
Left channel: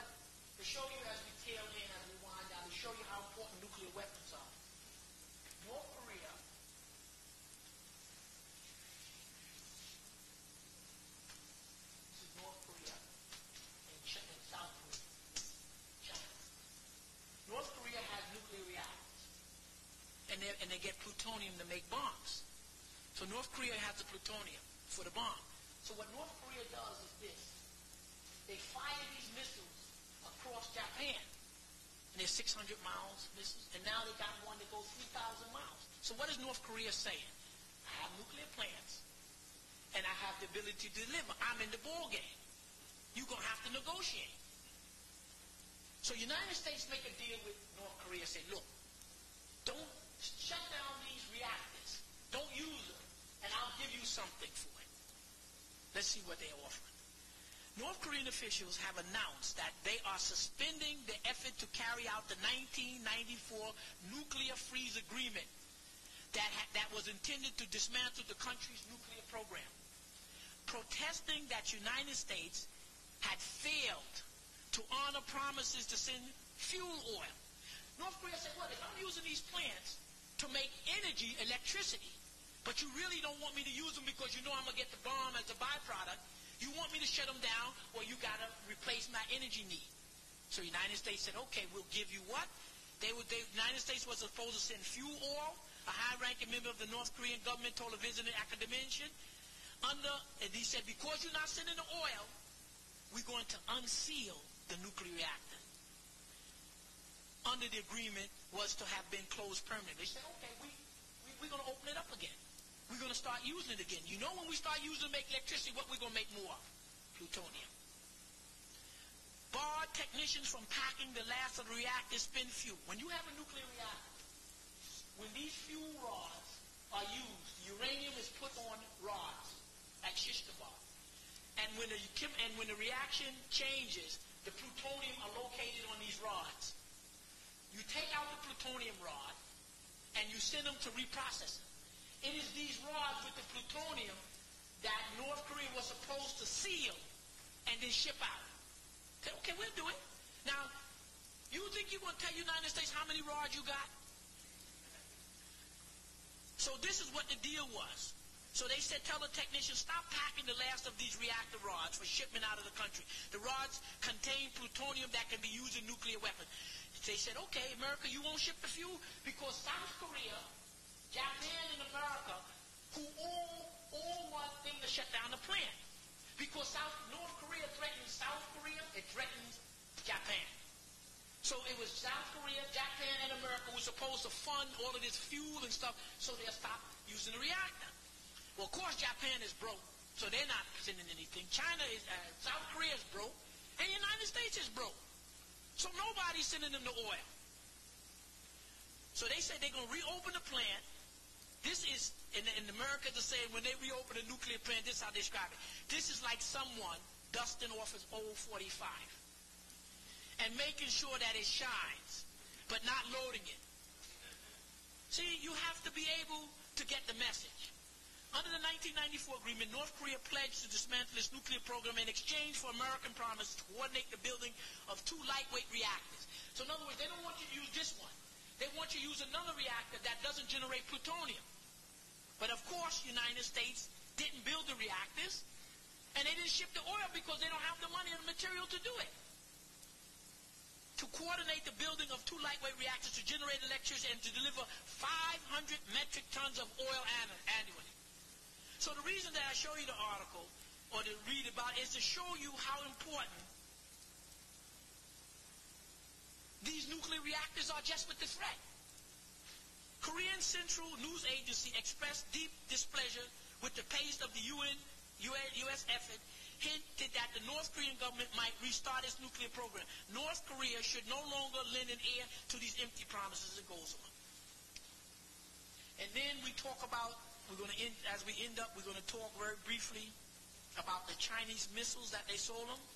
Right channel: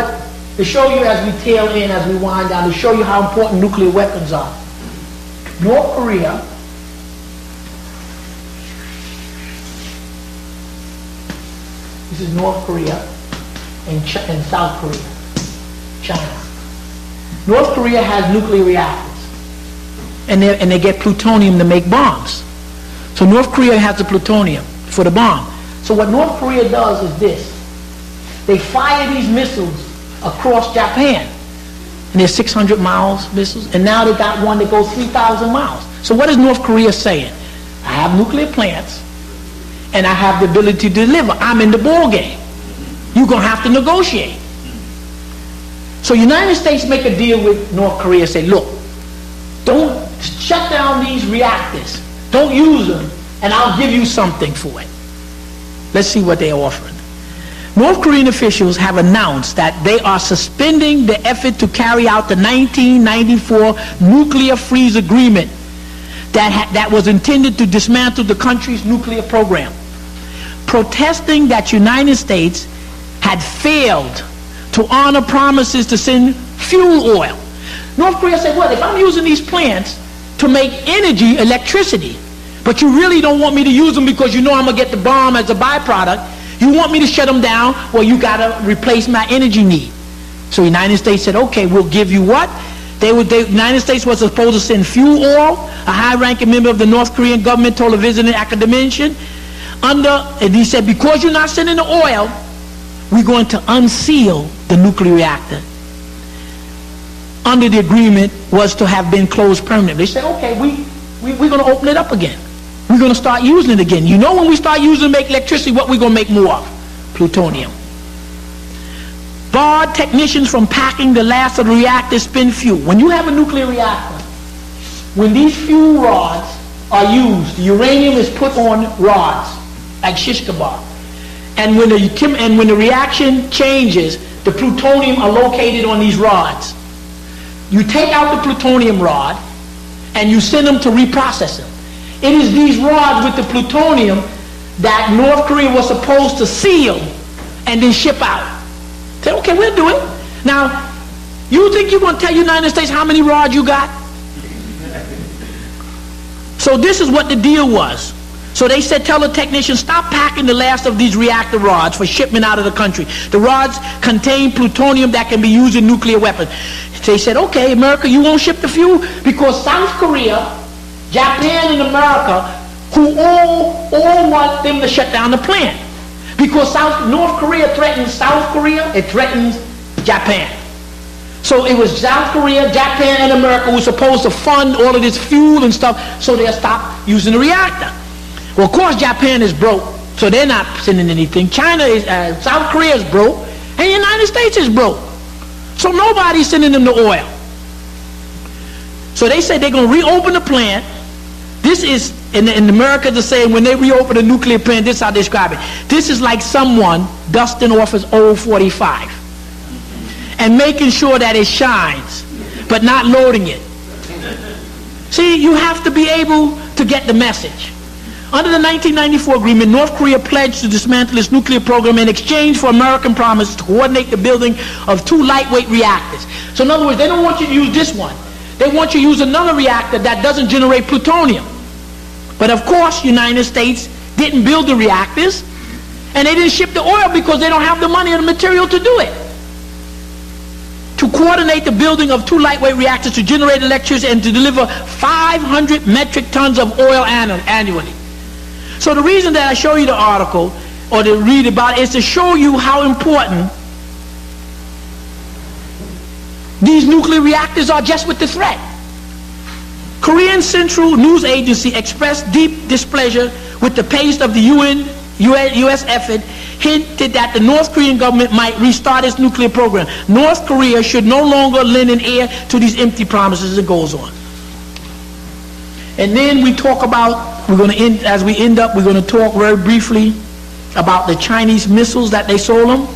To show you as we tail in, as we wind down, to show you how important nuclear weapons are. North Korea this is North Korea and South Korea, China. North Korea has nuclear reactors, and they get plutonium to make bombs. So North Korea has the plutonium for the bomb. So what North Korea does is this. They fire these missiles across Japan, and they're 600 miles missiles, and now they got one that goes 3,000 miles. So what is North Korea saying? I have nuclear plants, and I have the ability to deliver. I'm in the ball game. You're going to have to negotiate. So United States make a deal with North Korea, say, look, don't shut down these reactors. Don't use them, and I'll give you something for it. Let's see what they're offering. North Korean officials have announced that they are suspending the effort to carry out the 1994 nuclear freeze agreement that was intended to dismantle the country's nuclear program, protesting that United States had failed to honor promises to send fuel oil. North Korea said, well, if I'm using these plants to make energy, electricity, but you really don't want me to use them because you know I'm going to get the bomb as a byproduct, you want me to shut them down, well, you got to replace my energy need. So the United States said, okay, we'll give you what? The United States was supposed to send fuel oil. A high-ranking member of the North Korean government told a visiting academician, and he said, because you're not sending the oil, we're going to unseal the nuclear reactor. Under the agreement was to have been closed permanently. They said, okay, we're going to open it up again. We're going to start using it again. You know, when we start using it to make electricity, what we're going to make more of? Plutonium. Barred technicians from packing the last of the reactor's spent fuel. When you have a nuclear reactor, when these fuel rods are used, the uranium is put on rods, like shish kebab. And when the reaction changes, the plutonium are located on these rods. You take out the plutonium rod, and you send them to reprocess them. It is these rods with the plutonium that North Korea was supposed to seal and then ship out. Say, okay, we'll do it. Now, you think you're going to tell the United States how many rods you got? So this is what the deal was. So they said, tell the technicians, stop packing the last of these reactor rods for shipment out of the country. The rods contain plutonium that can be used in nuclear weapons. They said, okay, America, you won't ship the fuel because South Korea, Japan, and America, who all want them to shut down the plant. Because North Korea threatens South Korea, it threatens Japan. So it was South Korea, Japan, and America who were supposed to fund all of this fuel and stuff so they'll stop using the reactor. Well, of course, Japan is broke, so they're not sending anything. South Korea is broke, and the United States is broke. So nobody's sending them the oil. So they say they're going to reopen the plant. This is, in America, they're saying when they reopen a nuclear plant, this is how they describe it. This is like someone dusting off his old 45 and making sure that it shines, but not loading it. See, you have to be able to get the message. Under the 1994 agreement, North Korea pledged to dismantle its nuclear program in exchange for American promises to coordinate the building of 2 lightweight reactors. So in other words, they don't want you to use this one. They want you to use another reactor that doesn't generate plutonium. But of course, the United States didn't build the reactors, and they didn't ship the oil because they don't have the money or the material to do it. To coordinate the building of 2 lightweight reactors to generate electricity and to deliver 500 metric tons of oil annually. So the reason that I show you the article, or to read about it, is to show you how important these nuclear reactors are just with the threat. Korean Central News Agency expressed deep displeasure with the pace of the U.S. effort, hinted that the North Korean government might restart its nuclear program. North Korea should no longer lend an ear to these empty promises. It goes on. And then we talk about, we're going to end, as we end up, we're going to talk very briefly about the Chinese missiles that they sold them.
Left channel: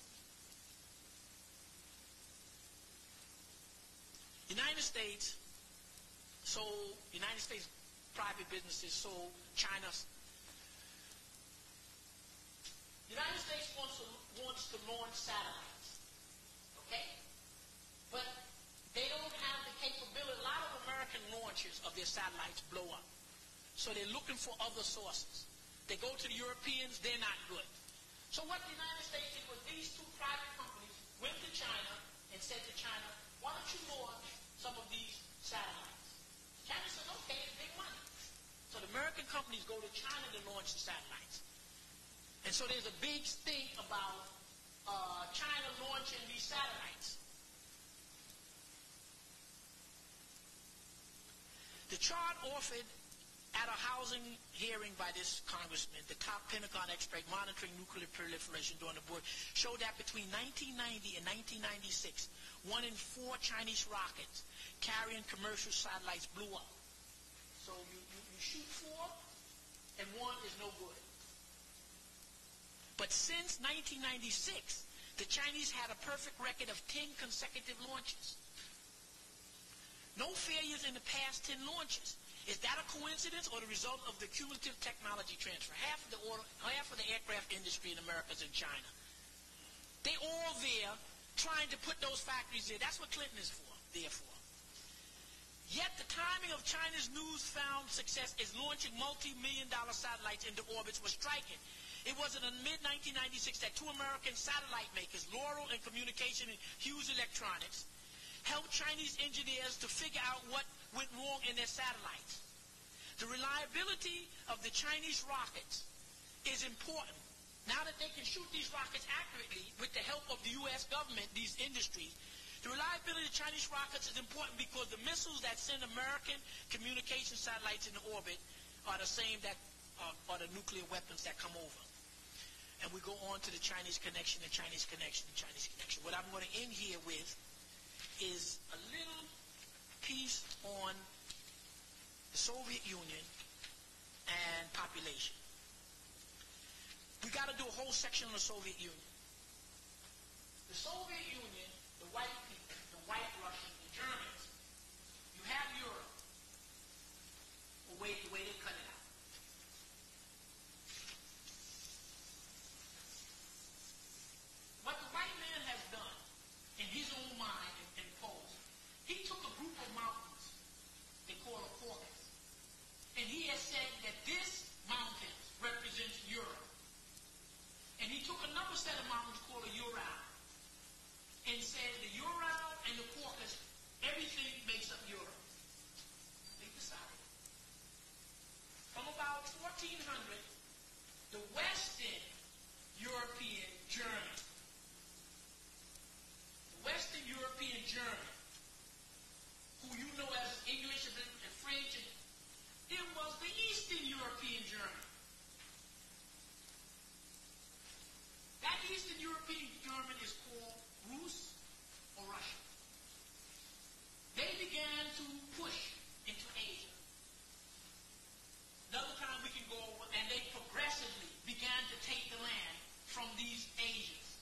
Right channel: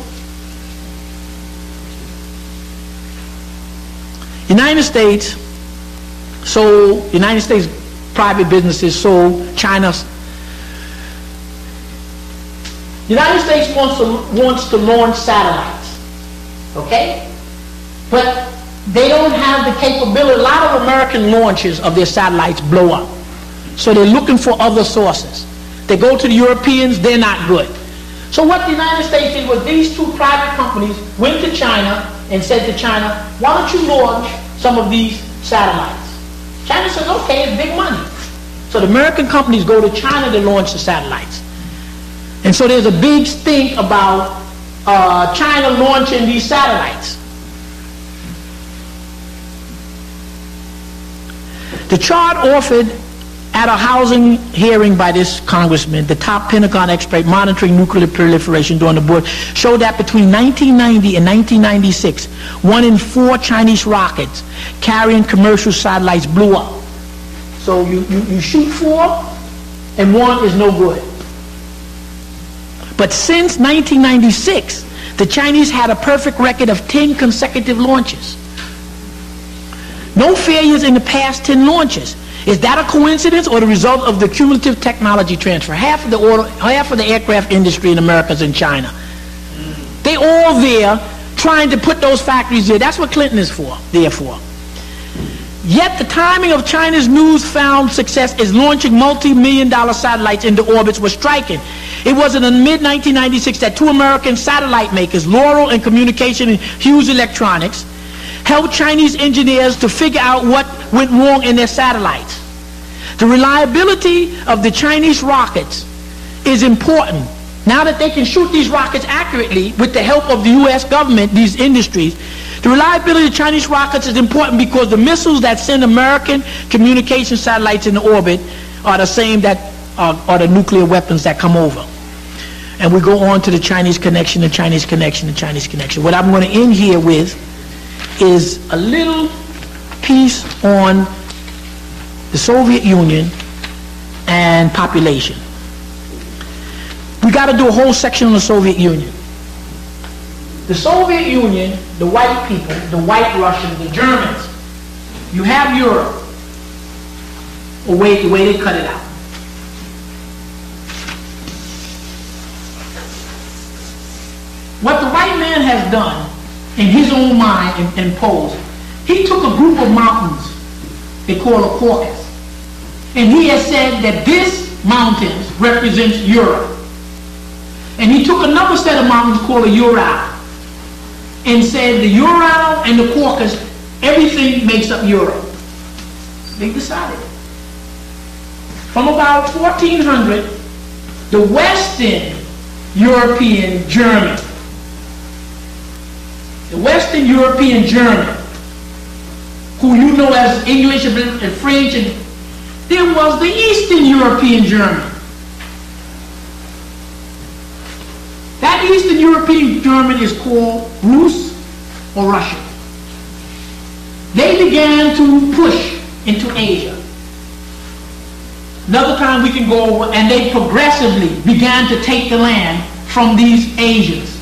United States private businesses sold China's. The United States wants to launch satellites, okay? But they don't have the capability. A lot of American launches of their satellites blow up. So they're looking for other sources. They go to the Europeans, they're not good. So what the United States did was these 2 private companies went to China and said to China, why don't you launch some of these satellites? China says, okay, it's big money. So the American companies go to China to launch the satellites. And so there's a big stink about China launching these satellites. The chart offered at a housing hearing by this congressman, the top Pentagon expert monitoring nuclear proliferation during the board, showed that between 1990 and 1996, 1 in 4 Chinese rockets carrying commercial satellites blew up. So you shoot 4, and 1 is no good. But since 1996, the Chinese had a perfect record of 10 consecutive launches. No failures in the past 10 launches. Is that a coincidence or the result of the cumulative technology transfer? Half of the aircraft industry in America is in China. They all there trying to put those factories there. That's what Clinton is there for. Yet the timing of China's newfound success is launching multi-million-dollar satellites into orbits was striking. It was in the mid-1996 that two American satellite makers, Laurel and Communication and Hughes Electronics, helped Chinese engineers to figure out what went wrong in their satellites. The reliability of the Chinese rockets is important. Now that they can shoot these rockets accurately with the help of the U.S. government, these industries, the reliability of Chinese rockets is important because the missiles that send American communication satellites into orbit are the same that are the nuclear weapons that come over. And we go on to the Chinese connection, the Chinese connection, the Chinese connection. What I'm going to end here with is a little piece on the Soviet Union and population. We got to do a whole section on the Soviet Union. The Soviet Union, the white people, the white Russians, the Germans, you have Europe, the way they cut it out. What the white man has done in his own mind and posed, he took a group of mountains they call a Caucasus, and he has said that this mountains represents Europe. And he took another set of mountains called the Ural and said the Ural and the Caucasus, everything makes up Europe. They decided. From about 1400, the Western European German, who you know as English and French, and there was the Eastern European German. That Eastern European German is called Rus or Russian. They began to push into Asia. Another time we can go over, and they progressively began to take the land from these Asians.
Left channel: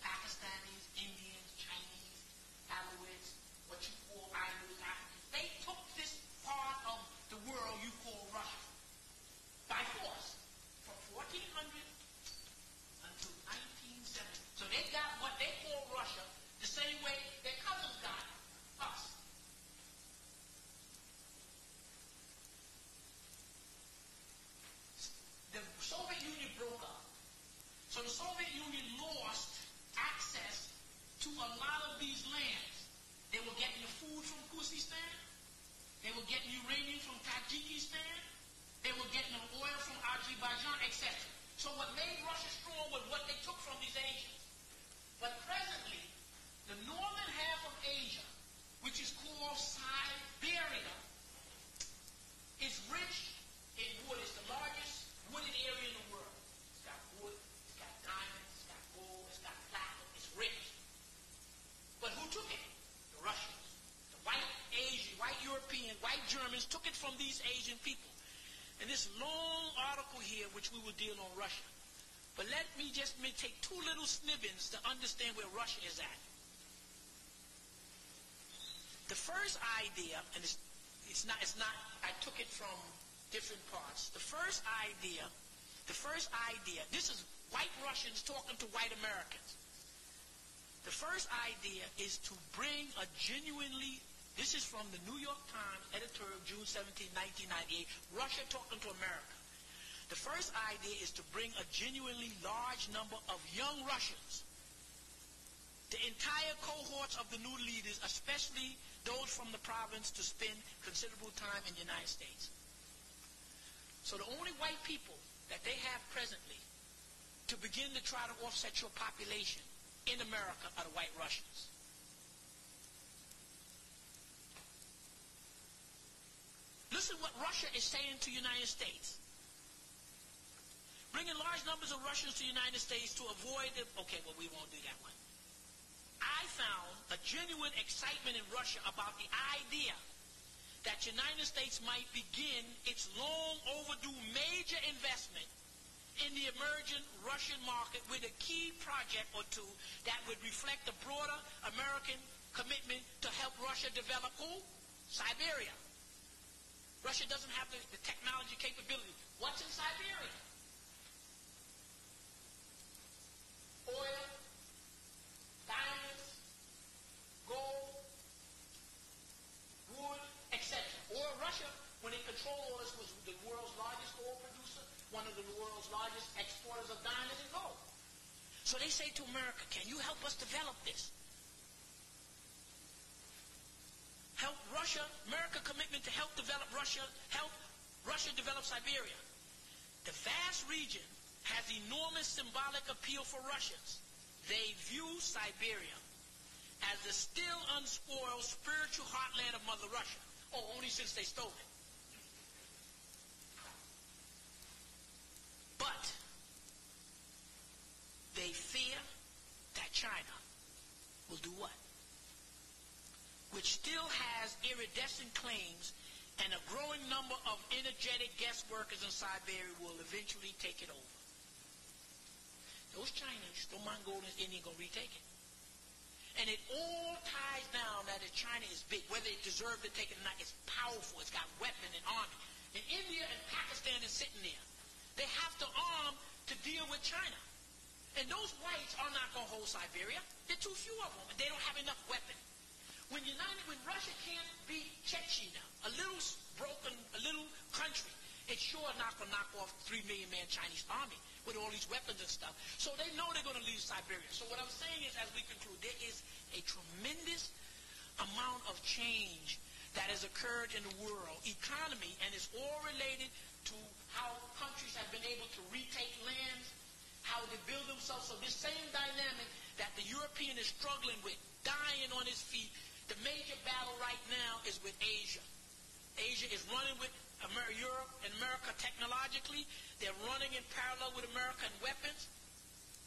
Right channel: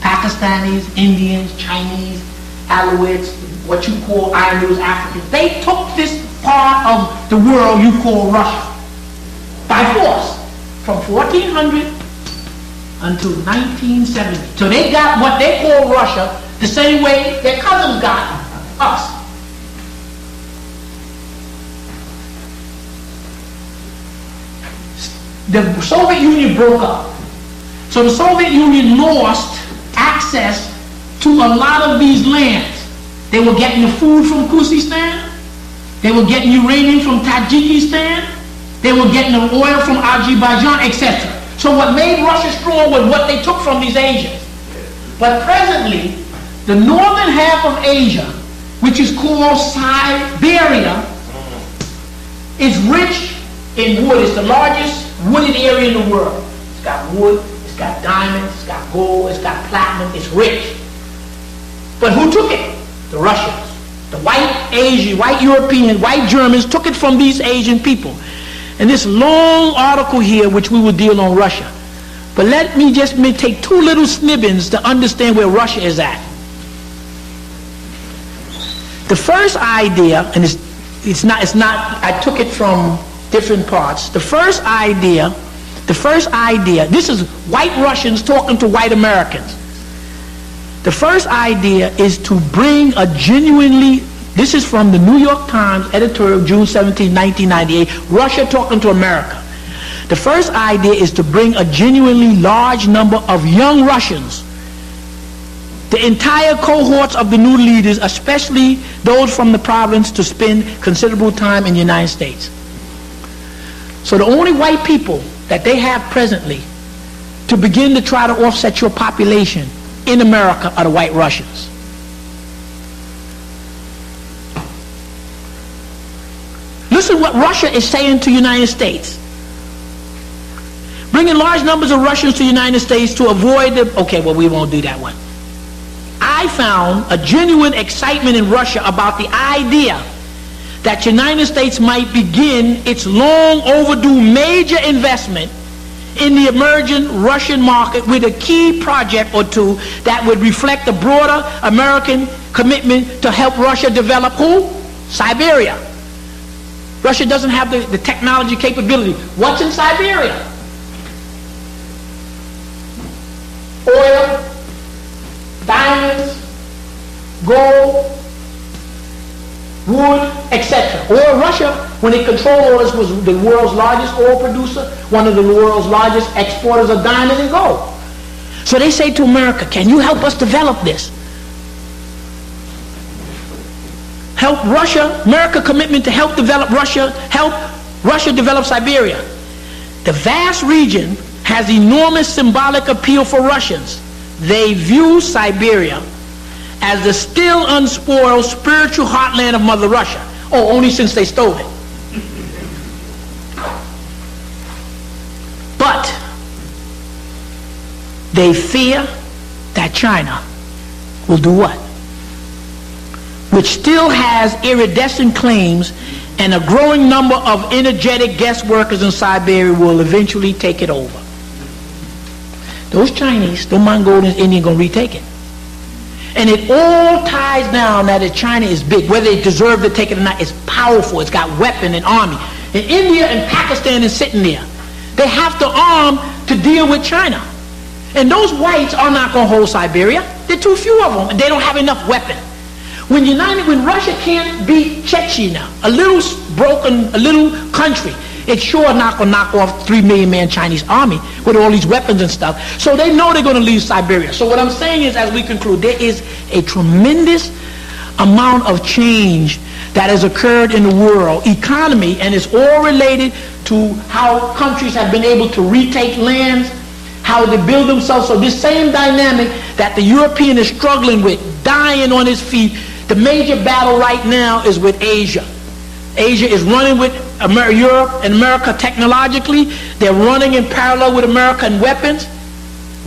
Pakistanis, Indians, Chinese, Alawites, what you call Irish, Africans. They took this part of the world you call Russia by force from 1400 until 1970. So they got what they call Russia the same way their cousins got us. The Soviet Union broke up. So the Soviet Union lost access to a lot of these lands. They were getting the food from Kyrgyzstan. They were getting uranium from Tajikistan. They were getting the oil from Azerbaijan, etc. So what made Russia strong was what they took from these Asians. But presently, the northern half of Asia, which is called Siberia, is rich in wood. It's the largest wooded area in the world. It's got wood, it's got diamonds, it's got gold, it's got platinum, it's rich. But who took it? The Russians. The white Asian, white Europeans, white Germans took it from these Asian people. And this long article here, which we will deal on Russia. But let me just take two little snippets to understand where Russia is at. The first idea, and it's not, I took it from different parts. The first idea, this is white Russians talking to white Americans. The first idea is to bring a genuinely, this is from the New York Times editorial, June 17, 1998, Russia talking to America. The first idea is to bring a genuinely large number of young Russians, the entire cohorts of the new leaders, especially those from the province, to spend considerable time in the United States. So the only white people that they have presently to begin to try to offset your population in America are the white Russians. Listen what Russia is saying to the United States. Bringing large numbers of Russians to the United States to avoid the... Okay, well, we won't do that one. I found a genuine excitement in Russia about the idea that the United States might begin its long overdue major investment in the emerging Russian market with a key project or two that would reflect the broader American commitment to help Russia develop who? Siberia. Russia doesn't have the technology capability. What's in Siberia? Oil, diamonds, gold, wood, etc. Oil, Russia, when it controlled all this, was the world's largest oil producer, one of the world's largest exporters of diamonds and gold. So they say to America, can you help us develop this? Help Russia, America's commitment to help develop Russia, help Russia develop Siberia. The vast region has enormous symbolic appeal for Russians. They view Siberia as the still unspoiled spiritual heartland of Mother Russia. Oh, only since they stole it. But they fear that China will do what? Which still has iridescent claims, and a growing number of energetic guest workers in Siberia will eventually take it over. Those Chinese, those Mongolians, Indians gonna retake it. And it all ties down that China is big, whether they deserve to take it or not. It's powerful, it's got weapon and army. And India and Pakistan is sitting there. They have to arm to deal with China. And those whites are not gonna hold Siberia. There are too few of them, and they don't have enough weapon. When Russia can't beat Chechnya, a little country, it's sure not going to knock off 3 million man Chinese army with all these weapons and stuff. So they know they're going to leave Siberia. So what I'm saying is, as we conclude, there is a tremendous amount of change that has occurred in the world economy, and it's all related to how countries have been able to retake lands, how they build themselves. So this same dynamic that the European is struggling with, dying on his feet, the major battle right now is with Asia. Asia is running with Europe and America technologically. They're running in parallel with America in weapons.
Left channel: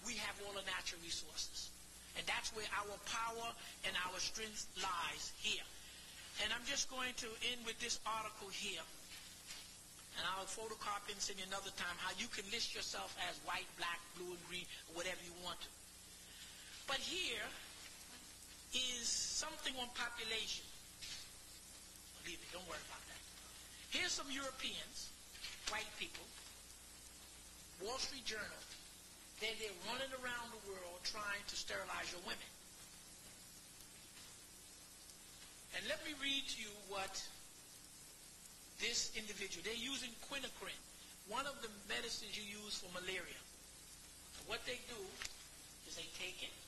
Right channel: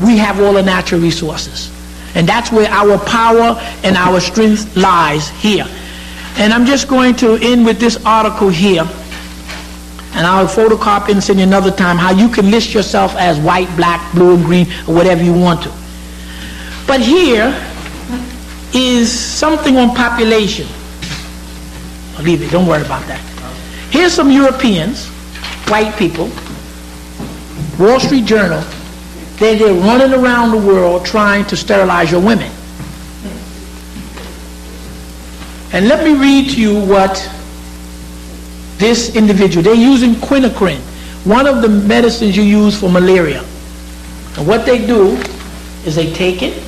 We have all the natural resources. And that's where our power and our strength lies here. And I'm just going to end with this article here. And I'll photocopy and send you another time how you can list yourself as white, black, blue, and green, or whatever you want to. But here is something on population. I'll leave it, don't worry about that. Here's some Europeans, white people, Wall Street Journal, they're running around the world trying to sterilize your women. And let me read to you what this individual, they're using quinacrine, one of the medicines you use for malaria. And what they do is they take it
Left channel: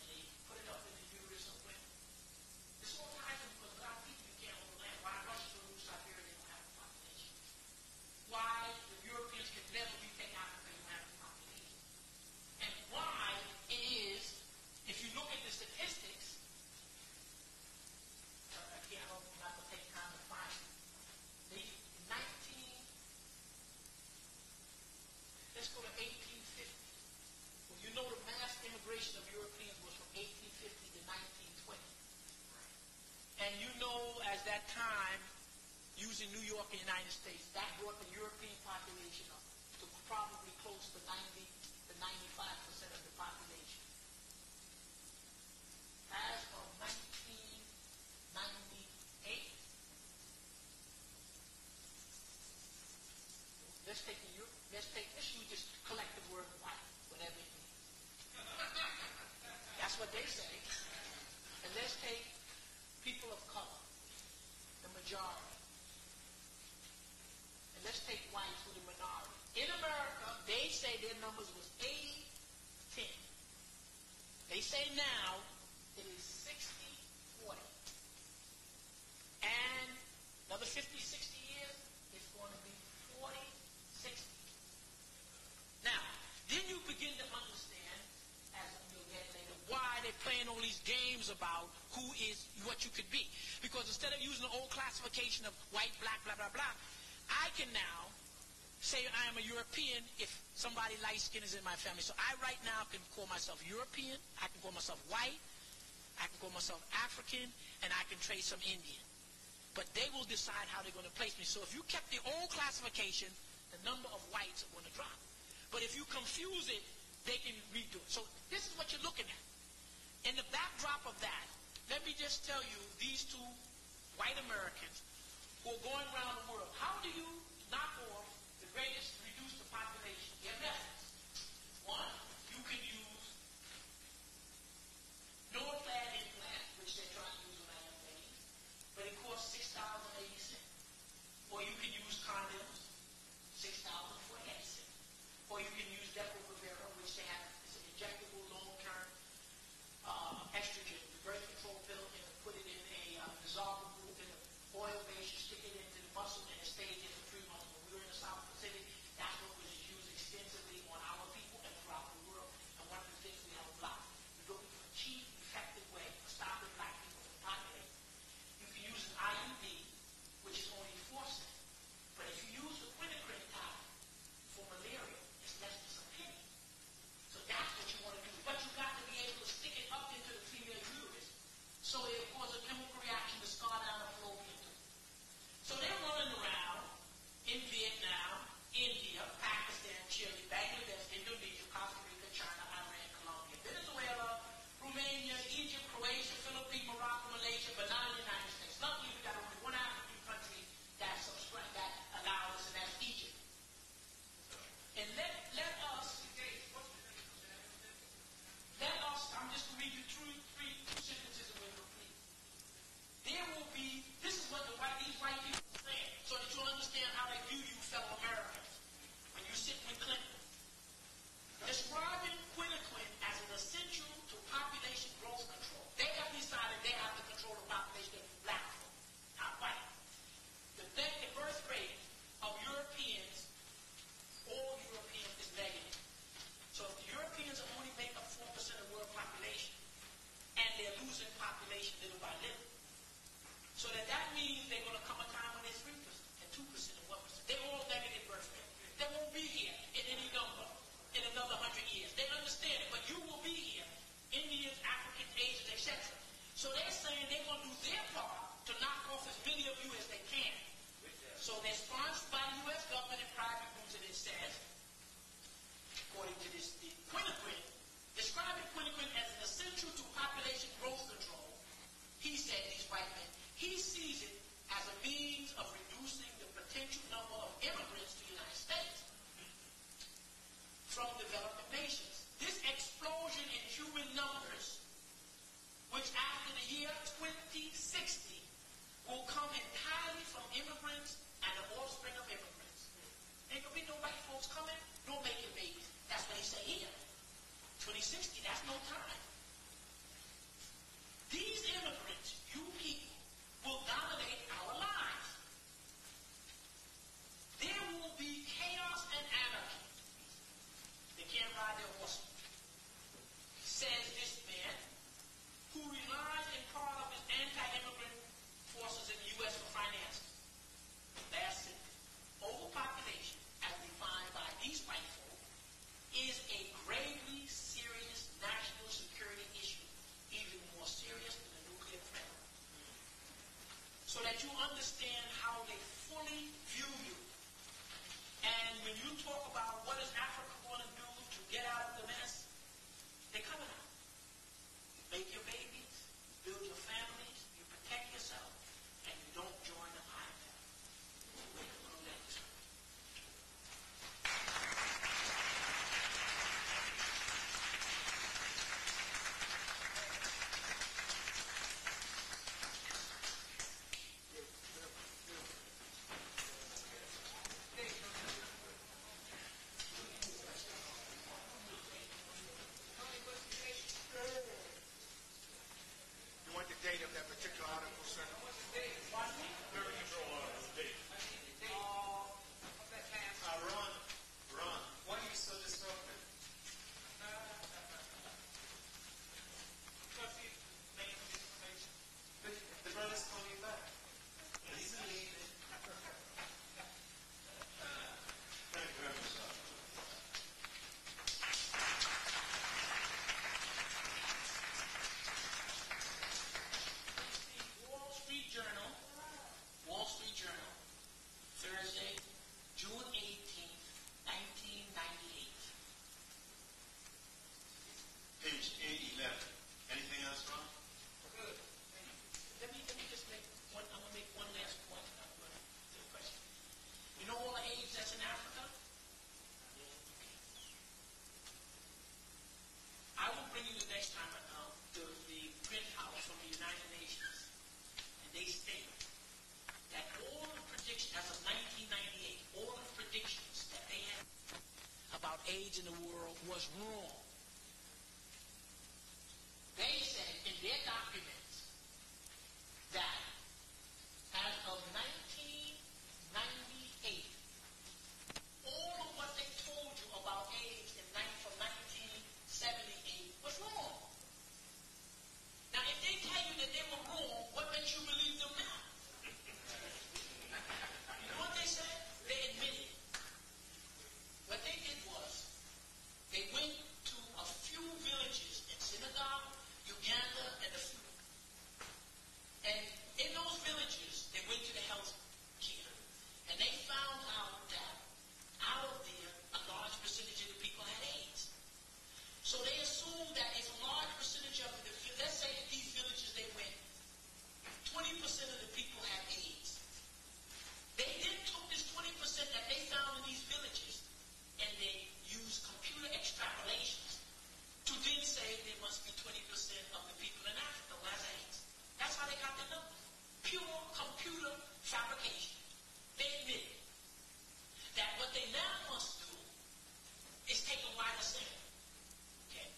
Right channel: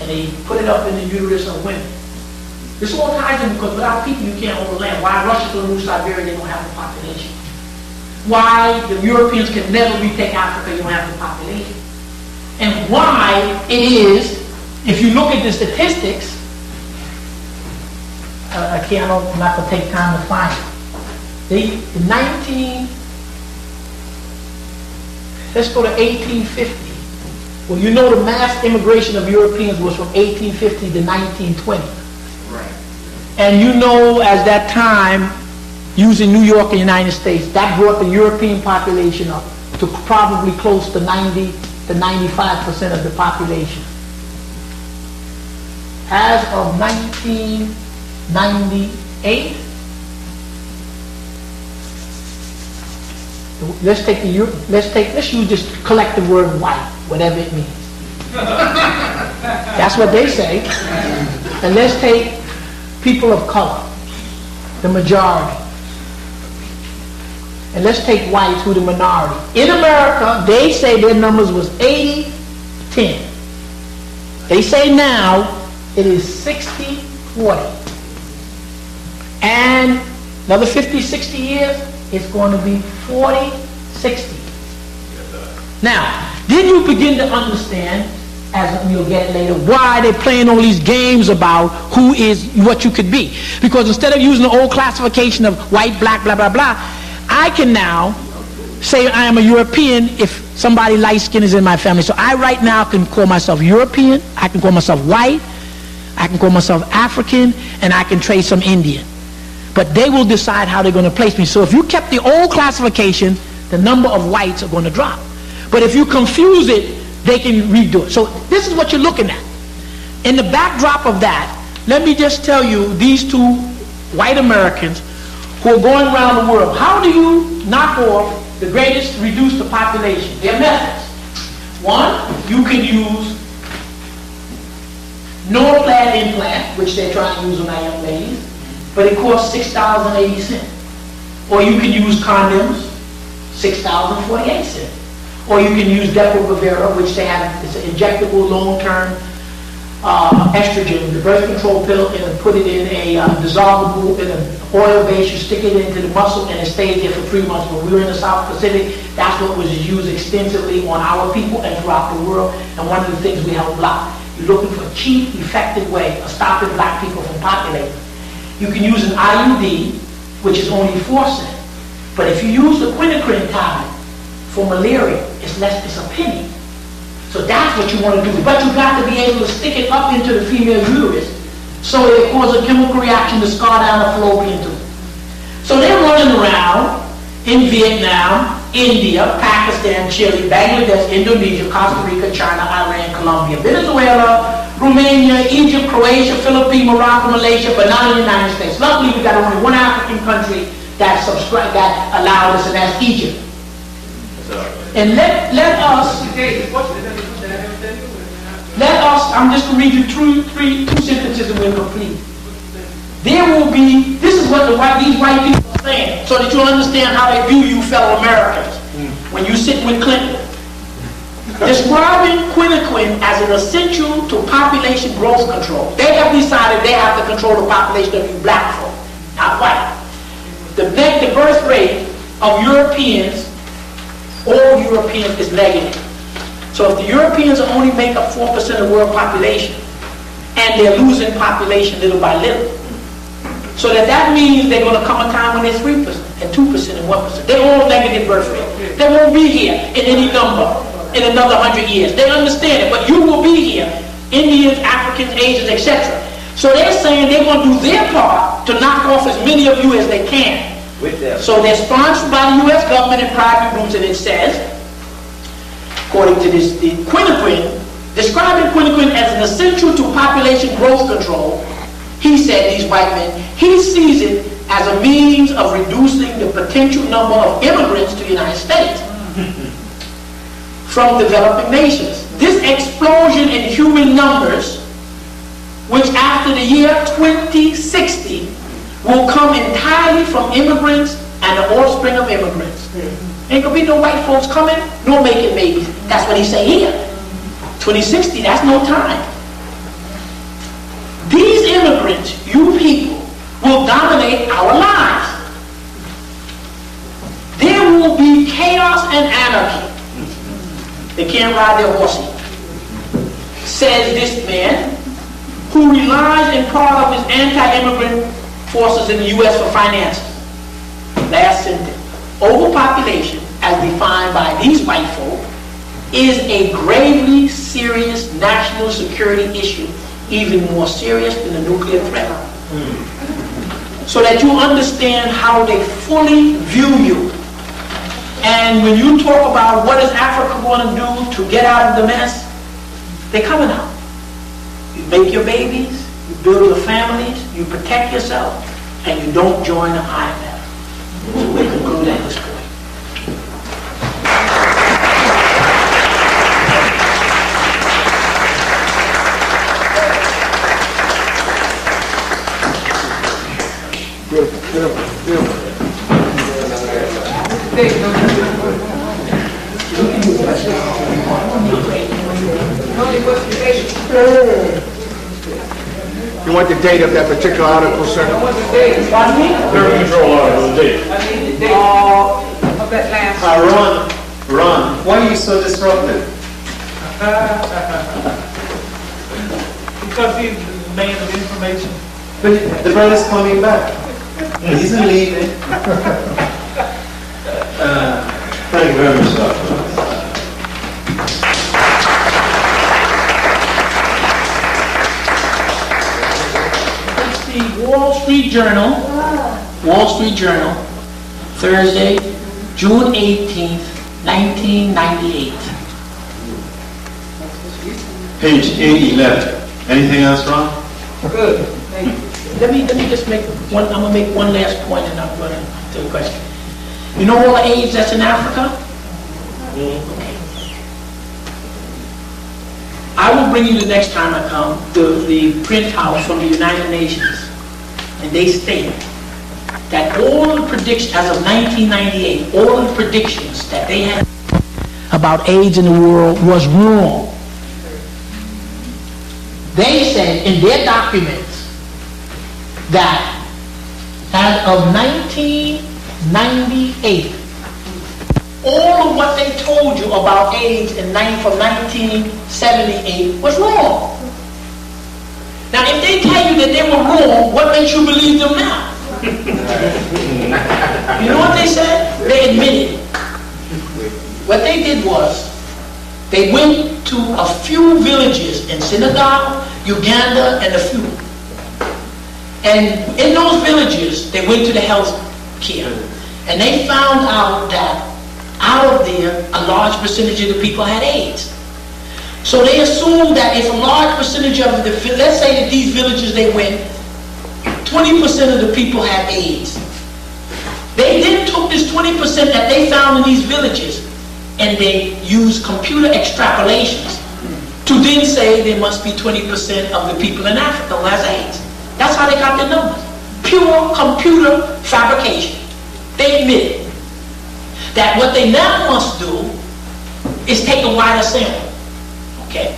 and they put it up in the uterus of women. This all ties in because without people you can't hold the land. Why Russia's going to lose Siberia, they don't have the population. Why the Europeans can never retake Africa, you don't have the population. And why it is, if you look at the statistics, I'm not going to take time to find it. Let's go to 1850. Well, you know the mass immigration of Europeans was from 1850 to 1920. Right. And you know, as that time, using New York and the United States, that brought the European population up to probably close to 90 to 95% of the population. As of 1998, let's use this collective word white, whatever it means. That's what they say. And let's take people of color, the majority. And let's take whites, who the minority. In America, they say their numbers was 80-10. They say now it is 60-40. And another 50, 60 years, it's going to be 40-60. Now, then you begin to understand, as you'll get later, why they're playing all these games about who is what you could be. Because instead of using the old classification of white, black, blah, blah, blah, I can now say I am a European if somebody light-skinned is in my family. So I right now can call myself European, I can call myself white, I can call myself African, and I can trade some Indian. But they will decide how they're going to place me. So if you kept the old classification, the number of whites are going to drop. But if you confuse it, they can redo it. So this is what you're looking at. In the backdrop of that, let me just tell you, these two white Americans who are going around the world, how do you knock off the greatest, reduce the population? There are methods. One, you can use no-clad implant, which they're trying to use on our young ladies, but it costs $6.80. Or you can use condoms, $6.48. Or you can use Depo-Provera, which they have, it's an injectable long-term estrogen, the birth control pill, and put it in a dissolvable, in an oil base, you stick it into the muscle and it stays there for 3 months. When we were in the South Pacific, that's what was used extensively on our people and throughout the world, and one of the things we help block. You're looking for a cheap, effective way of stopping black people from populating. You can use an IUD, which is only 4 cents, but if you use the quinacrine tablet for malaria, it's less, it's a penny. So that's what you want to do. But you've got to be able to stick it up into the female uterus so it causes a chemical reaction to scar down the fallopian tube. So they're running around in Vietnam, India, Pakistan, Chile, Bangladesh, Indonesia, Costa Rica, China, Iran, Colombia, Venezuela, Romania, Egypt, Croatia, Philippines, Morocco, Malaysia, but not in the United States. Luckily, we got only one African country that allowed us, and that's Egypt. And let us, I'm just going to read you two sentences and we'll complete. There will be, this is what these white people are saying, so that you'll understand how they view you fellow Americans when you sit with Clinton. Describing quinacrine as an essential to population growth control. They have decided they have to control the population of you black folk, not white. The birth rate of Europeans, all Europeans, is negative. So if the Europeans only make up 4% of the world population, and they're losing population little by little, so that means they're going to come a time when they're 3% and 2% and 1%. They're all negative birth rate. They won't be here in any number in another 100 years. They understand it, but you will be here. Indians, Africans, Asians, etc. So they're saying they're going to do their part to knock off as many of you as they can. So they're sponsored by the U.S. government and private groups, and it says, according to this, the quinacrine, describing quinacrine as an essential to population growth control, he said, these white men, he sees it as a means of reducing the potential number of immigrants to the United States from developing nations. This explosion in human numbers, which after the year 2060 will come entirely from immigrants and the offspring of immigrants. Ain't gonna be no white folks coming, nor making babies. That's what he say here. 2060, that's no time. These immigrants, you people, will dominate our lives. There will be chaos and anarchy. They can't ride their horses. Says this man, who relies in part of his anti-immigrant forces in the U.S. for finances. Last sentence. Overpopulation, as defined by these white folk, is a gravely serious national security issue, even more serious than the nuclear threat. So that you understand how they fully view you. And when you talk about what is Africa going to do to get out of the mess, they're coming out. You make your babies, you build your families, you protect yourself, and you don't join the IMF. So we conclude at this point. You want the date of that particular article, sir? I want the date. Pardon me? Third control article, the date. I need the date of that last. Ron, why are you so disruptive? Because he's the man of information. But the brother's coming back. He's leaving. Thank you very much, Doctor. Wall Street Journal, Thursday, June 18th, 1998. Page 811. Anything else, Ron? Good. Let me just make one. I'm gonna make one last point, and I'm gonna do a question. You know all the AIDS that's in Africa? Okay. I will bring you the next time I come the printout from the United Nations, and they state that all the predictions as of 1998, all the predictions that they had about AIDS in the world was wrong. They said in their documents that as of 1998, all of what they told you about AIDS from 1978 was wrong. Now, if they tell you that they were wrong, what makes you believe them now? You know what they said? They admitted. What they did was, they went to a few villages in Senegal, Uganda, and a few. And in those villages, they went to the health care. And they found out that out of there, a large percentage of the people had AIDS. So they assumed that if a large percentage of let's say that these villages they went, 20% of the people had AIDS. They then took this 20% that they found in these villages and they used computer extrapolations to then say there must be 20% of the people in Africa who has AIDS. That's how they got their numbers. Pure computer fabrication. They admit that what they now must do is take a wider sample. Okay?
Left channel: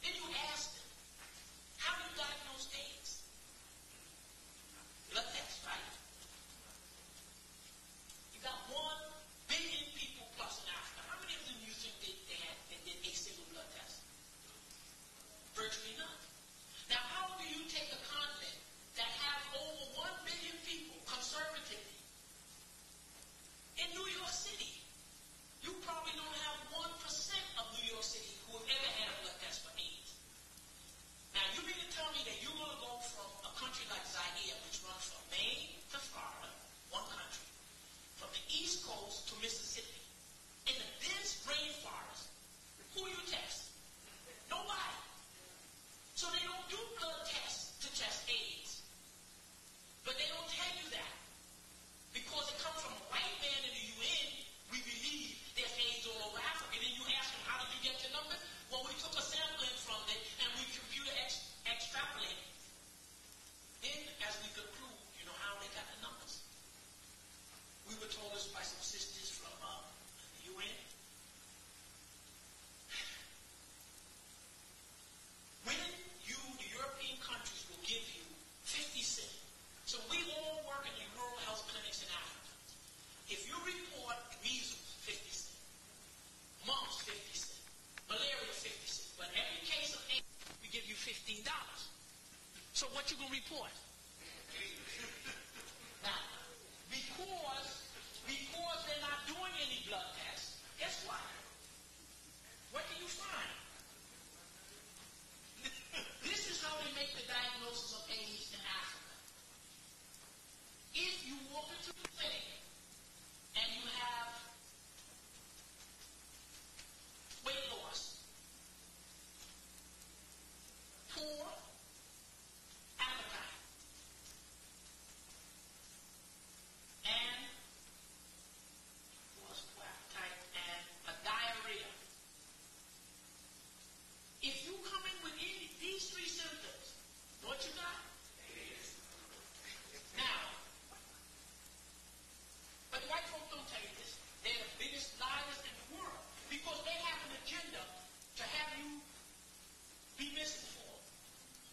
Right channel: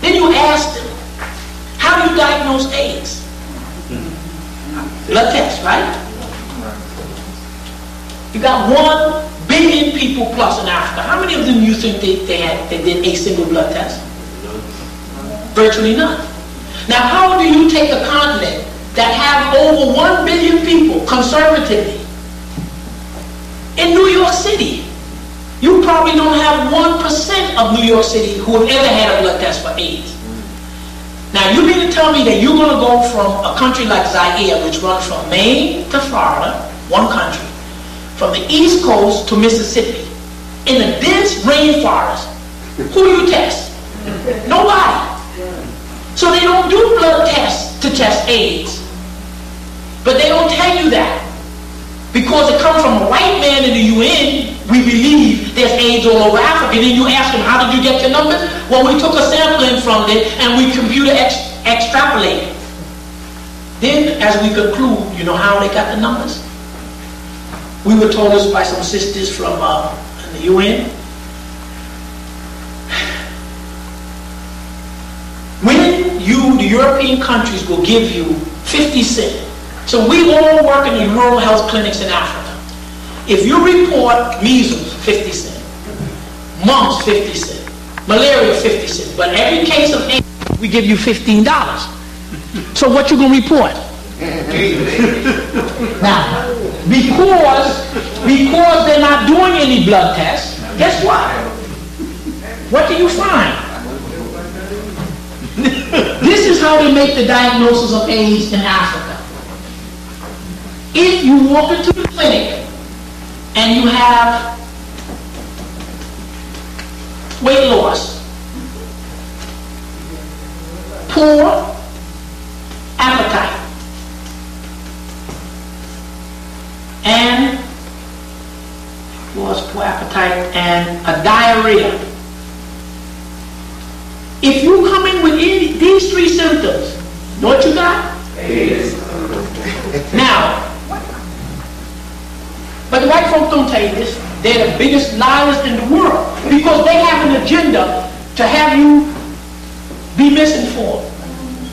Then you ask them, how do you diagnose AIDS? Blood test, right? You got 1 billion people plus in Africa. How many of them you think they did a single blood test? Virtually none. Now, how do you take a continent that have over 1 billion people conservatively? In New York City, you probably don't have 1% of New York City who have ever had a blood test for AIDS. Now, you mean to tell me that you're going to go from a country like Zaire, which runs from Maine to Florida, one country, from the East Coast to Mississippi, in a dense rainforest, who you test? Nobody. So they don't do blood tests to test AIDS. But they don't tell you that. Because it comes from a white man in the UN, we believe there's AIDS all over Africa. Then you ask them, how did you get your numbers? Well, we took a sampling from it and we computer extrapolated. Then, as we conclude, you know how they got the numbers? We were told this by some sisters from the UN. When the European countries will give you 50 cents. So we all work in the rural health clinics in Africa. If you report measles, 50 cents, mumps, 50 cents, malaria, 50 cents, but every case of AIDS, we give you $15. So what you gonna report? Now, because they're not doing any blood tests, guess what? What do you find? This is how they make the diagnosis of AIDS in Africa. If you walk into the clinic and you have weight loss, poor appetite, and a diarrhea. If you come in with these 3 symptoms, know what you got? AIDS. Now, but the white folks don't tell you this. They're the biggest liars in the world because they have an agenda to have you be misinformed.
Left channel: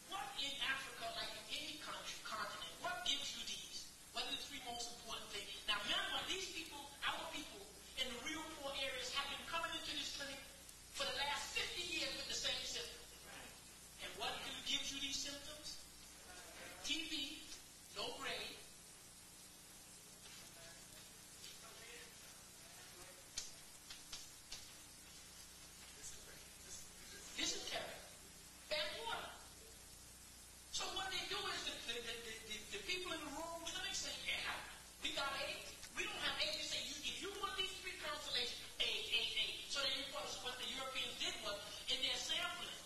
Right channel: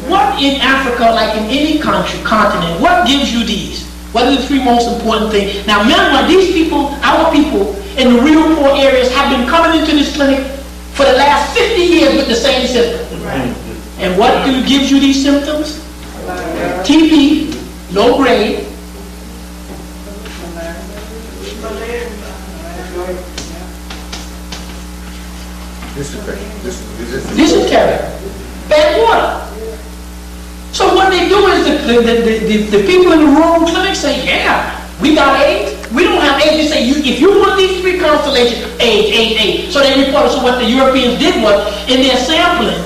What in Africa, like in any continent, what gives you these? What are the 3 most important things? Now, remember, these people, our people in the real poor areas have been coming into this clinic for the last 50 years with the same symptoms. Right. And what gives you these symptoms? TB, low grade. Dysentery. Bad water. So what they do is the people in the rural clinic say, yeah, we got AIDS. We don't have AIDS. They say, if you're one of these 3 constellation, age. So they reported. So what the Europeans did was, in their sampling,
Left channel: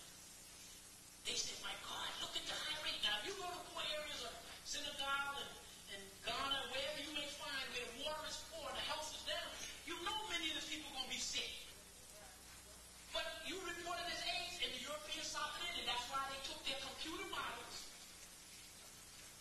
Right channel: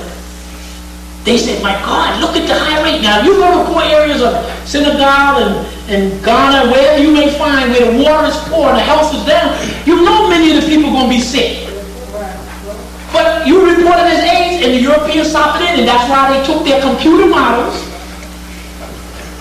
they said, my God, look at the high rate. Now, if you go to poor areas of Senegal and Ghana, wherever you may find where the water is poor and the health is down, you know many of the people are going to be sick. But you reported as AIDS, and the Europeans stopped it in, and that's why they took their computer models,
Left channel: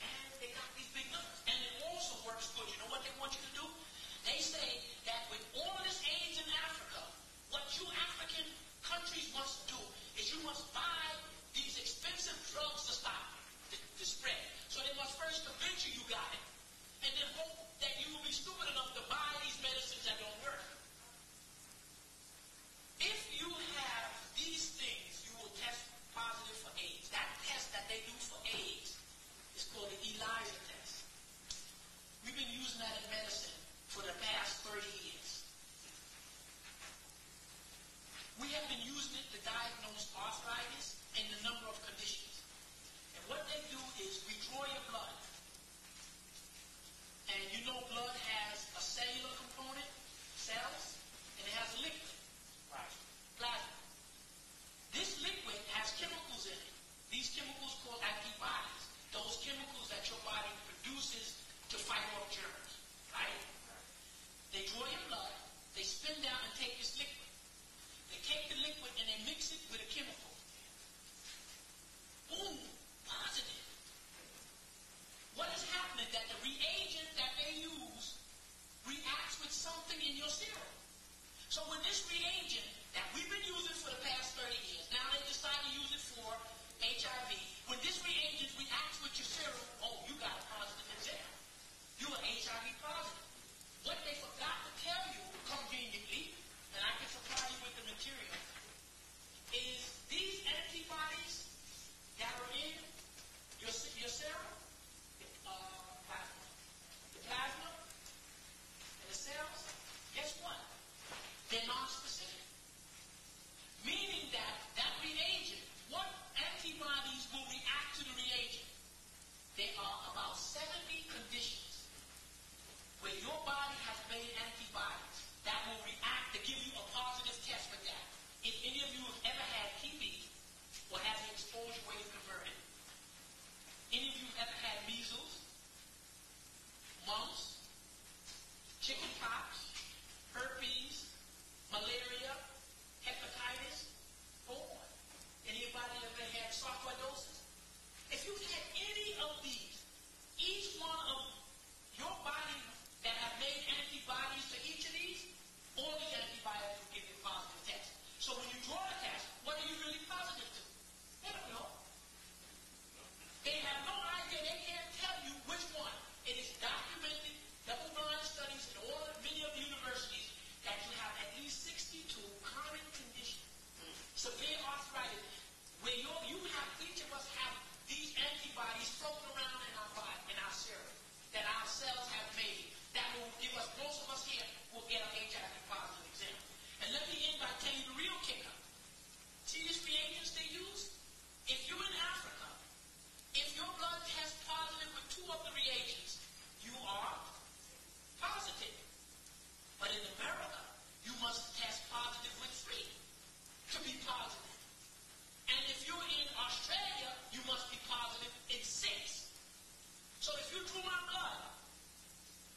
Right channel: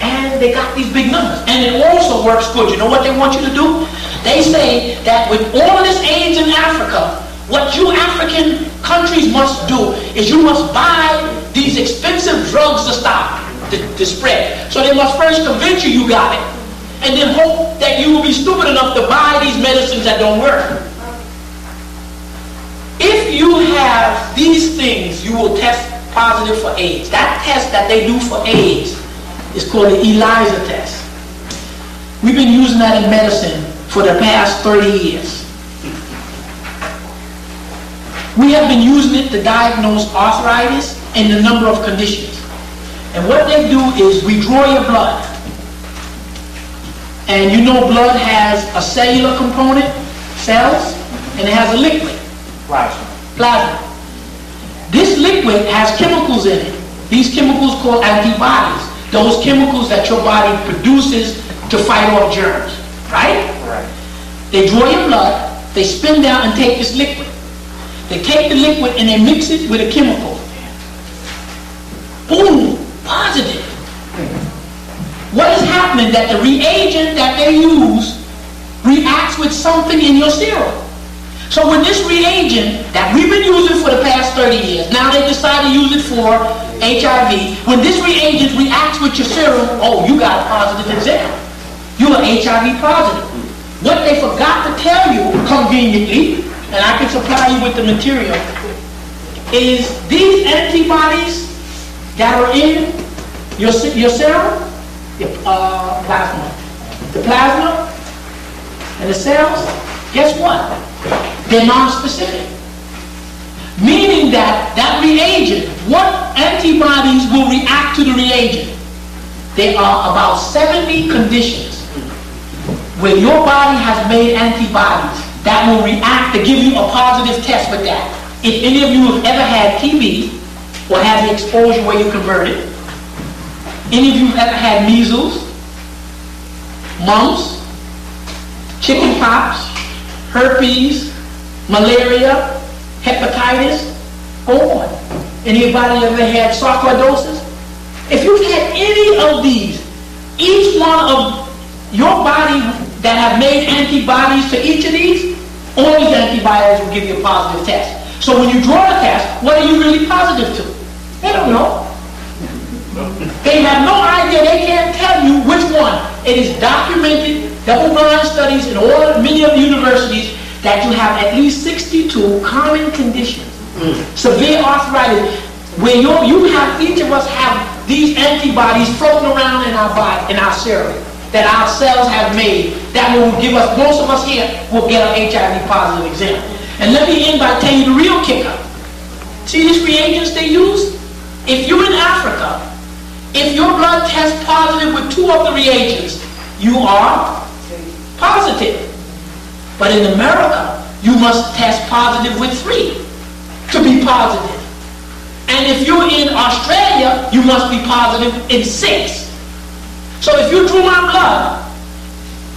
and they got these big numbers. And it also works good. You know what they want you to do? They say that with all of this AIDS in Africa, what you African countries must do is you must buy these expensive drugs to stop the spread. So they must first convince you got it, and then hope that you will be stupid enough to buy these medicines that don't work. If you have these things, you will test positive for AIDS. That test that they do for AIDS is called the ELISA test. We've been using that in medicine for the past 30 years. We have been using it to diagnose arthritis and a number of conditions. And what they do is we draw your blood. And you know blood has a cellular component, cells, and it has a liquid. Plasma. This liquid has chemicals in it. These chemicals called antibodies. Those chemicals that your body produces to fight off germs. Right? Right. They draw your blood, they spin down and take this liquid. They take the liquid and they mix it with a chemical. Boom! Positive. What is happening that the reagent that they use reacts with something in your serum. So when this reagent that we've been using for the past 30 years, now they decide to use it for HIV, when this reagent reacts with your serum, oh, you got a positive exam. You are HIV positive. What they forgot to tell you, conveniently, and I can supply you with the material, is these antibodies that are in your serum, your plasma. The plasma and the cells, guess what? They're non-specific. Meaning that reagent, what antibodies will react to the reagent? There are about 70 conditions where your body has made antibodies that will react to give you a positive test with that. If any of you have ever had TB or had the exposure where you converted, any of you have ever had measles, mumps, chicken pox, herpes, malaria, hepatitis, go on. Anybody ever had sarcoidosis? If you've had any of these, each one of your body that have made antibodies to each of these, all these antibodies will give you a positive test. So when you draw the test, what are you really positive to? They don't know. They have no idea. They can't tell you which one. It is documented, double-blind studies in many of the universities that you have at least 62 common conditions. Severe arthritis, where each of us have these antibodies floating around in our body, in our serum, that our cells have made, that will give us, most of us here will get an HIV positive exam. And let me end by telling you the real kicker. See these reagents they use? If you're in Africa, if your blood tests positive with 2 of the reagents, you are positive. But in America, you must test positive with 3 to be positive. And if you're in Australia, you must be positive in 6. So if you drew my blood,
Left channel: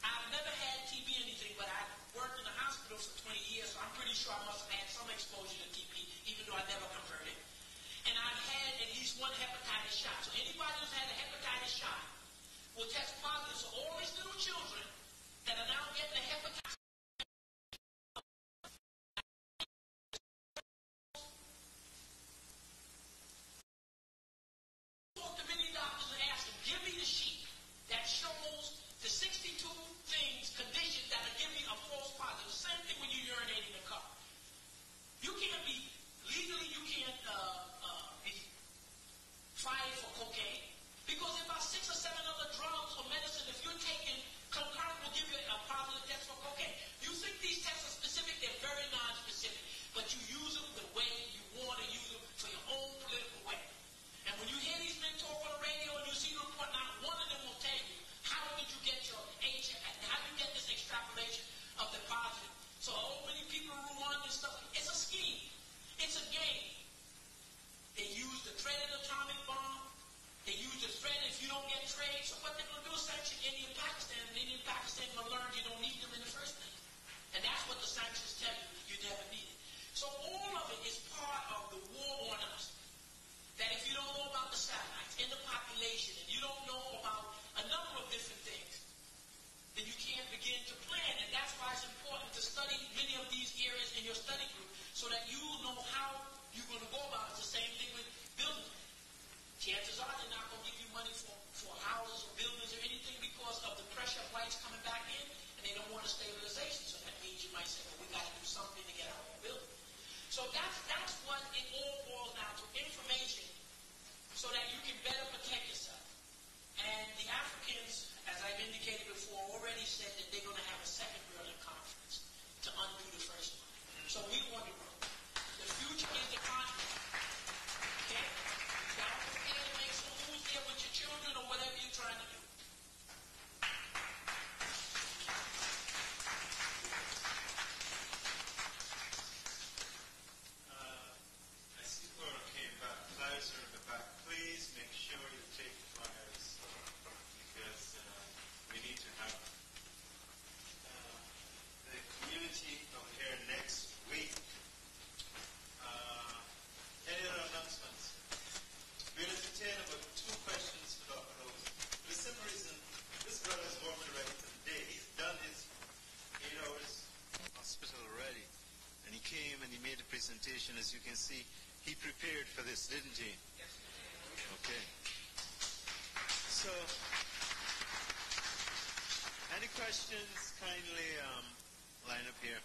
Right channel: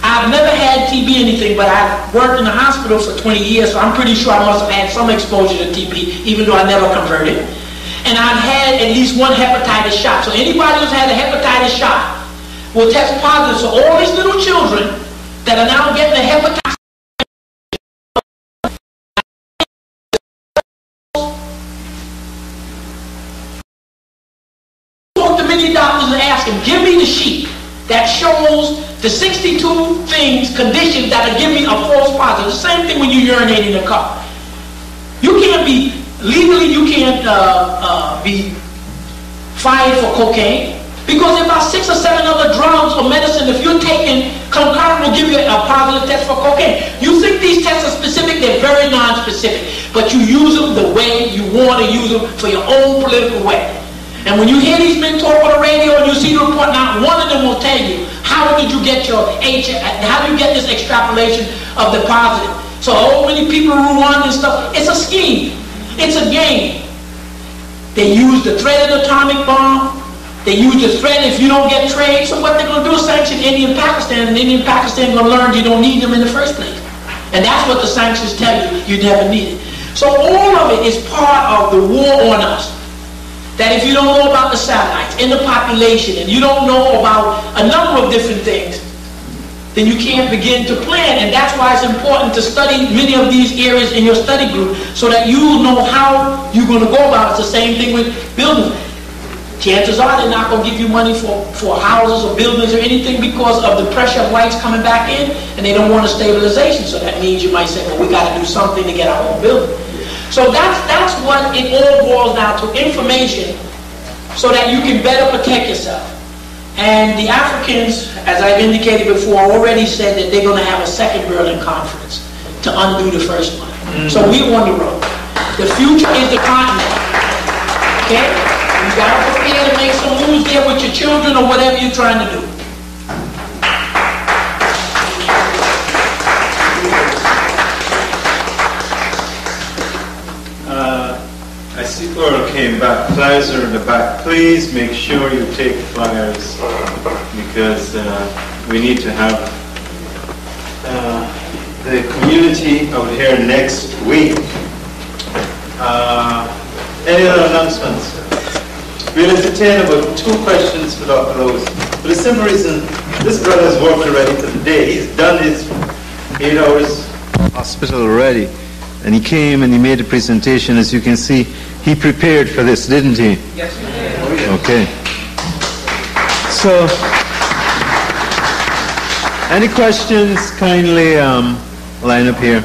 I've never had TB anything, but I've worked in the hospital for 20 years, so I'm pretty sure I must have had some exposure to TB, even though I never converted. And I've had at least 1 hepatitis shot. So anybody who's had a hepatitis shot will test positive. So all these little children that are now getting the hepatitis, talk to many doctors and ask them, give me the sheet that shows the 62 things, conditions that are giving a false positive. The same thing when you urinate in a cup. You can't be, legally you can't be fined for cocaine, because about 6 or 7 other drugs or medicine, if you're taking concurrent, will give you a positive test for cocaine. You think these tests are specific? They're very non-specific, but you use them the way you want to use them for your own political way. And when you hear these men talk on the radio and you see the report, not one of them will tell you, how did you get your how do you get this extrapolation of the positive? So many people who run and stuff, it's a scheme. It's a game. They use the threat of the atomic bomb. They use the threat if you don't get trade. So what they're going to do is sanction India and Pakistan, and India and Pakistan are going to learn you don't need them in the first place. And that's what the sanctions tell you, you never need it. So all of it is part of the war on us. That if you don't know about the satellites and the population, and you don't know about a number of different things, then you can't begin to plan. And that's why it's important to study many of these areas in your study group so that you know how you're going to go about it. It's the same thing with buildings. Chances are they're not going to give you money for houses or buildings or anything because of the pressure of whites coming back in, and they don't want a stabilization. So that means you might say, well, we got to do something to get our own building. So that's what it all boils down to, information, so that you can better protect yourself. And the Africans, as I've indicated before, already said that they're going to have a second Berlin conference to undo the first one. So we're on the road. The future is the continent. Okay? You got to prepare to make some moves there with your children or whatever you're trying to do. I see Laura came back. Flyers are in the back. Please make sure you take flyers because we need to have the community out here next week. Any other announcements? We'll entertain about 2 questions for Dr. Rose. For the simple reason, this brother's worked already for the day. He's done his 8 hours hospital already. And he came and he made a presentation. As you can see, he prepared for this, didn't he? Yes, we did. Okay. So, any questions? Kindly line up here.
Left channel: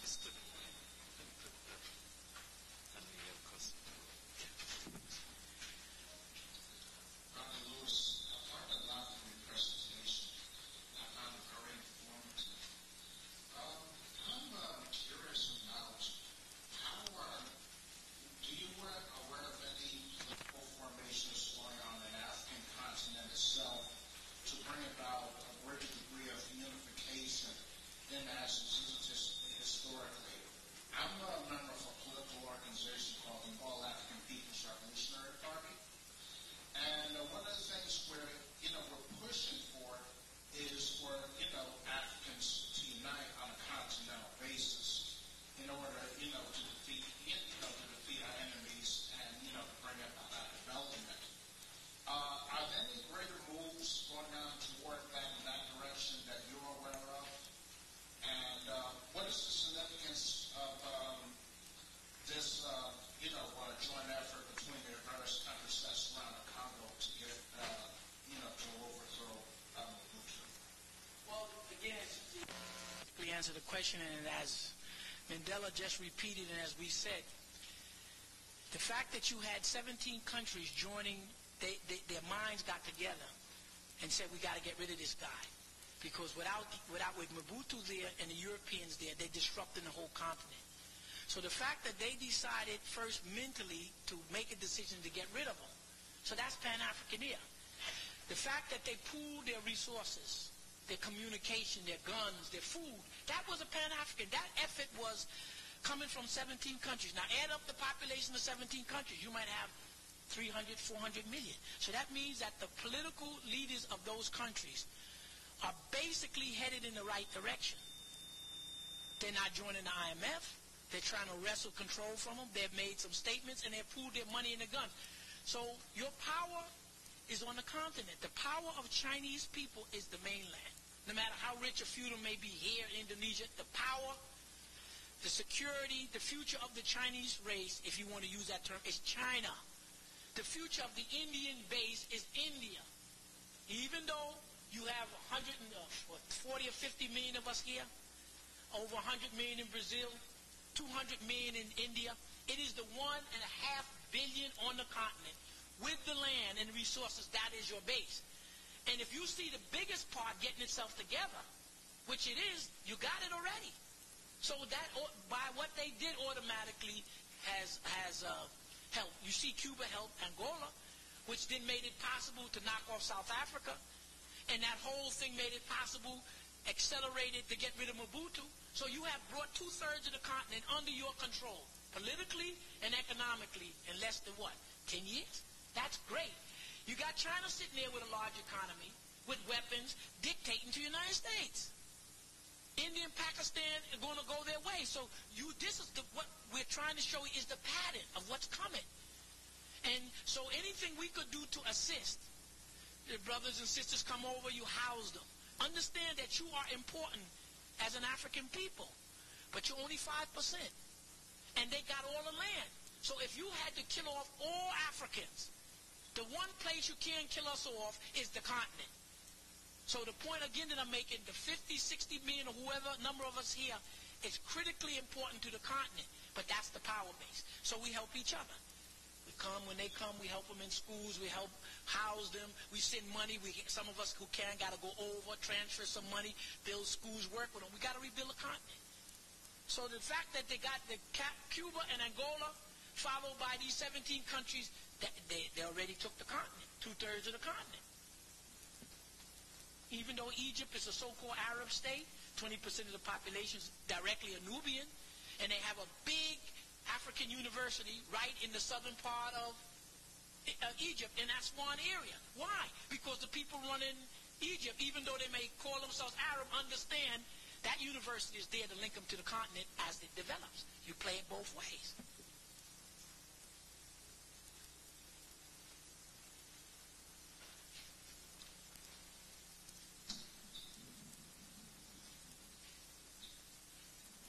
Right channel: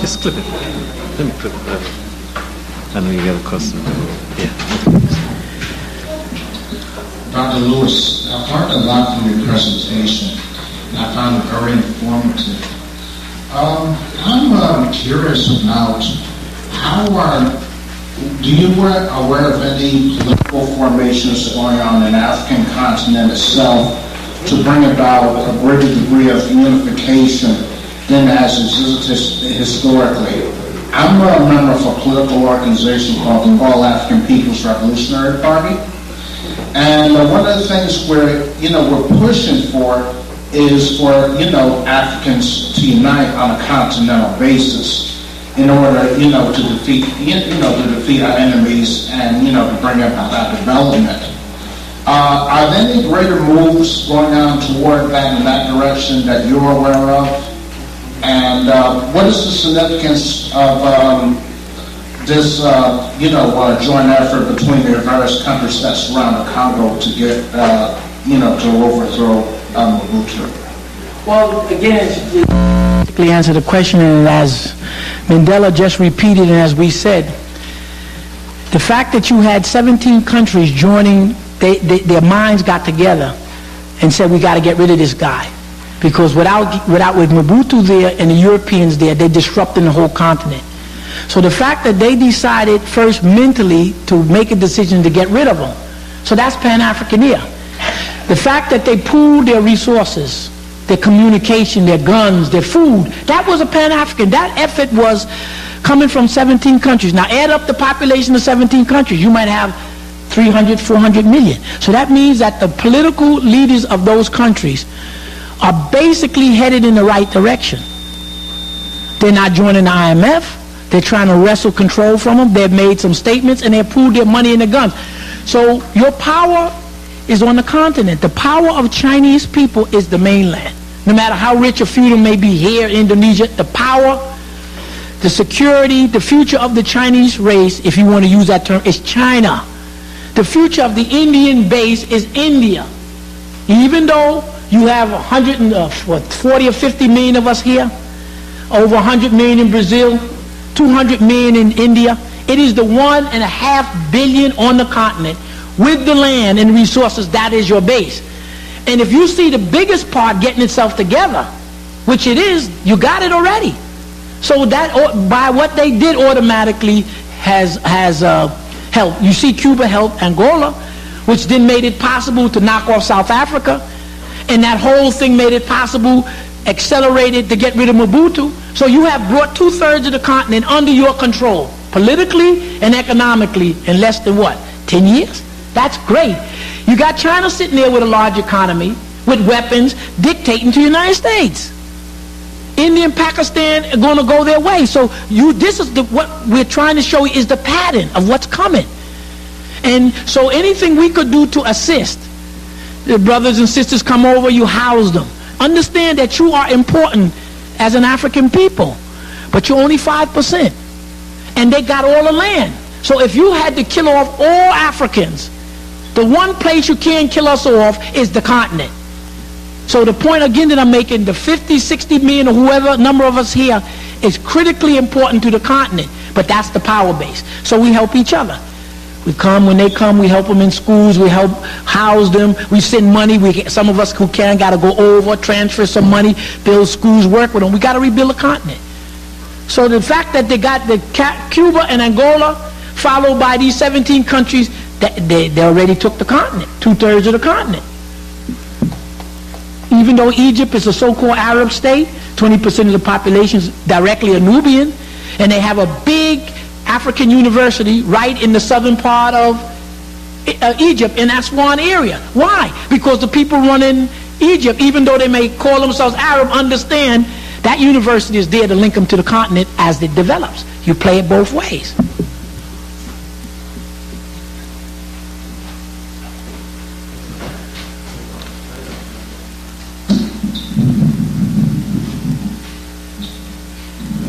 Just clip it. Let me clip it. I know you got a question. Yeah. Dr. Lewis, I've learned a lot from your presentation, and I found it very informative. I'm curious about do you aware of any political formations going on in the African continent itself to bring about a greater degree of unification than has existed historically? I'm a member of a political organization called the All African People's Revolutionary Party. And one of the things we're pushing for is for, Africans to unite on a continental basis in order, to defeat our enemies and, to bring about our development. Are there any greater moves going on toward that in that direction that you're aware of? And what is the significance of this, joint effort between the various countries that surround the Congo to get, to overthrow Mobutu? Well, again, to answer the question, and as Mandela just repeated, and as we said, the fact that you had 17 countries joining, their minds got together and said, we got to get rid of this guy. Because with Mobutu there and the Europeans there, they're disrupting the whole continent. So the fact that they decided first mentally to make a decision to get rid of them, so that's Pan-Africaneer. The fact that they pooled their resources, their communication, their guns, their food, that was a Pan-African. That effort was coming from 17 countries. Now add up the population of 17 countries, you might have 300, 400 million. So that means that the political leaders of those countries are basically headed in the right direction. They're not joining the IMF. They're trying to wrestle control from them. They've made some statements and they've pooled their money in the guns. So your power is on the continent. The power of Chinese people is the mainland. No matter how rich or feudal may be here in Indonesia, the power, the security, the future of the Chinese race, if you want to use that term, is China. The future of the Indian base is India. Even though you have 40 or 50 million of us here, over 100 million in Brazil, 200 million in India. It is the 1.5 billion on the continent with the land and resources. That is your base. And if you see the biggest part getting itself together, which it is, you got it already. So that by what they did automatically has helped. You see Cuba helped Angola which then made it possible to knock off South Africa, and that whole thing made it possible, accelerated to get rid of Mobutu. So you have brought 2/3 of the continent under your control, politically and economically, in less than what, 10 years? That's great. You got China sitting there with a large economy, with weapons, dictating to the United States. India and Pakistan are going to go their way. So this is what we're trying to show you is the pattern of what's coming. And so anything we could do to assist, the brothers and sisters come over, you house them. Understand that you are important as an African people, but you're only 5%. And they got all the land. So if you had to kill off all Africans, the one place you can't kill us off is the continent. So the point again that I'm making, the 50, 60 million or whoever number of us here is critically important to the continent, but that's the power base. So we help each other. We come, when they come, we help them in schools, we help house them, we send money, some of us who can got to go over, transfer some money, build schools, work with them. We got to rebuild the continent. So the fact that they got the Cuba and Angola, followed by these 17 countries, they already took the continent, 2/3 of the continent. Even though Egypt is a so-called Arab state, 20% of the population is directly a Nubian, and they have a big African university right in the southern part of Egypt, in Aswan area. Why? Because the people running Egypt, even though they may call themselves Arab, understand that university is there to link them to the continent as it develops. You play it both ways.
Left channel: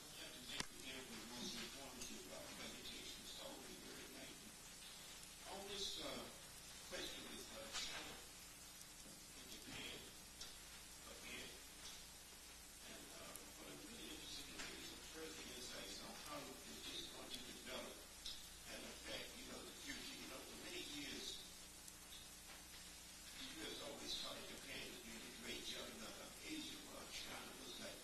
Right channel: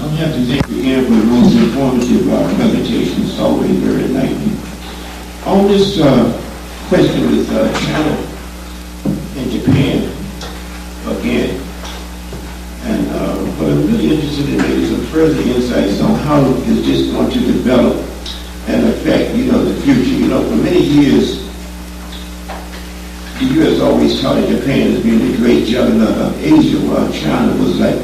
I have to thank you again for the most informative presentation. It's always very enlightening. On this question with China and Japan again, and what I'm really interested in is some further insights on how is this going to develop and affect, the future. For many years, the U.S. always touted Japan as being the great juggernaut of Asia, while China was like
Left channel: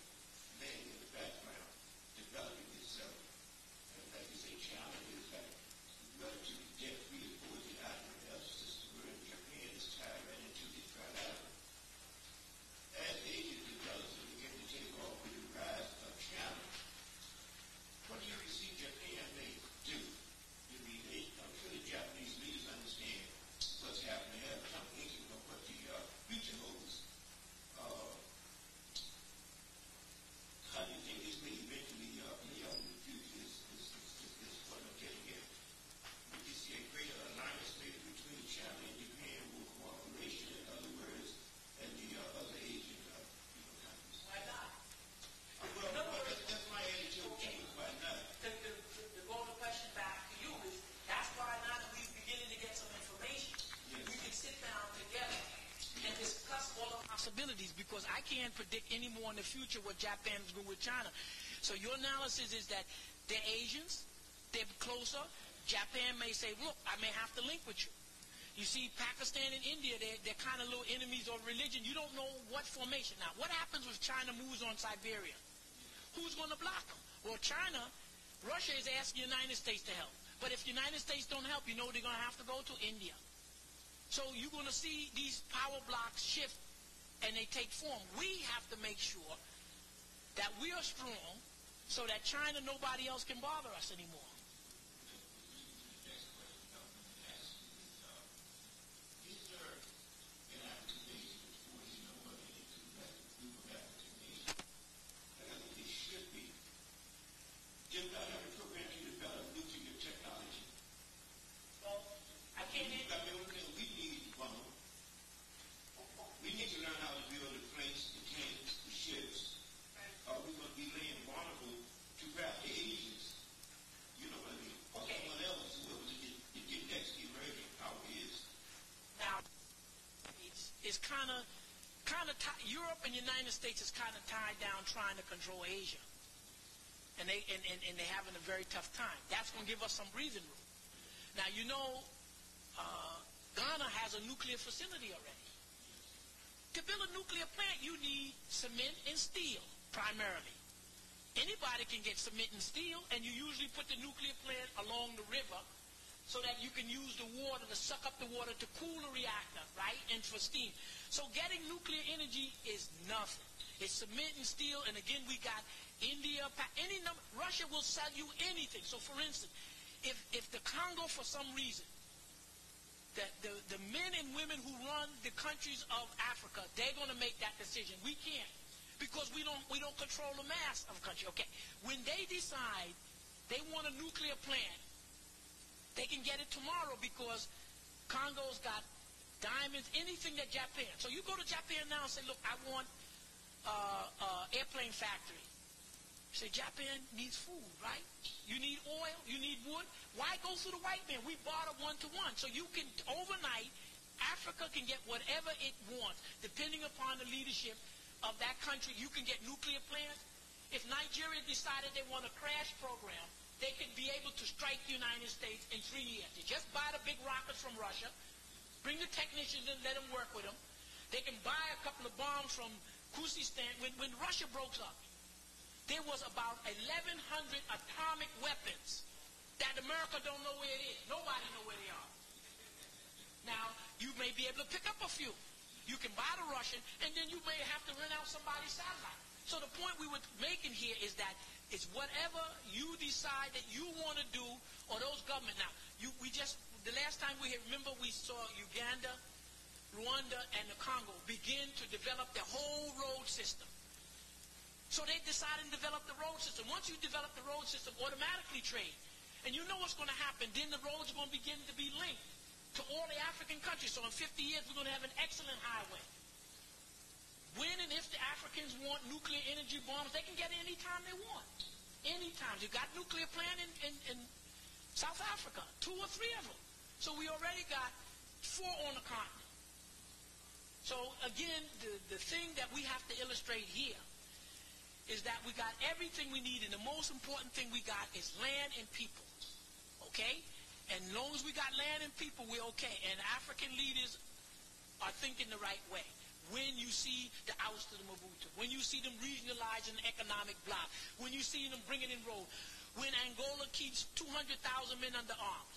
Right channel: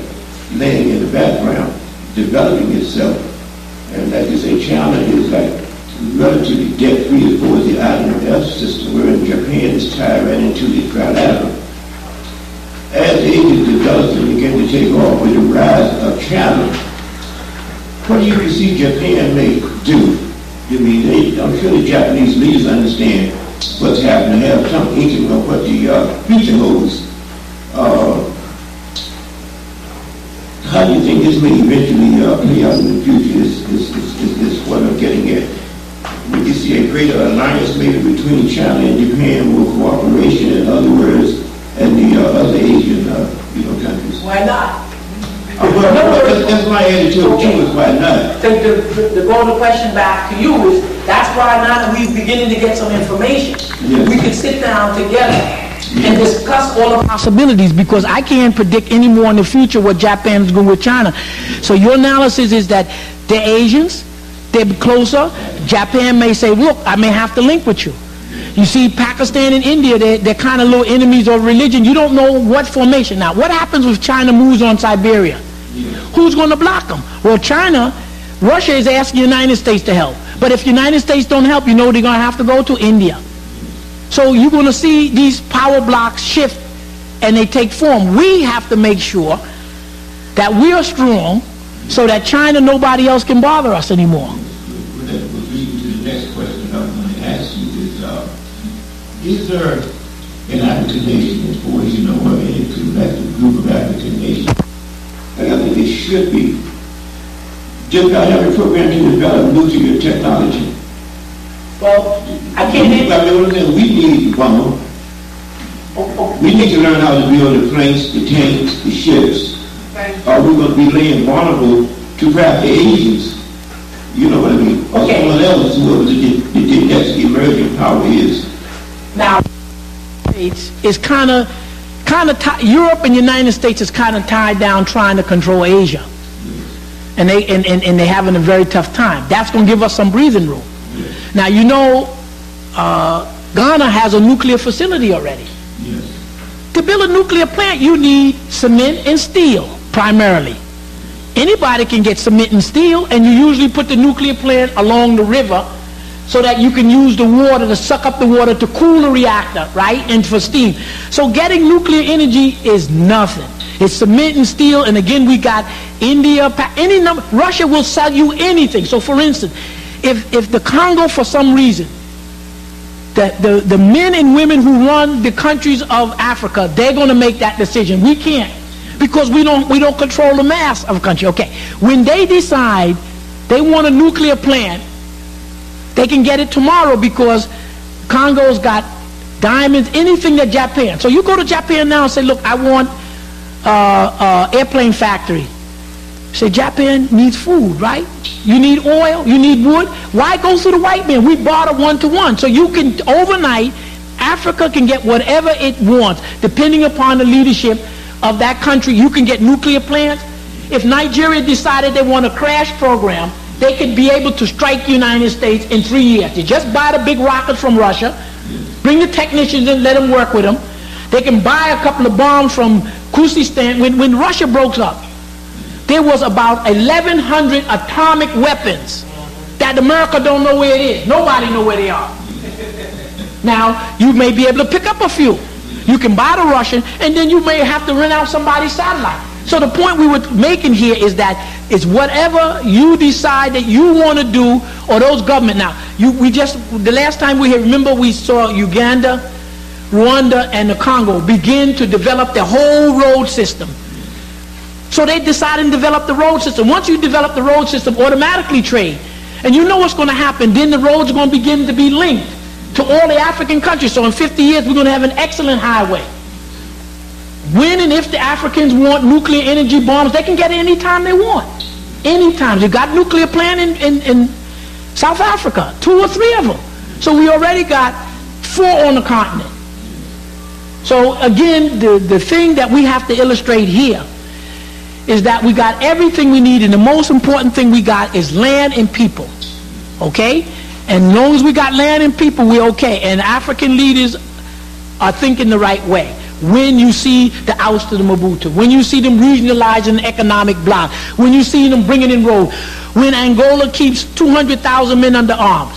laying in the background, developing itself. And like you say, China is like relatively debt-free as far as the IMF system, whereas Japan is tied right into the trilateral. As Asia develops and begins to take off with the rise of China, what do you see Japan may do? I'm sure the Japanese leaders understand what's happening, have some inkling of what the future holds. How do you think this may eventually play out in the future is what I'm getting at. Would you see a greater alliance maybe between China and Japan, more cooperation, in other words, and the other Asian countries? Why not? That's my attitude too, is why not? The go to question back to you is, that's why now that we're beginning to get some information, yes, we can sit down together and discuss all the possibilities, because I can't predict any more in the future what Japan is going with China. So your analysis is that they're Asians, they're closer. Japan may say, look, I may have to link with you. You see, Pakistan and India, they're kind of little enemies of religion. You don't know what formation. Now, what happens if China moves on Siberia? Who's going to block them? Well, Russia is asking the United States to help. But if the United States don't help, they're going to have to go to India. So you're going to see these power blocks shift and they take form. We have to make sure that we are strong so that China, nobody else can bother us anymore. That would lead me to the next question I want to ask you is there an African nation, as far as or any collective group of African nations, and I think it should be, just not have a program to develop nuclear technology? Well, I can't. We need bomb. We need to learn how to build the planes, the tanks, the ships. Or we're going to be laying vulnerable to perhaps the Asians. You know what I mean? Or someone else, whoever the next emerging power is. Now, it's kind of Europe and the United States is kind of tied down trying to control Asia, and they're having a very tough time. That's going to give us some breathing room. Now, Ghana has a nuclear facility already. Yes. To build a nuclear plant, you need cement and steel, primarily. Anybody can get cement and steel, and you usually put the nuclear plant along the river so that you can use the water to suck up the water to cool the reactor, right, and for steam. So getting nuclear energy is nothing. It's cement and steel, and again we got India, Russia will sell you anything. So for instance, if the Congo for some reason, the men and women who run the countries of Africa, they're going to make that decision. We can't, because we don't control the mass of a country. Okay, when they decide they want a nuclear plant, they can get it tomorrow because Congo's got diamonds, anything that Japan. So you go to Japan now and say, look, I want airplane factory. Say, Japan needs food, right? You need oil, you need wood. Why go through the white man? We barter 1-to-1. So you can, overnight, Africa can get whatever it wants, depending upon the leadership of that country. You can get nuclear plants. If Nigeria decided they want a crash program, they could be able to strike the United States in 3 years. They just buy the big rockets from Russia, bring the technicians in, let them work with them. They can buy a couple of bombs from Kyrgyzstan. When Russia broke up, there was about 1,100 atomic weapons that America don't know where it is. Nobody know where they are. Now, you may be able to pick up a few. You can buy the Russian, and then you may have to rent out somebody's satellite. So the point we were making here is that it's whatever you decide that you want to do, or those government. Now, the last time we here, remember we saw Uganda, Rwanda, and the Congo begin to develop their whole road system. So they decided to develop the road system. Once you develop the road system, automatically trade. And you know what's going to happen. Then the roads are going to begin to be linked to all the African countries. So in 50 years, we're going to have an excellent highway. When and if the Africans want nuclear energy bombs, they can get it anytime they want. Anytime. You got nuclear plant in South Africa, 2 or 3 of them. So we already got 4 on the continent. So again, the thing that we have to illustrate here is that we got everything we need, and the most important thing we got is land and people. Okay? And as long as we got land and people, we're okay. And African leaders are thinking the right way. When you see the oust of the Mobutu, when you see them regionalizing the economic bloc, when you see them bringing in road, when Angola keeps 200,000 men under arms,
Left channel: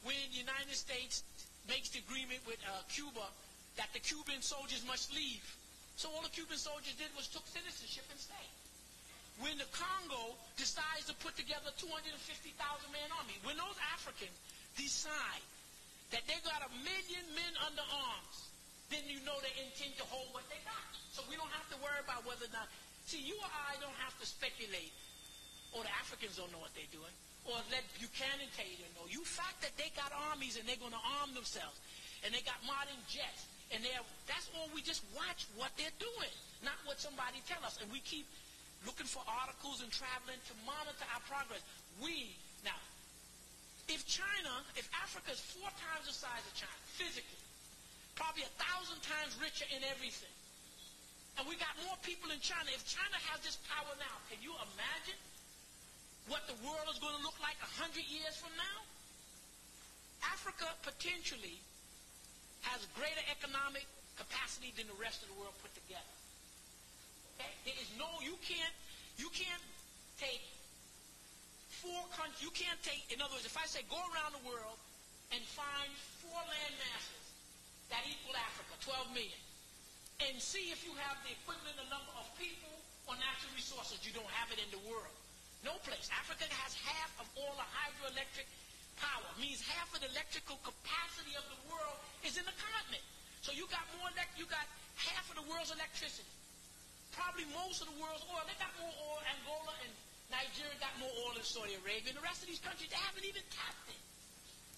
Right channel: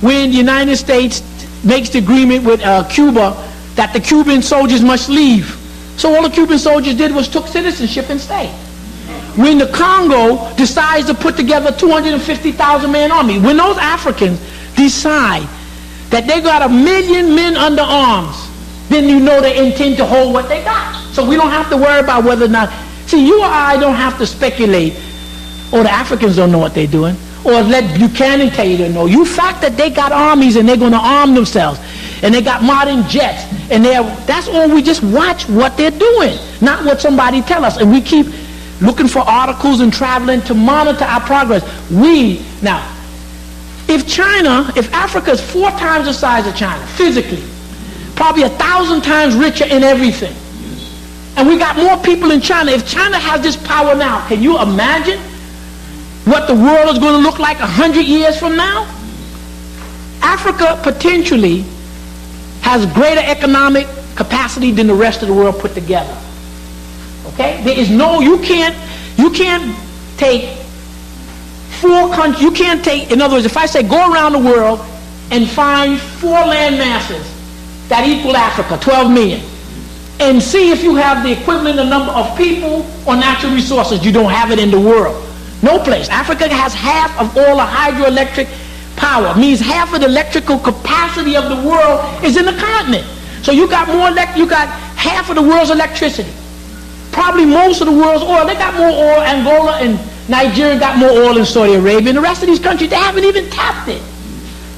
when the United States makes the agreement with Cuba that the Cuban soldiers must leave. So all the Cuban soldiers did was took citizenship and stayed. When the Congo decides to put together a 250,000 man army, when those Africans decide that they got 1 million men under arms, then you know they intend to hold what they got. So we don't have to worry about whether or not, see, you or I don't have to speculate, or the Africans don't know what they're doing, or let Buchanan tell you to know. You fact that they got armies and they're going to arm themselves, and they got modern jets, and that's all. We just watch what they're doing, not what somebody tell us. And we keep looking for articles and traveling to monitor our progress. Now, if Africa is 4 times the size of China, physically, probably 1,000 times richer in everything, and we got more people in China. If China has this power now, can you imagine what the world is going to look like 100 years from now? Africa potentially has greater economic capacity than the rest of the world put together. Okay? There is no, you can't take 4 countries, you can't take, in other words, if I say go around the world and find 4 land masses that equal Africa, 12 million, and see if you have the equivalent number of people or natural resources. You don't have it in the world. No place. Africa has half of all the hydroelectric power. Means half of the electrical capacity of the world is in the continent. So you got you got half of the world's electricity. Probably most of the world's oil. They got more oil. Angola and Nigeria got more oil than Saudi Arabia. And the rest of these countries, they haven't even tapped it.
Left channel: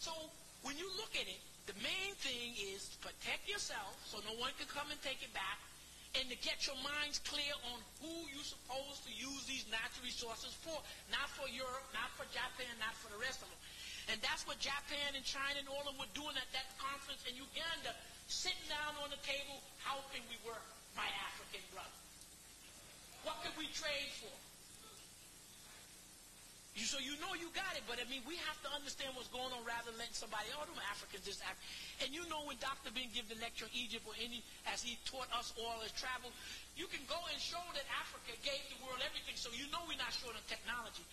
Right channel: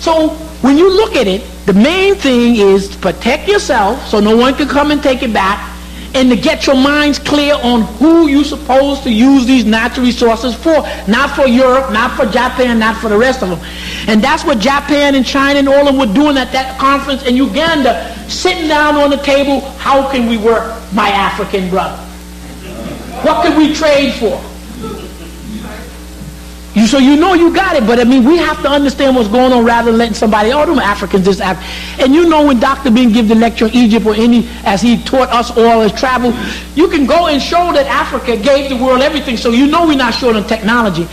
So when you look at it, the main thing is to protect yourself so no one can come and take it back, and to get your minds clear on who you're supposed to use these natural resources for. Not for Europe, not for Japan, not for the rest of them. And that's what Japan and China and all of them were doing at that conference in Uganda, sitting down on the table. How can we work, my African brother? What can we trade for? So you know you got it, but I mean, we have to understand what's going on rather than letting somebody, oh, them Africans just African. And you know when Dr. Bing give the lecture in Egypt, or as he taught us all as travel, you can go and show that Africa gave the world everything, so you know we're not short on technology.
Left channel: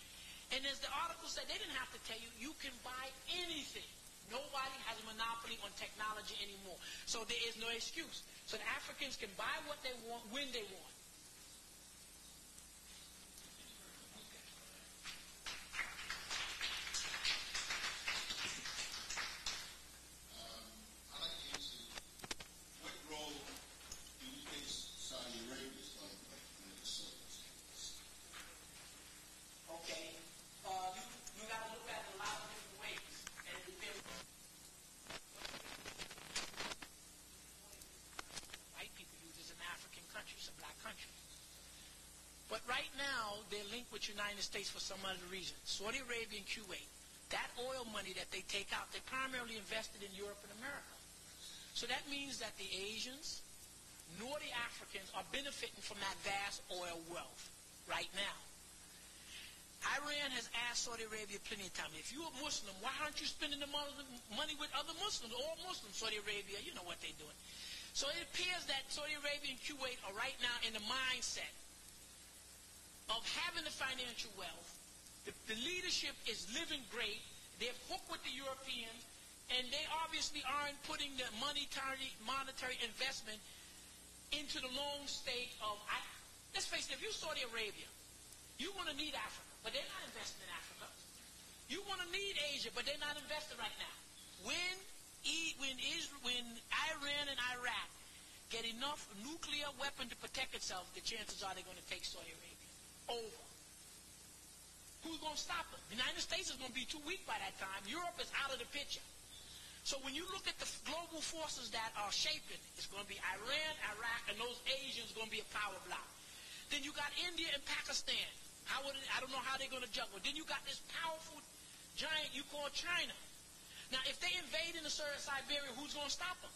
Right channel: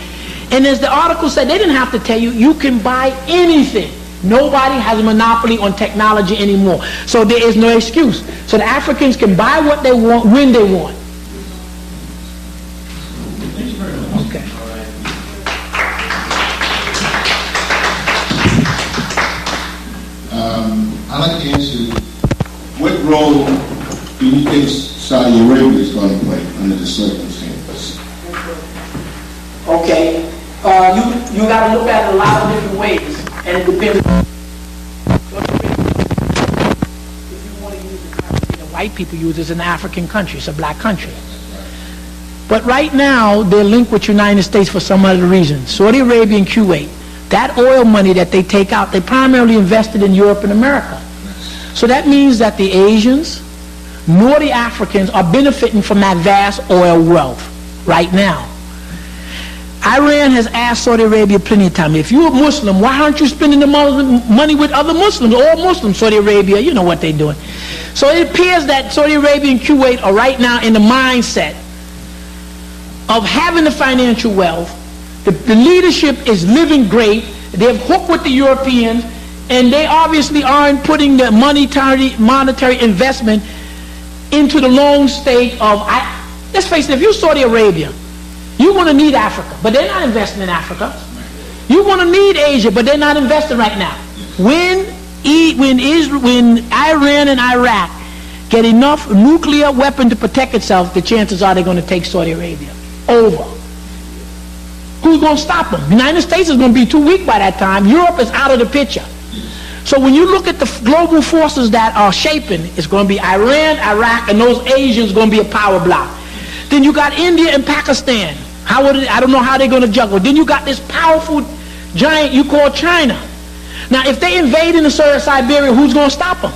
And as the article said, they didn't have to tell you, you can buy anything. Nobody has a monopoly on technology anymore. So there is no excuse. So the Africans can buy what they want when they want. Okay. I'd like to ask you, what role do you think Saudi Arabia is going to play under the circumstances? Okay. You got to look at it a lot of different ways. And it depends if you want to use the currency that white people use. It's an African country. It's a black country. But right now, they're linked with the United States for some other reason. Saudi Arabia and Kuwait, that oil money that they take out, they primarily invested in Europe and America. So that means that the Asians nor the Africans are benefiting from that vast oil wealth right now. Iran has asked Saudi Arabia plenty of times, if you're a Muslim, why aren't you spending the money with other Muslims? All Muslims, Saudi Arabia, you know what they're doing. So it appears that Saudi Arabia and Kuwait are right now in the mindset of having the financial wealth. The leadership is living great. They're hooked with the Europeans, and they obviously aren't putting the monetary investment into the long state of, let's face it, if you're Saudi Arabia, you're going to need Africa, but they're not investing in Africa. You're going to need Asia, but they're not investing right now. When Iran and Iraq get enough nuclear weapon to protect itself, the chances are they're going to take Saudi Arabia over. Who's going to stop them? The United States is going to be too weak by that time. Europe is out of the picture. So when you look at the global forces that are shaping, it's going to be Iran, Iraq, and those Asians going to be a power block. Then you got India and Pakistan. I don't know how they're going to juggle. Then you got this powerful giant you call China. Now, if they invade into Siberia, who's going to stop them?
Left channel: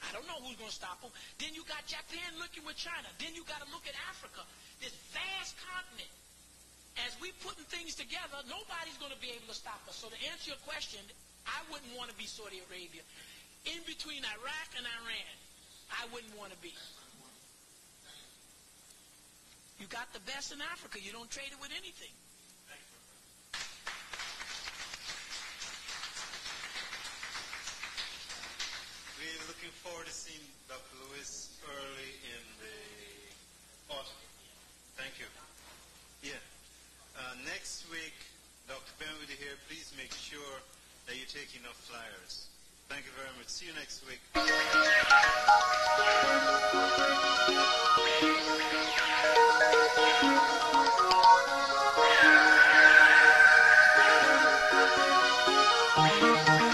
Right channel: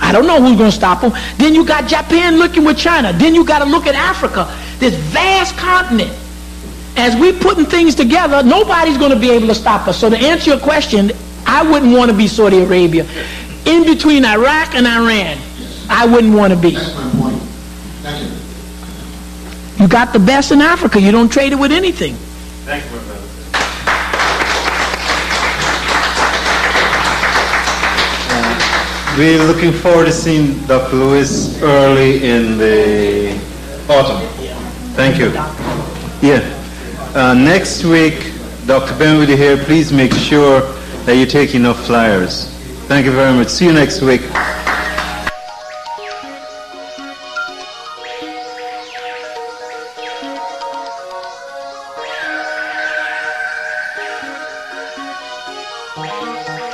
I don't know who's going to stop them. Then you got Japan looking with China. Then you got to look at Africa, this vast continent. As we putting things together, nobody's going to be able to stop us. So to answer your question, I wouldn't want to be Saudi Arabia. In between Iraq and Iran, I wouldn't want to be. That's my point. Thank you. You got the best in Africa. You don't trade it with anything. Thank you, my brother. We're looking forward to seeing Dr. Lewis early in the autumn. Thank you. Yeah. Next week, Dr. Ben will be here. Please make sure that you take enough flyers. Thank you very much. See you next week. Thank you.